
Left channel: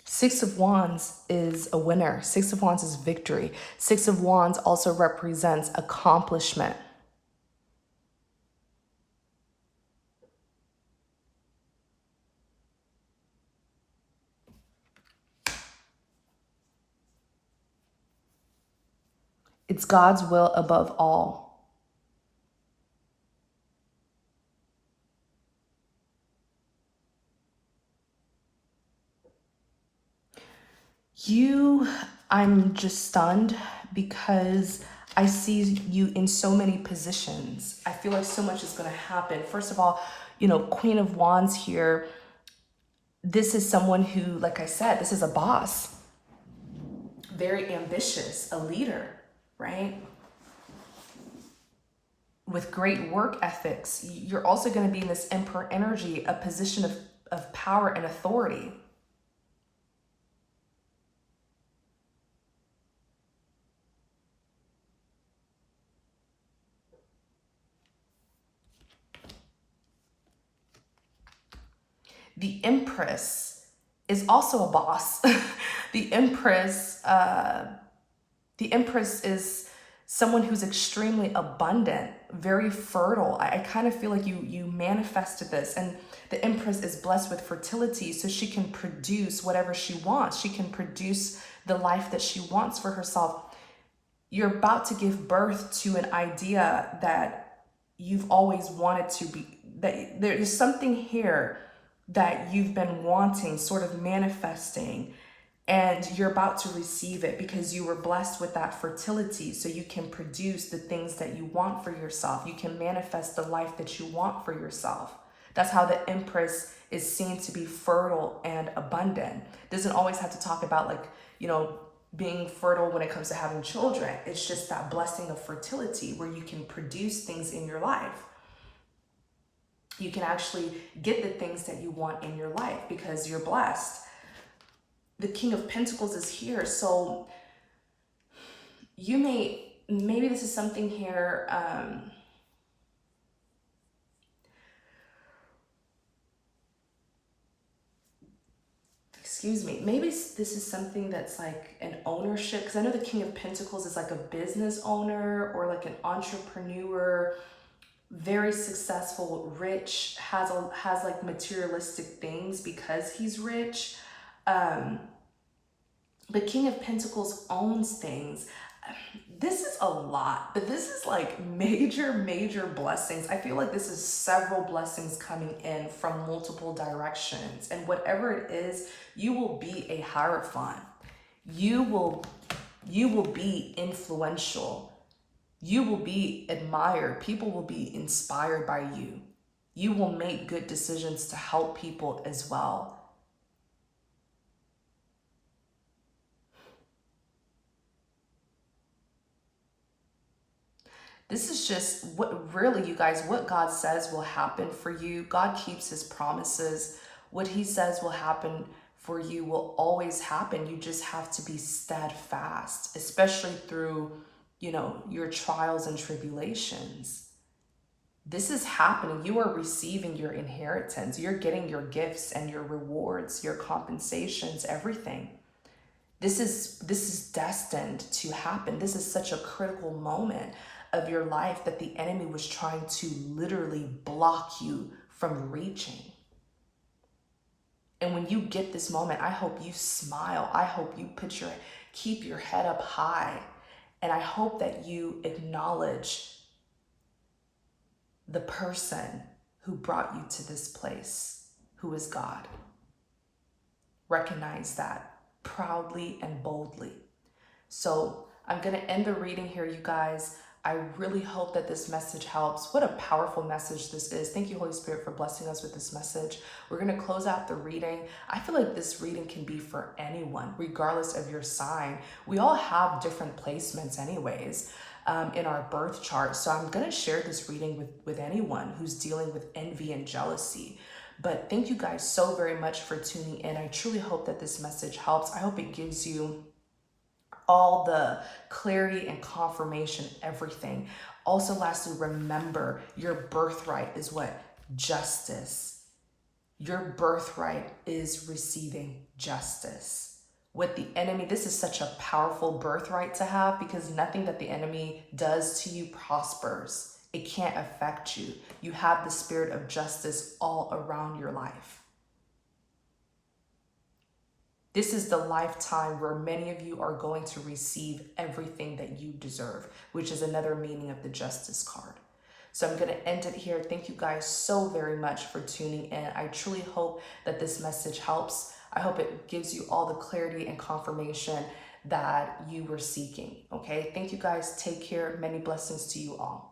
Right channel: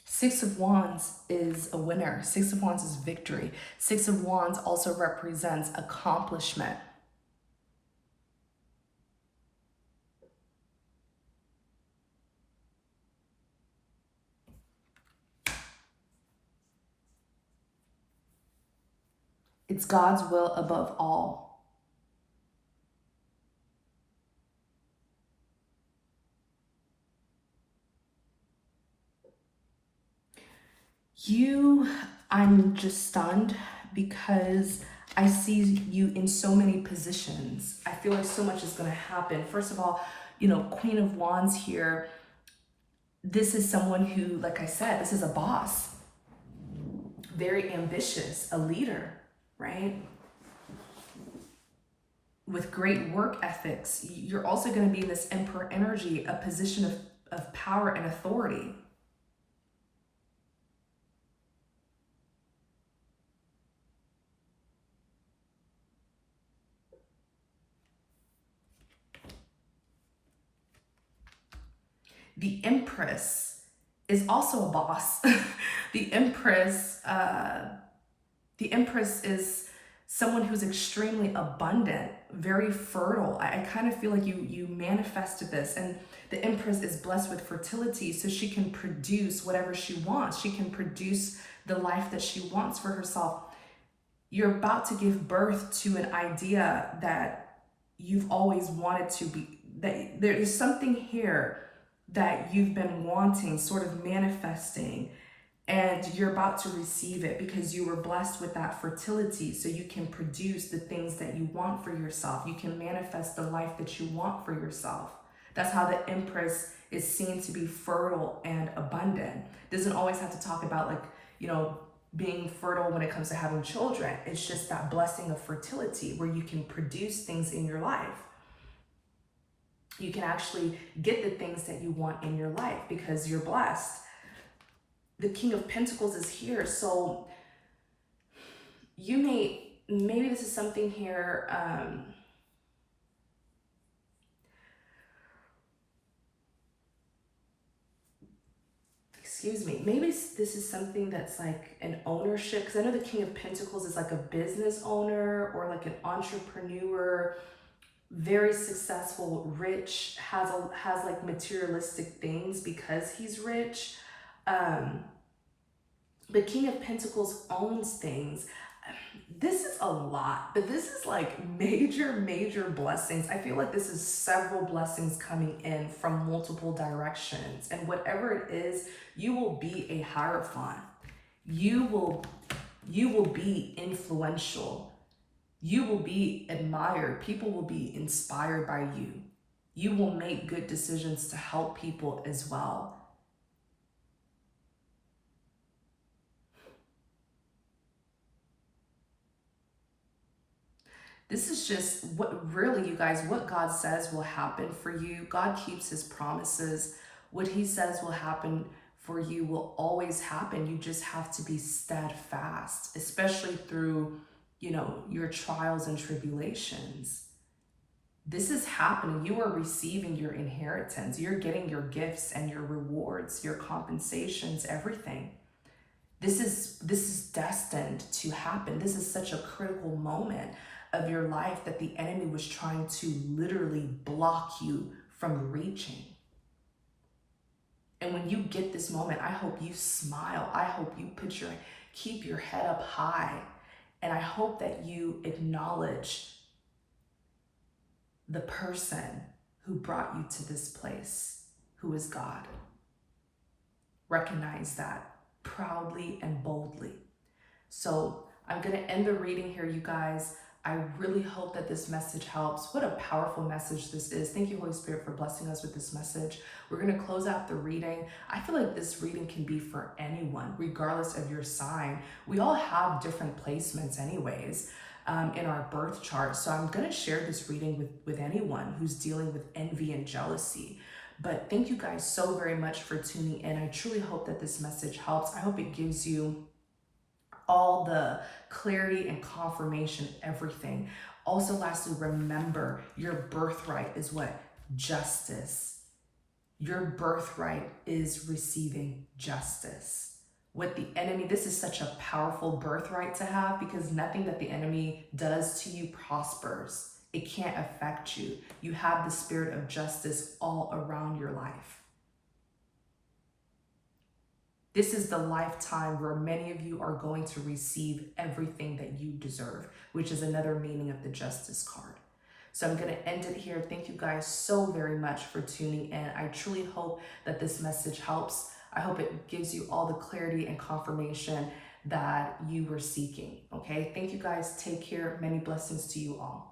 Six of Wands is a winner. Six of Wands is victory. Six of Wands also represents accomplishment. It's God's will above all. I'm just stunned, because I see you in so many positions. I feel like so much is going to happen. First of all, you know, Queen of Wands here, this is someone who, like I said, this is a boss. Very ambitious, a leader, right? With great work ethics. You're also going to be in this Emperor energy, a position of power and authority. The Empress is also a boss. The Empress is someone who's extremely abundant, very fertile. I kind of feel like you manifested this, and the Empress is blessed with fertility, so she can produce whatever she wants. She can produce the life that she wants for herself. You're about to give birth to an idea that you've always wanted to be, that there's something here that you've been wanting, sort of manifesting, and you're about to receive it because you were blessed with that fertility, so you can produce the things that you want for yourself. You can manifest the life that you want for yourself. That's how the empress is seen to be fertile and abundant. Doesn't always have to talk about, like, you know, being fertile when it comes to having children. It's just that blessing of fertility where you can produce things in your life. You can actually get the things that you want in your life because you're blessed. The King of Pentacles is here. So you maybe this is something here. Excuse me, maybe this is something that's like an ownership, because I know the King of Pentacles is like a business owner or like an entrepreneur, very successful, rich, has like materialistic things because he's rich. But King of Pentacles owns things. This is a lot, but this is like major blessings. I feel like this is several blessings coming in from multiple directions. And whatever it is, you will be a hierophant. You will be influential. You will be admired. People will be inspired by you. You will make good decisions to help people as well. This is just what really, you guys, what God says will happen for you. God keeps his promises. What he says will happen for you will always happen. You just have to be steadfast, especially through, you know, your trials and tribulations. This is happening. You are receiving your inheritance. You're getting your gifts and your rewards, your compensations, everything. This is destined to happen. This is such a critical moment of your life that the enemy was trying to literally block you from reaching. And when you get this moment, I hope you smile. I hope you keep your head up high. And I hope that you acknowledge the person who brought you to this place, who is God. Recognize that proudly and boldly. So I'm going to end the reading here, you guys. I really hope that this message helps. What a powerful message this is. Thank you, Holy Spirit, for blessing us with this message. We're going to close out the reading. I feel like this reading can be for anyone, regardless of your sign. We all have different placements anyways in our birth chart. So I'm going to share this reading with anyone who's dealing with envy and jealousy. But thank you guys so very much for tuning in. I truly hope that this message helps. I hope it gives you all the clarity and confirmation, everything. Also, lastly, remember your birthright is what? Justice. Your birthright is receiving justice. With the enemy, this is such a powerful birthright to have because nothing that the enemy does to you prospers. It can't affect you. You have the spirit of justice all around your life. This is the lifetime where many of you are going to receive everything that you deserve, which is another meaning of the Justice card. So I'm going to end it here. Thank you guys so very much for tuning in. I truly hope that this message helps. I hope it gives you all the clarity and confirmation that you were seeking. Okay, thank you guys. Take care. Many blessings to you all.